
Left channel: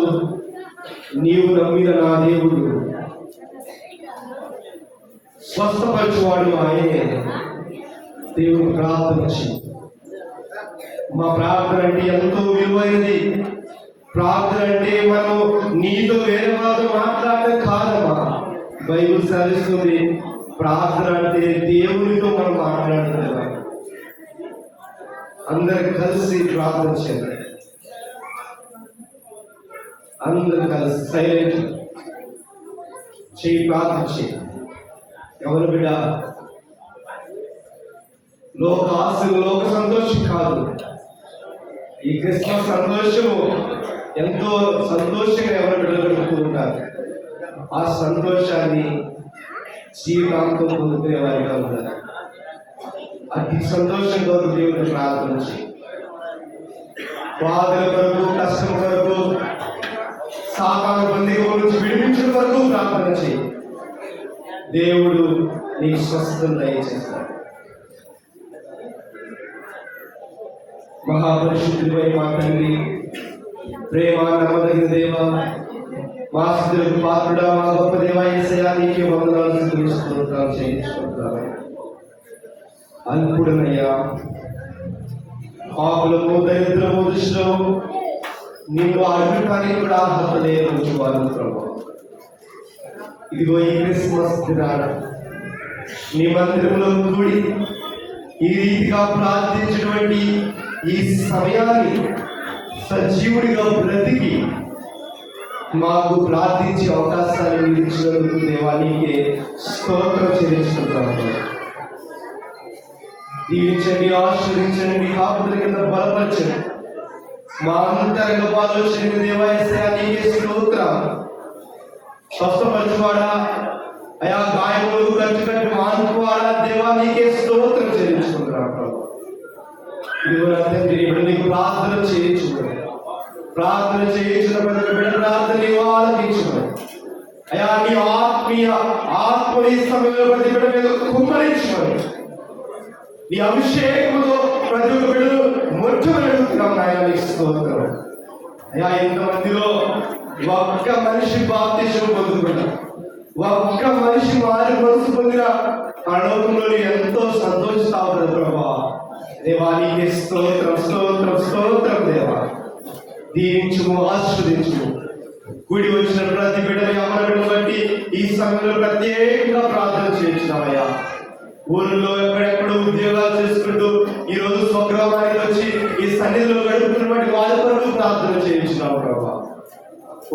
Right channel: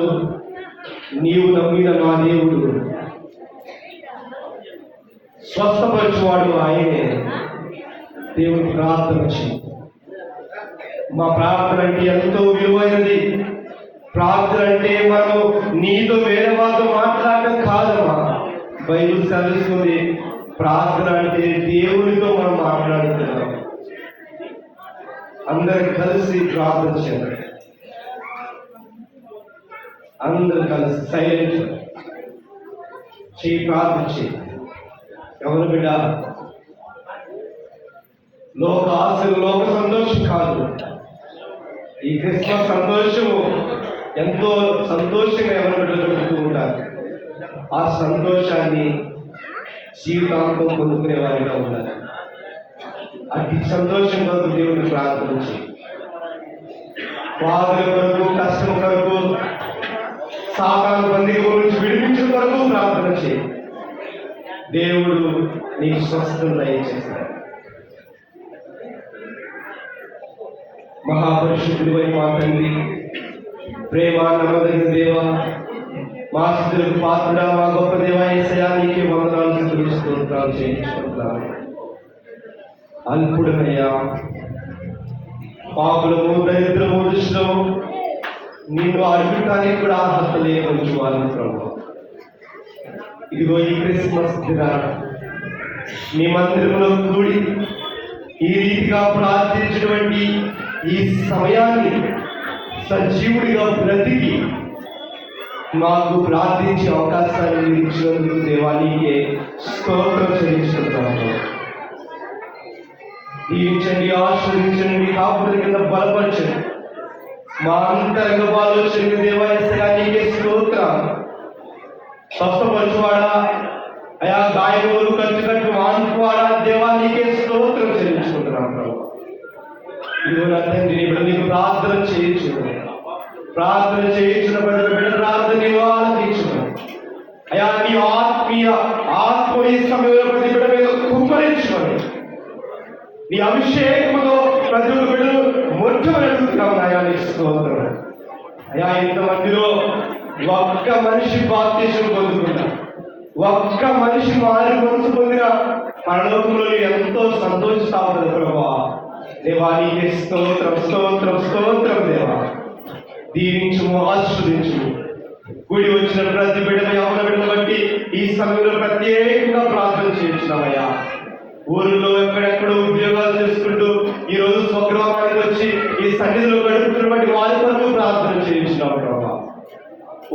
నీవు నమ్మిన నా దేవుడు స్వస్థపరచువాడు ఆయనే. దేవుని ప్రార్థన చేయి. మా ప్రార్థన అంటే ఎంతో విలువైనది. ప్రార్థన అంటే మనం నీతో వేరే వాళ్ళతో మాట్లాడడం కాదమ్మా. బైబిల్ సెలవిస్తుంది ప్రార్థన అంటే దేవునితో మనం మాట్లాడుతున్నాం. అందరు కలిసి ప్రార్థన చేయండి. అందరు కలిసి సైలెంట్ చేయి, ప్రార్థన చేయి. ఎవరు బిడ్డ లోక ఆశలు, లోక సంతోషం కాదు. ఈ క్రిస్మస్ సంతోషము ఎంతో సంతోషంగా ఎవరు బిడ్డలు పెడుతూ ఉంటారు. ఆ సంతోషాన్ని జీవితాంతం పొందుకునే వారిగా ఉన్నారు. అతి సంతోషం కొరకు దేవుడిని ప్రార్థన చేయి. బాధల కొరకు, కష్టం కొరకు, సాతాను బంధీల నుంచి విడిపించిన కొరకు ప్రార్థన చేయి. దేవుడు నీకు స్వస్థత దయచేస్తాడు. మహాపరిశుద్ధుడైన మా తండ్రి, ప్రేమ నమ్మదగిన దేవ, మా స్తుతులకు పాత్రుడా, మా గొప్ప దేవ యేసయ్యా, నీకే వందనాలు, స్తుతులు, స్తోత్రాలు చేయించుకుంటున్నాను. అల్పుడమయ్యా, పాపులము, దరిద్రము దృష్టిలో నీవు అడుగుటానికి కూడా అర్హత లేని వాళ్ళు ప్రభు. ఇదిగో ఈ క్రిస్మస్ దినాన నీ మందిరంలో కూడి ఈ రీతిగా ప్రార్థించినటువంటి ఈ సమయాన్ని సజీవుడిగా బ్రతికి మాకు ప్రార్థించే అవకాశాన్ని మీరు ఇచ్చినందుకు దేవానికి స్తోత్రం చెల్లించుకుంటున్నాము. దీవించండి, ఆశీర్వదించండి, కాపుల కింద బలపరచండి. మా అంతరంగ ఆలోచన దేవాలయానికి స్తోత్రం. స్వస్థపరచువాడా, అయా గాయములు కట్టినట్టు మానుకోవాడా, దేవానికి స్తోత్రం చెల్లించుకుంటున్నాం. తండ్రి నీకు ప్రార్థన చేయొచ్చు, ప్రార్థన చేయించిన ప్రతి బిడ్డ ప్రార్థన ఆలకించు. అయా నీ ఆత్మీయ ఆత్మని సమయంలో ప్రతి బిడ్డ మీద కుమ్మరించుకోండి. నీ అభిషేకంలో ప్రతి బిడ్డలు మొట్టమొదలుతున్నాం. అయా నీ స్తోత్రం. అయా ఇంతమందిలో ఒక్క మనిషి బాప్తిసం పొందుకున్నా, ఒక్క మనిషి మారి మనసు పొందిన పరలోకంలో ఎంతో సంతోషిస్తావు ప్రభా. దేవా నీకే స్తోత్రం, స్తోత్రం, స్తోత్రం. దేవా దీవించుము, ఆశీర్వదించుము. గుడి వచ్చిన ప్రతి బిడ్డని, అమ్మ బిడ్డను బట్టి ఈ సమయంలో ప్రత్యేకంగా ప్రార్థన చేయించున్నామయ్యా. ఊళ్ళో ఎక్కడెక్కడో ఉద్యోగాలు చేసుకుంటూ ఈ రోజు స్వగ్రామానికి వచ్చి ఈ సన్నిధిలో గడుపుతున్నటువంటి వారి కొరకు ప్రార్థన చేయించున్నాము ప్రభా.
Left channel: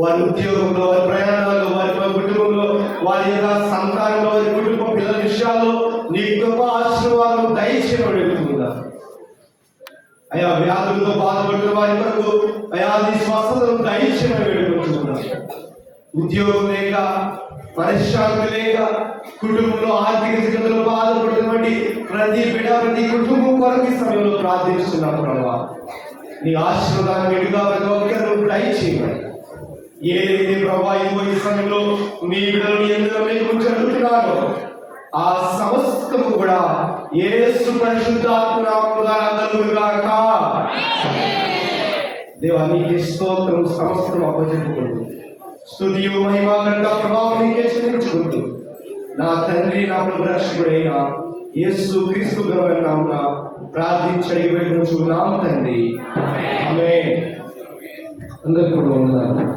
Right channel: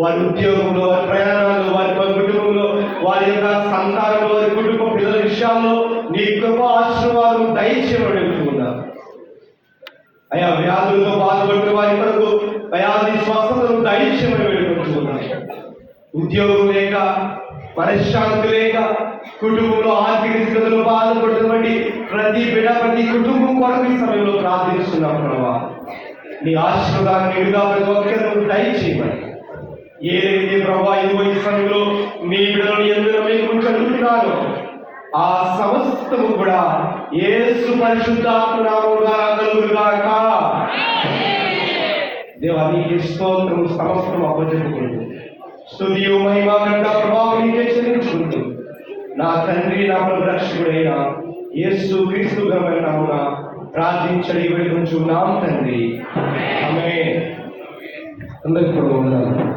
వారి ఉద్యోగంలో, వారి ప్రయాణాల్లో, వారి కుటుంబంలో, వారి యొక్క సంతానంలో, వారి కుటుంబ పిల్లల విషయాల్లో నీ గొప్ప ఆశీర్వాదం దయచేయమని వెళ్తున్నారు. అయా వ్యాధులతో బాధపడుతున్న వారి కొరకు వ్యాధి స్వస్థతను దయచేయమని వేడుకుంటున్నారు. ఉద్యోగం లేక, మనశ్శాంతి లేక, కుటుంబంలో ఆర్థిక స్థితిలో బాధపడుతున్నటువంటి ప్రతి బిడ్డ, ప్రతి కుటుంబం కొరకు ఈ సమయంలో ప్రార్థిస్తున్నాం ప్రభా. నీ ఆశీర్వాదాన్ని ఎడుగా ప్రతి ఒక్కరు దయచేయమని. ఏదైతే ప్రభా ఇదిగో ఈ సమయంలో మీ బిడ్డలను ఎందుకు మీకు చదువుతున్నారో ఆ సమస్తము కూడా యేసు పరిశుద్ధాత్మ నామములో కలుగుగాక. దేవా నీకే స్తోత్రం, సమస్తం అప్పచెప్పుకుంటూ స్తుతియు మహిమ ఘనత ప్రభావం నీకే చెల్లించుకుంటూ నా తండ్రి, నా రక్షకుడైన యేసు క్రీస్తు నామమున ప్రార్థించడి వేడుకొంచున్నాము తండ్రి. ఆమేన్. అందరికీ కూడా ఉన్నారు.